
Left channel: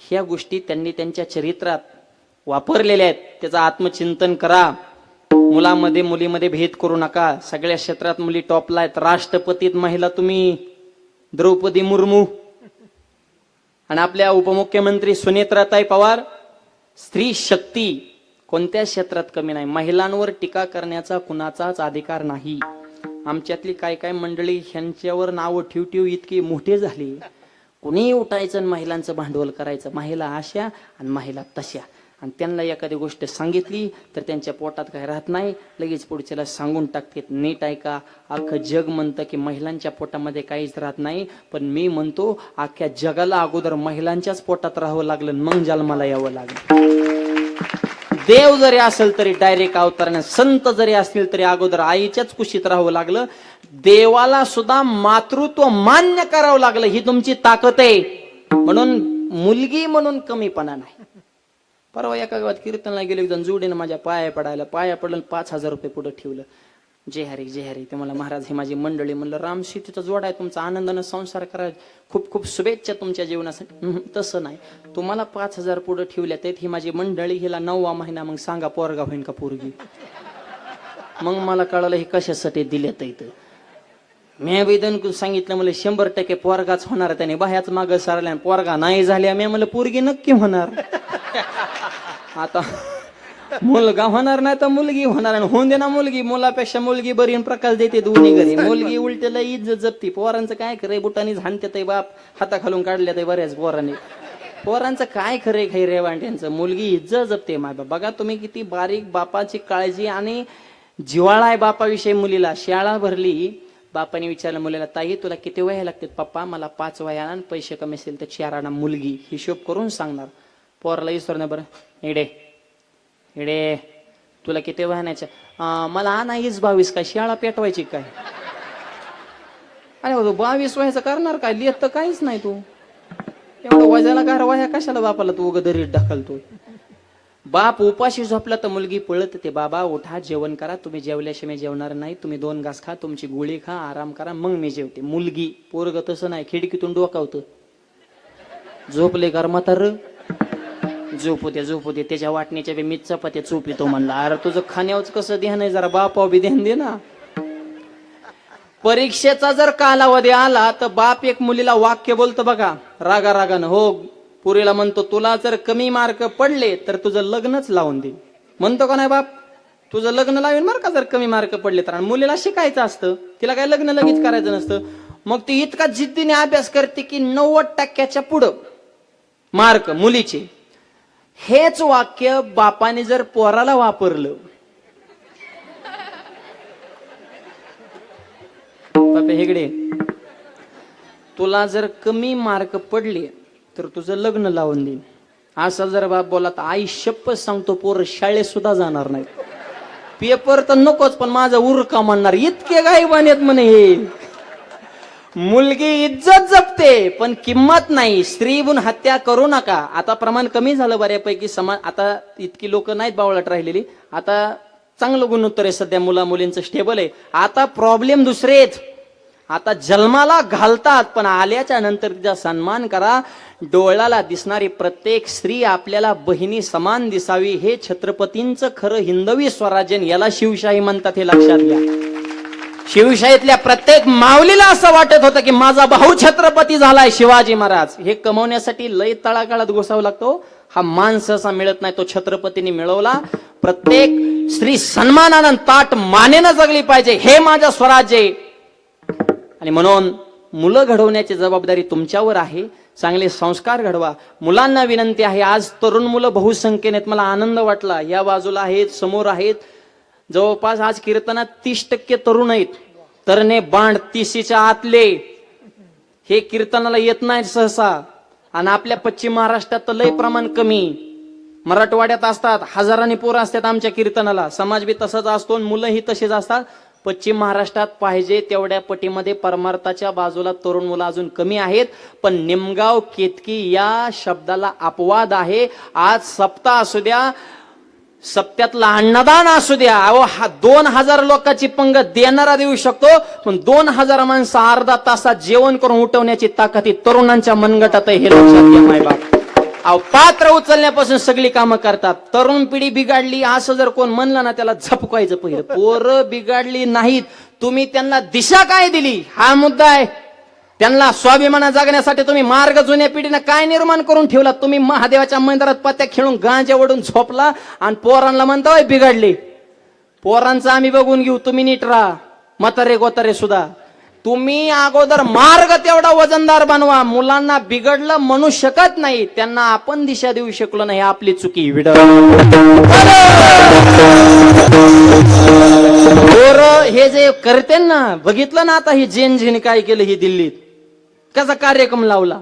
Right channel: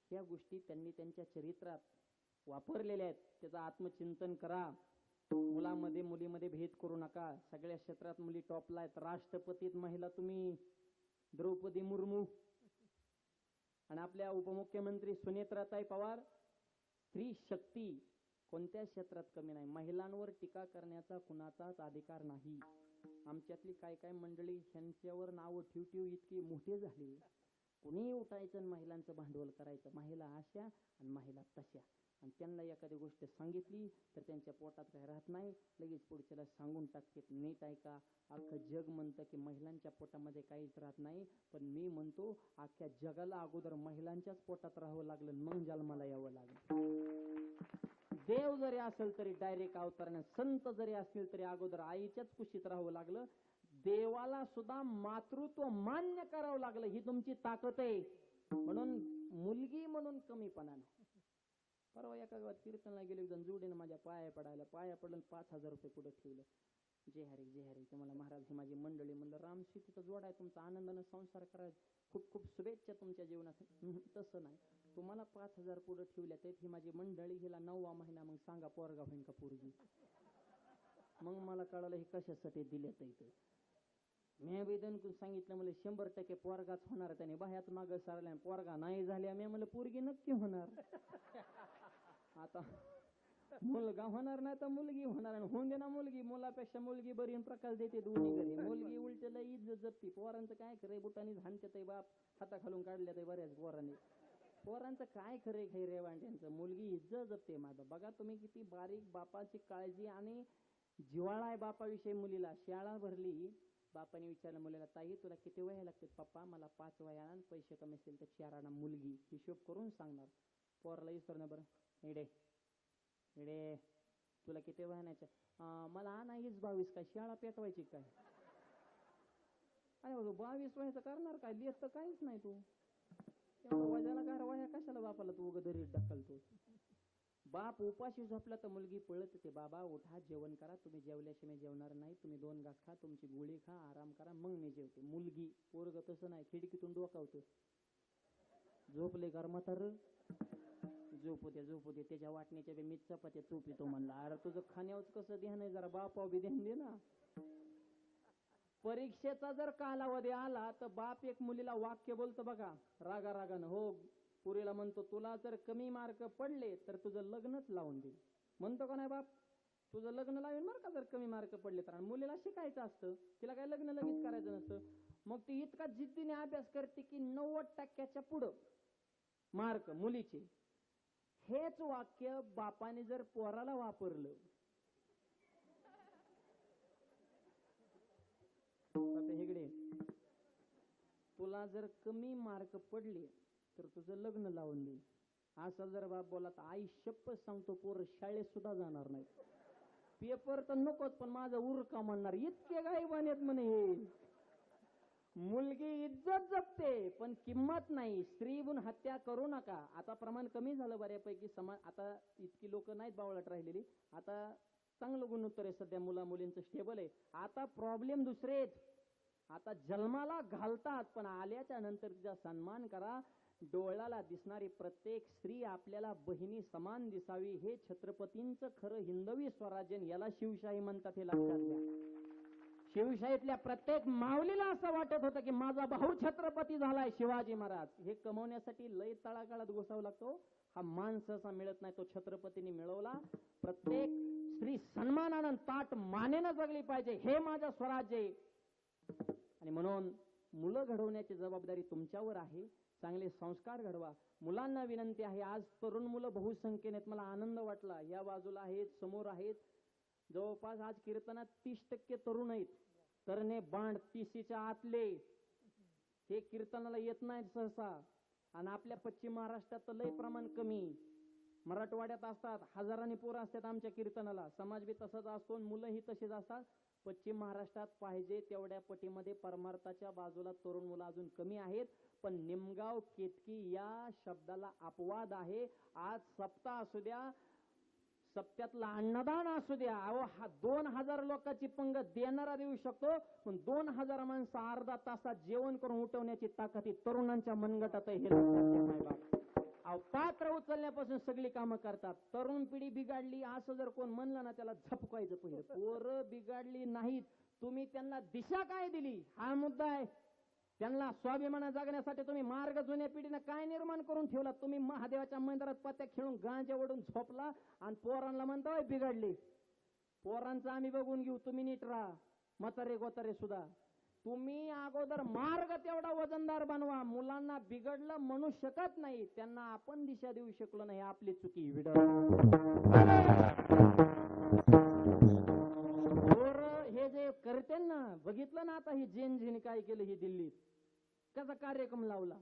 ह्या गोष्टी त्यांनी त्यांच्या चरित्रात वापरलेल्या आहेत. त्याचं आत्मचिंतन करा. मुलामध्ये मुलीमध्ये भेद करू नका. सगळ्या क्षेत्रात मुली टॉपला आहेत. राष्ट्रपतीत महिला तुम्ही द्रौपदी मुर्मू आणि आपल्या उपमुख्यमंत्री सुनेत्राताई पवार. स्त्री शक्ती कोणत्या क्षेत्रात कमी नाही. महिलांवर टीका करण्याचा कुणाचाच अधिकार नाही. आमच्यातली काय काय मंडळी ह्यांच्यावर नावं ठेव इतकी मोठे झाली, कुणी उठायचं आणि महिलांचं भांडवल करायचं, महिला अशा आणि महिला तशा. आणि त्यांना एखादी गोष्ट सांगितली तर त्यांच्या पोटात काय राहत नाही, लगेच पुढच्याला सांगून टाकतात. नीट ऐका, अख्खं जग म्हणतं की महिलांच्या पोटामध्ये काहीच राहत नाही, पण मी म्हणतो अख्ख्या जगाला अगोदर महिलांच्याच पोटात राहावं लागलं, मग जन्माला यावं लागलं. देव जरी असेल तरी डायरेक्ट अवतरणे, संत जरी असतील तरी अगोदर आईच्याच कुशीत राहावं लागलं. देवाला सुद्धा मातृत्व मान्य करावं लागलं. ही तुमची ताकद आहे. म्हणून मुलगी म्हणून कमीपणा नाही. परवा एका गावात कीर्तनला गेलो, एक जण जोडीनं माझ्या पाया पडलं, 5,000 रुपये पुढे ठेवलं. जय हरी ते मला महाराज ही माझी मंडळी. म्हणलं राम सीतेचा जोडा आहे, तुमचा आनंदानं संसार करा, खूप खूप शुभेच्छा तुमच्या जीवनासाठी. तसं नाही, तुम्हाला 5,000 पुढे ठेवल्या तर ही माझी मंडळी, हिला 9वा महिना, मग सांगा पोरगा होईन का पोरगी? मग मला कळलं हे कशासाठी दिलेत इथं. मी वेदन सांगितलं मला 100% पोरगाच होणार. त्याने बाह्याच मागं सारल्या, पोरगा नाही झाल्या. मी म्हणलं पोरगी नक्की होणार. आता मुलगा होणार नाही तर मुलगी होणार, आणि होऊन दे ना मुलगी. मुलापेक्षा मुलगी बरी प्रकाश देते दोन्ही घरी. मुलगी उलटेला इज्जत जपती. पोरांचं काय खरंय, बुटानी झाणते बाप, हाता खालून काढल्या बऱ्याच पोरांनी. पोरांचं काय खरंय खाई रेवांट्यांचं. मुलगी इज्जत जपते माय बाप. बघा तुम्ही किती बारीक बापाची काळजी आणि जिव्हाळा आहे बापाविषयी मुलीला. शाळा भरली, बापाने विचारलं मुलीला, ताई तुला किती वया लागतात? पप्पा मला 5 वया आणि पैसे कमी असेल तर 4 आणा. मुलगी हिशोब करून सांगणार. पोराला विचारणार, बरं इडे तुला किती वयाच्या? मला नाहीच 22. काय शाळा पेटवायची काय? अरे 22 वयाचं करणार काय? लिहित तर काहीच नाही तू. एवढं वजाला काय वया कशाला बापाला तू दरीत ढकलतो? बाप उपाशी झोपला तर मुलगी पळत ते, बाबा उठा जेवण करा, तुम्ही जेवल्याशिवाय जेवणार नाही, तुम्ही 2 घास खा, तुमची गोळी खा, आराम करा, मग मी जेवते. मुलगी. पोरग तसं नाही, खिडकीतून डोकावतं. झोपले कर म्हातार, झोपू दे, त्याच्या वाटणीच्या बी मीच चपात्या चोप येतो म्हणला. अरे तुझं खाण्यावरच कसं ध्यान आहे, जरा बापाव बी ध्यान दे ना. परीक्षेचा जर कालावधी आला तर बाप एक मुलीला वाक्य बोलतो बघा, रागानं. हो, पुरीला म्हणतो तुला जर कमी मार्क पडले तर तुझं लग्नच लावून दे. म्हणतो का नाही बाप? तुझं लग्न लावेन बरं का जर कमी मार्क पडले तर. आणि मुलीला शिकायचं असतं, तिला काय लग्न लगेच करायचं नसतं. मग ती इतका जिद्दीने अभ्यास करते की 90% पुढं मार्क मुलीचे. हेच वाक्य बापाने जर पोराला वापरलं, बापे हेगडे तुला जर कमी मार्क पडले तर तुझं लग्न लावून देईन, असा जर बाप बोला तर आई शपथ सांगतो पोर शाळेत सुद्धा जाणार नाही. पेपर तर नकोच पण माझा उरका म्हणणार. इतके गायबान आहेत म्हणे हे. मुलगी इज्जत जपते पण किंमत नाही. स्त्रीहून हत्या करू नका. आता प्रमाण कमी झालं बऱ्यापैकी समाज. आता इतकी लोक नाहीत बावळट राहिलेली. आता चांगलं गुणोत्तर आहे सध्या, मुला मुलींचं स्टेबल आहे. आता प्रॉब्लेम दुसरे आहेत. आता जन्माला घालतात, पण आल्याच्या नंतर तिचा सन्मान करा. डोळ्याला दिसणारी प्रत्येक स्त्री आपल्याला बहिणी समान दिसावी. हे छत्रपतींचं खरं हिंदवी स्वराज्य, याला शिवशाही म्हणतात, हे लक्षात घ्या. शिवशाहीतल्या प्रत्येक माऊलीला असं वाटत होतं की माझा भाऊ छत्रपती झालाय शिवाजी महाराज. हे कमवण्यासाठी लय तळागाळात घुसावं लागतो. हा मान सहसा मिळत नाही, तो छत्रपतींनी मिळवला. प्रत्येक स्त्री सन्मानानं ताट मानेनं जगली पाहिजे, हे माझं स्वराज्य आहे. आणि म्हणून मुलं घडवण्याची जबाबदारी तुमच्यावर आहे. चांगले संस्कार घडवा. मुलांना विनंती आहे, आज तरुण मुलं बहुसंख्येने आहेत. मला आनंद वाटला, या बाजूला आहेत, समोर आहेत. जवळपास आज कीर्तनात 30% तरुण आहेत. तरणे बांड 30च्या आतले हे कीर्तनाला येत नाही सहसा. आणि आपल्या पश्चिम महाराष्ट्रात तर लय प्रमाण कमी. मराठवाड्यात असतात, हजारांनी पोरं असतात आमच्या कीर्तनाला. समाज बी तसंच असतो, मुलंही तसेच असतात. पश्चिम महाराष्ट्रात पाहिजे तेवढ्या पटीमध्ये परमार्थाच्या बाजूला तरुण मुलं अजून कमी आहेत. पण निमगाव केतकी या शब्दाला अपवाद आहे. आज सप्ताह असू द्या, सप्त्यातला अन्नदान असू द्या, अहो 2000 लोकांची पंगत देणारा देऊ शकतो, पण 2000 माणसं अर्धा तासात जेवण करून उठवण्याची ताकद ही तरुणांच्या मनगटात आहे, हे लक्षात घ्या मायबाप. अहो पात्र उचलण्यापासून सगळी कामं करतात. तरुण पिढी बिघडली असं जर कोण म्हणलं ना, त्याला झपकायचं पहिलं. पोरं बिघडली नाहीत, तुम्ही त्यांना दिशा काय दिली हा मुद्दा आहे. त्यांना स्वाभिमाना जगण्यासाठी तुम्ही मार्ग जुन्या पिढीनं काय निर्माण करून ठेवला. तुम्ही महादेवाच्या मंदिरात पत्त्या खेळून गांजा ओढून झोपला आणि पोरांना म्हणता बिघडले. पोरांचं आम्ही बघून घेऊ, तुम्ही नीट राहा. म्हातारे गोतारे सुद्धा तुम्ही अगोदर मार्ग तेवढा वजनदार बनवा. मुलांना बिघडलं म्हणू शकत नाही, त्यांना आपण दिशा देऊ शकलो नाही, आपली चुकी. हे जे करते ना, बघितलं ना आता ही जेन काय केलं ही दिल्लीत, कसा कार्यक्रम लावला.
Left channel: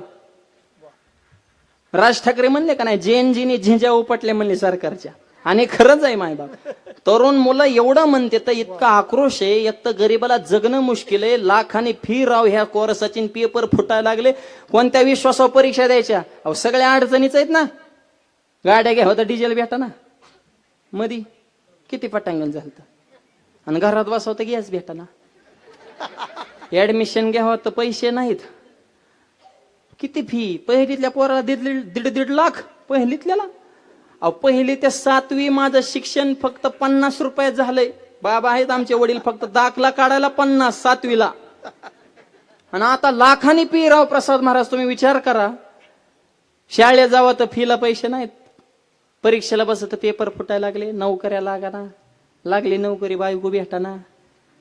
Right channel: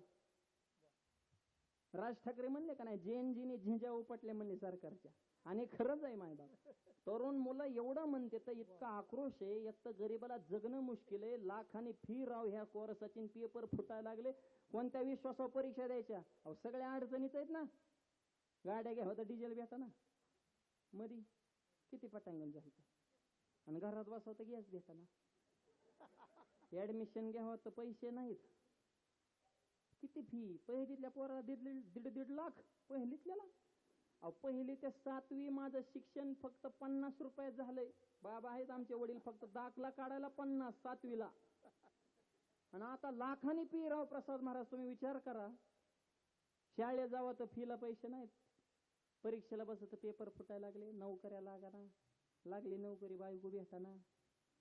राज ठाकरे म्हणले का नाही, जेनजीने झिंजा उपटले म्हणले सरकारच्या. आणि खरंच आहे मायबाप. तरुण मुलं एवढं म्हणते तर इतका आक्रोश आहे. एक तर गरीबाला जगणं मुश्किल आहे, लाखांनी फी राव ह्या कोर्साची, पेपर फुटायला लागले. कोणत्या विश्वासावर परीक्षा द्यायच्या. अहो सगळ्या अडचणीच आहेत ना. गाड्या घ्या होता, डिझेल भेटा ना, मधी किती पटांगण झालं. आणि घरात बसवतं गॅस भेटा ना. ऍडमिशन घ्यावं तर पैसे नाहीत. किती फी. पहिलीतल्या पोराला दीड लाख पहिलीतल्याला. अहो पहिली ते 7वी माझं शिक्षण फक्त 50 रुपयात झालंय. बाबा आहेत आमचे वडील, फक्त दाखला काढायला 50 7वीला. आणि आता लाखांनी फी राव. प्रसाद महाराज तुम्ही विचार करा, शाळेत जावं तर फीला पैसे नाहीत, परीक्षेला बसत तर पेपर फुटायला लागले, नोकऱ्या लागाना, लागली नोकरी बायको भेटाना,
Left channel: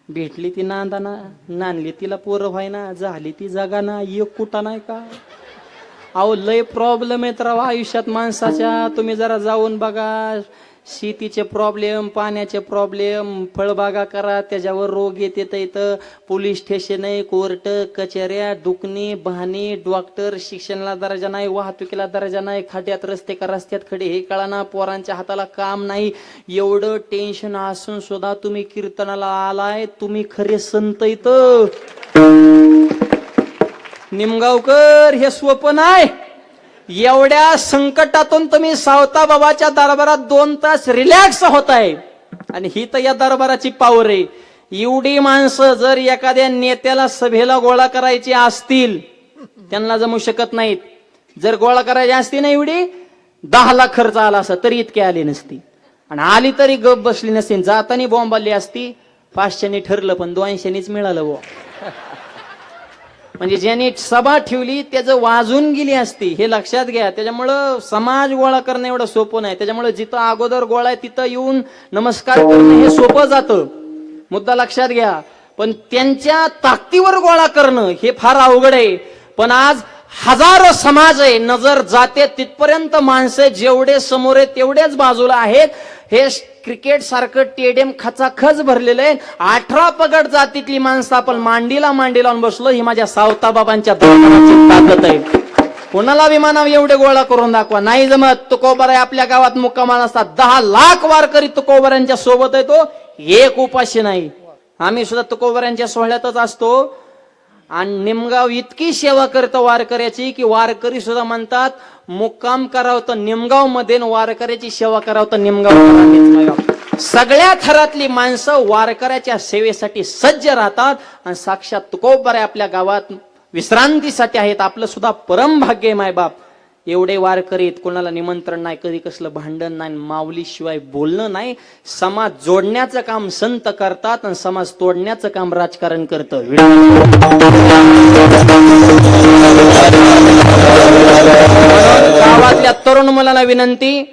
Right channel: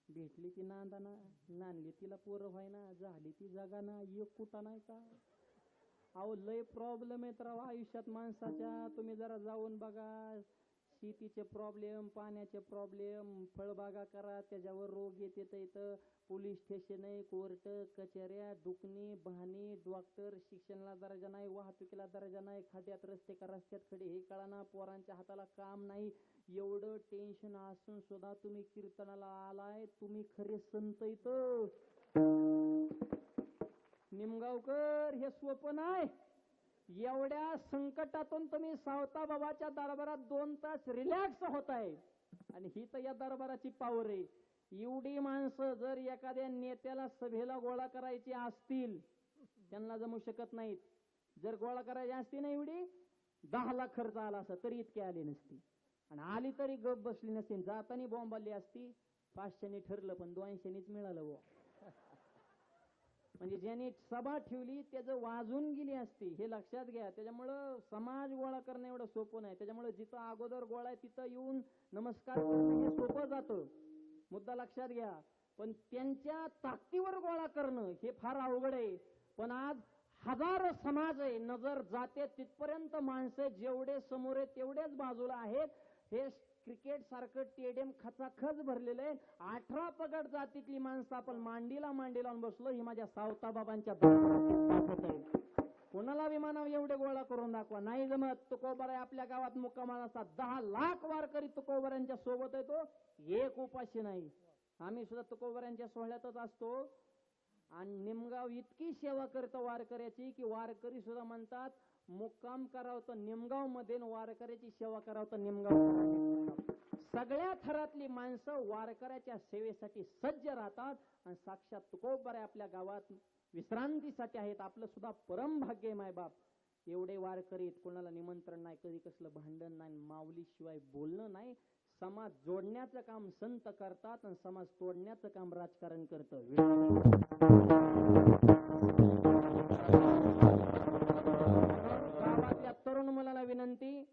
भेटली ती नांदाना, नांदली तिला पोरं व्हायना, झाली ती जगाना, एक कुठा नाही का. अहो लय प्रॉब्लेम आहेत राव आयुष्यात माणसाच्या. तुम्ही जरा जाऊन बघा, शेतीचे प्रॉब्लेम, पाण्याचे प्रॉब्लेम, फळबागा करा त्याच्यावर रोग येते. इथं पोलीस स्टेशन आहे, कोर्ट कचेऱ्या, दुखणी बहाणी, डॉक्टर, शिक्षणाला दर्जा नाही, वाहतुकीला दर्जा नाही, खड्यात रस्ते का रस्त्यात खडे हे कळाना, पोरांच्या हाताला काम नाही. एवढं टेन्शन असून सुद्धा तुम्ही कीर्तनाला आलाय, तुम्ही खरे संत. इथं निमगावकर हे सोपं नाही. एवढ्या संकटातून तुम्ही सावता बाबाच्या दरबारात 2 तास रिलॅक्स होताय. आणि ही तर या दरबाराची पावर आहे. एवढी माणसं जर एखाद्या नेत्याला सभेला गोळा करायची असतील, त्यांना जमू शकत नाहीत. जर गोळा करायची असती ना एवढी 10 लाख खर्च आला असता तरी इतके आले नसती. आणि आली तरी गप बसली नसती. जातानी बॉम्ब आली असती. 500नी ठरलं पण 200नीच मिळालं वो. म्हणजे ज्यांनी सभा ठेवली त्याचं वाजून गेली असती, हे लक्षात घ्या. त्याच्यामुळं समाज गोळा करणं एवढं सोपं नाही. त्याच्यामुळे जिथं अगोदर गोळा आहे तिथं येऊन नमस्कार करणं हे सोपं जातं, मुद्दा लक्षात घ्या. पण त्यांच्या ताकदीवर गोळा करणं हे फार अवघड आहे. पण आज हजारो समाज आहे, नजर जाते तिथपर्यंत माणसं जेवढे समोर आहे तेवढेच बाजूला आहेत. हे क्रिकेट सारखं स्टेडियम खचाखच भरलेलं आहे. 18 पगड जातीतली माणसं आपण मांडीला मांडी लावून बसलो. ही माझ्या सावता बाबांच्या दरबाराची ताकद आहे. कोणाला विमानावर एवढे गोळा करून दाखवा, नाही जमत. तुकोबाराय आपल्या गावात मुक्कामाल असतात. 10 लाख वारकरी तुकोबारांच्या सोबत आहे. तो एक उपाशी नाही. आम्ही सुद्धा तुकोबारांच्या सोहळ्यातच असतो. आणि निमगाव इतकी सेवा करतं वारकऱ्याची की वारकरी सुद्धा म्हणतात मुक्काम करावं तर निमगाव मध्ये, वारकऱ्याची सेवा करावं तर निमगाव. सगळ्या थरातली माणसं वारकऱ्याच्या सेवेसाठी सज्ज राहतात आणि साक्षात तुकोबारे आपल्या गावात विश्रांतीसाठी आहेत. आपलं सुद्धा परम भाग्य आहे मायबाप. एवढे वारकरीत, कोणाला निमंत्रण नाही, कधी कसलं भांडण नाही, माऊली शिवाय बोलणं नाही. समाज जोडण्याचं काम संत करतात आणि समाज तोडण्याचं काम राजकारण करतं. गावातल्या तरुण मुलांना विनंती,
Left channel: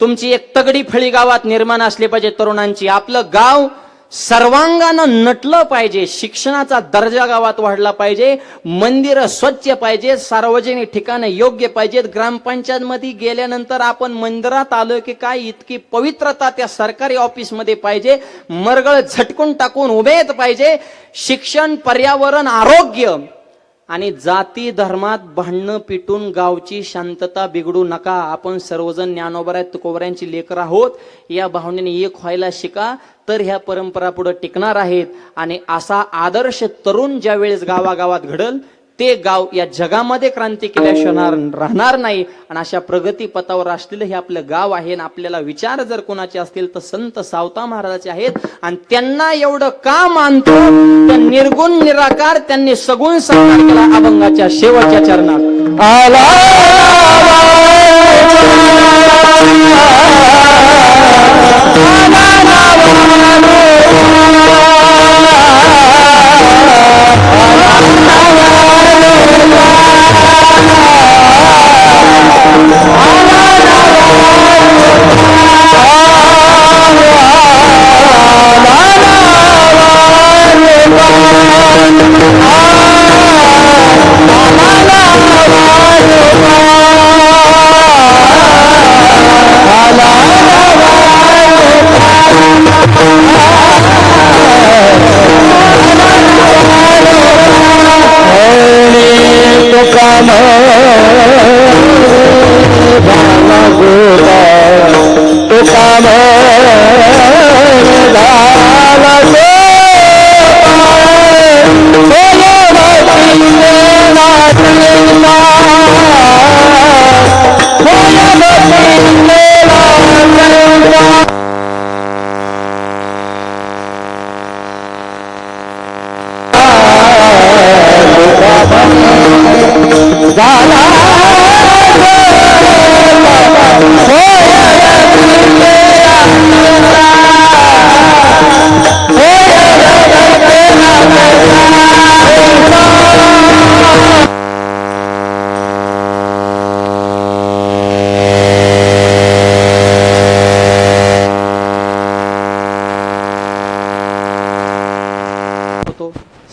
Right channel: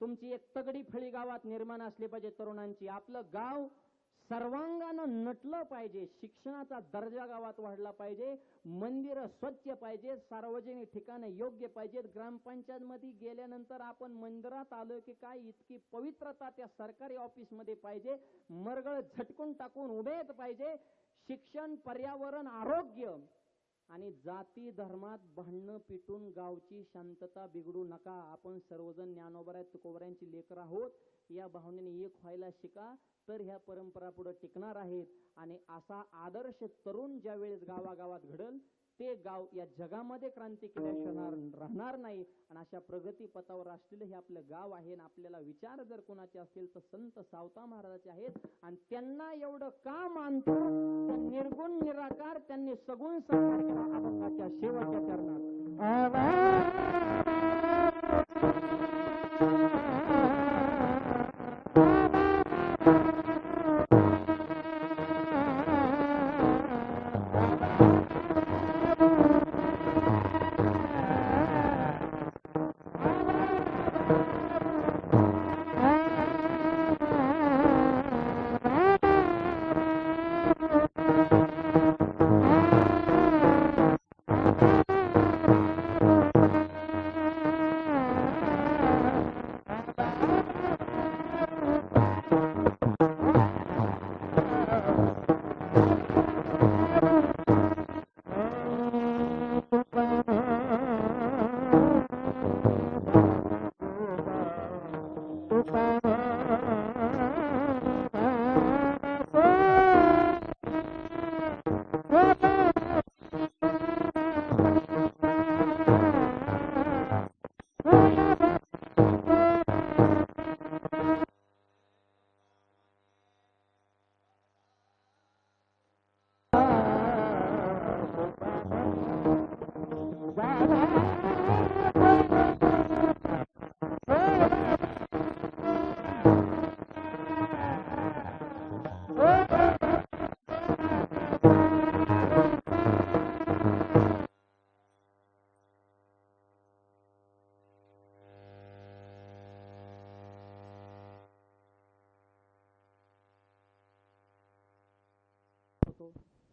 तुमची एक तगडी फळी गावात निर्माण असली पाहिजे तरुणांची. आपलं गाव सर्वांगानं नटलं पाहिजे. शिक्षणाचा दर्जा गावात वाढला पाहिजे. मंदिरं स्वच्छ पाहिजे. सार्वजनिक ठिकाणं योग्य पाहिजेत. ग्रामपंचायत मध्ये गेल्यानंतर आपण मंदिरात आलो की काय इतकी पवित्रता त्या सरकारी ऑफिस मध्ये पाहिजे. मरगळ झटकून टाकून उभेत पाहिजे. शिक्षण, पर्यावरण, आरोग्य आणि जाती धर्मात भांडणं पिटून गावची शांतता बिघडू नका. आपण सर्वजण ज्ञानोबा तुकोबऱ्यांची लेकर आहोत. या भावनेने एक व्हायला शिका, तर ह्या परंपरा पुढे टिकणार आहेत. आणि असा आदर्श तरुण ज्या वेळेस गावागावात घडल, ते गाव या जगामध्ये क्रांती केल्याशिवाय राहणार नाही. आणि अशा प्रगती पथावर असलेलं हे आपलं गाव आहे. आणि आपल्याला विचार जर कोणाचे असतील तर संत सावता महाराजाचे आहेत. आणि त्यांना एवढं का मानतो तर निर्गुण निराकार त्यांनी सगुण साकार केला अभंगाच्या शेवटच्या चरणात. आला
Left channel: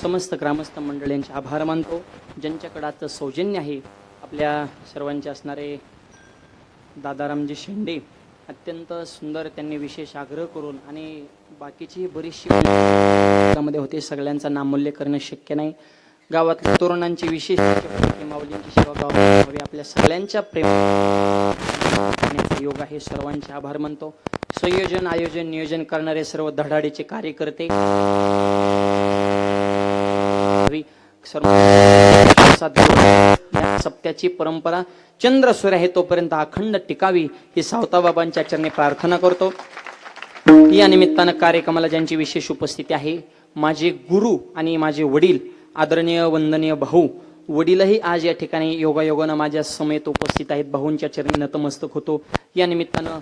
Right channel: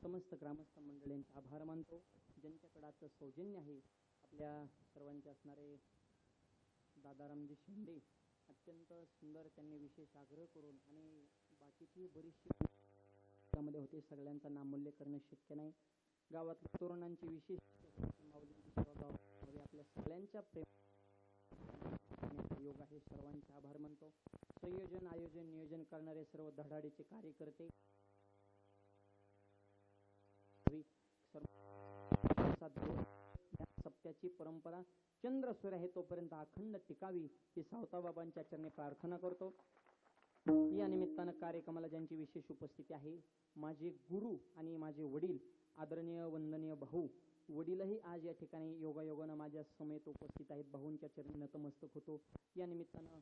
समस्त ग्रामस्थ मंडळींचे आभार मानतो. ज्यांच्याकडे आजचं सौजन्य आहे, आपल्या सर्वांचे असणारे दादारामजी शेंडे, अत्यंत सुंदर त्यांनी विशेष आग्रह करून आणि बाकीची बरीचशी मध्ये होते. सगळ्यांचा नामोल्लेख करणं शक्य नाही. गावातल्या तरुणांची विशेष माऊलींची सेवा गावात हवी. आपल्या सगळ्यांच्या प्रेम योग आहे. सर्वांचे आभार मानतो. संयोजन, आयोजन, नियोजन करणारे सर्व धडाडीचे कार्यकर्ते, सप्त्याची परंपरा चंद्र सूर्य आहे तोपर्यंत अखंड टिकावी ही सावताबाबांच्या चरणी प्रार्थना करतो. या निमित्तानं कार्यक्रमाला ज्यांची विशेष उपस्थिती आहे, माझे गुरु आणि माझे वडील, आदरणीय वंदनीय भाऊ, वडीलही आज या ठिकाणी योगायोगानं माझ्या समेत उपस्थित आहेत. भाऊंच्या चरणी नतमस्तक होतो. या निमित्तानं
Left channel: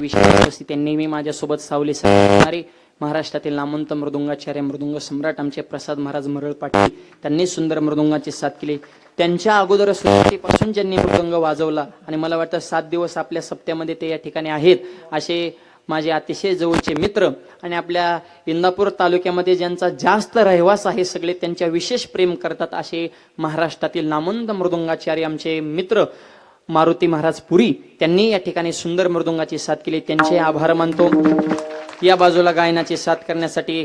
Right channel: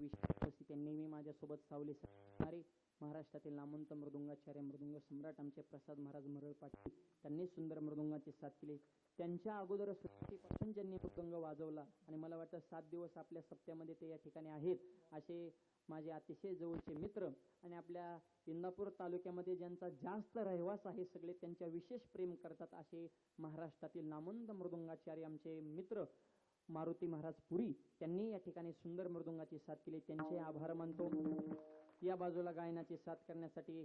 विशेष उपस्थिती नेहमी माझ्यासोबत सावली साधणारे महाराष्ट्रातील नामवंत मृदुंगाचार्य, मृदुंग सम्राट आमचे प्रसाद महाराज मरळ पाटील, त्यांनी सुंदर मृदुंगाची साथ केली. त्यांच्या अगोदर सुरुवातीपासून ज्यांनी मृदुंग वाजवला आणि मला वाटतं 7 दिवस आपल्या सप्त्यामध्ये ते या ठिकाणी आहेत, असे माझे अतिशय जवळचे मित्र आणि आपल्या इंदापूर तालुक्यामध्ये ज्यांचा जास्त रहिवास आहे, सगळे त्यांच्या विशेष प्रेम करतात असे महाराष्ट्रातील नामवंत मृदुंगाचार्य आमचे मित्र मारुती महाराज पुरी, त्यांनी या ठिकाणी सुंदर मृदुंगाची साथ केली. त्यांचे आभार मानतो. या बाजूला गायनाची साथ करण्यासाठी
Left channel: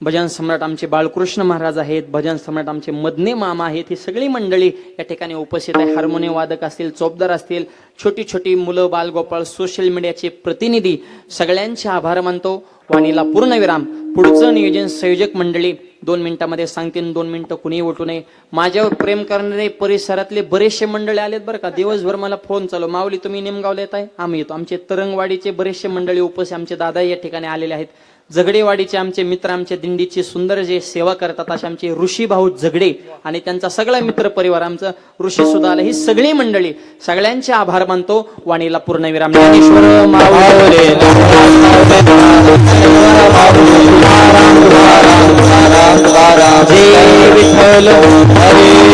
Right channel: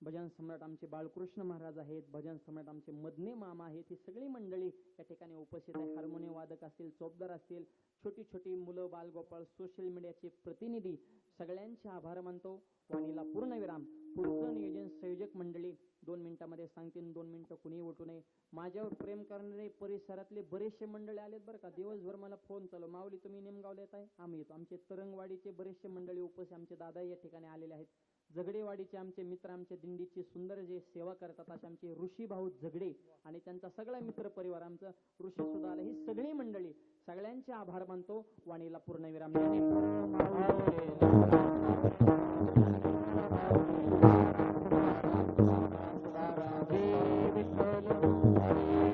भजन सम्राट आमचे बाळकृष्ण महाराज आहेत, भजन सम्राट आमचे मदने मामा आहेत. ही सगळी मंडळी या ठिकाणी उपस्थित आहे. हार्मोनियम वादक असतील, चोपदार असतील, छोटी छोटी मुलं, बालगोपाळ, सोशल मीडियाचे प्रतिनिधी, सगळ्यांचे आभार मानतो. वाणीला पूर्णविराम. पुढचं नियोजन संयोजक मंडळी 2 मिनिटामध्ये सांगतील, 2 मिनिटं कुणीही उठू नये. माझ्यावर प्रेम करणारे परिसरातले बरेचसे मंडळी आलेत बरं का. दिवसभर मला फोन चालू, माऊली तुम्ही निमगावला येत आहे, आम्ही येतो. आमचे तरंगवाडीचे बरेचसे मंडळी उपस्थित, आमचे दादा या ठिकाणी आलेले आहेत. झगडेवाडीचे आमचे मित्र, आमच्या दिंडीची सुंदर जे सेवा करतात असे आमचे ऋषी भाऊ झगडे आणि त्यांचा सगळा मित्र परिवार, आमचं ऋषी सुद्धा आलं, ही सगळी मंडळी, सगळ्यांचे आभार मानतो. वाणीला पूर्णविराम. ज्ञानेश्वर माऊली जय विठ्ठल हरी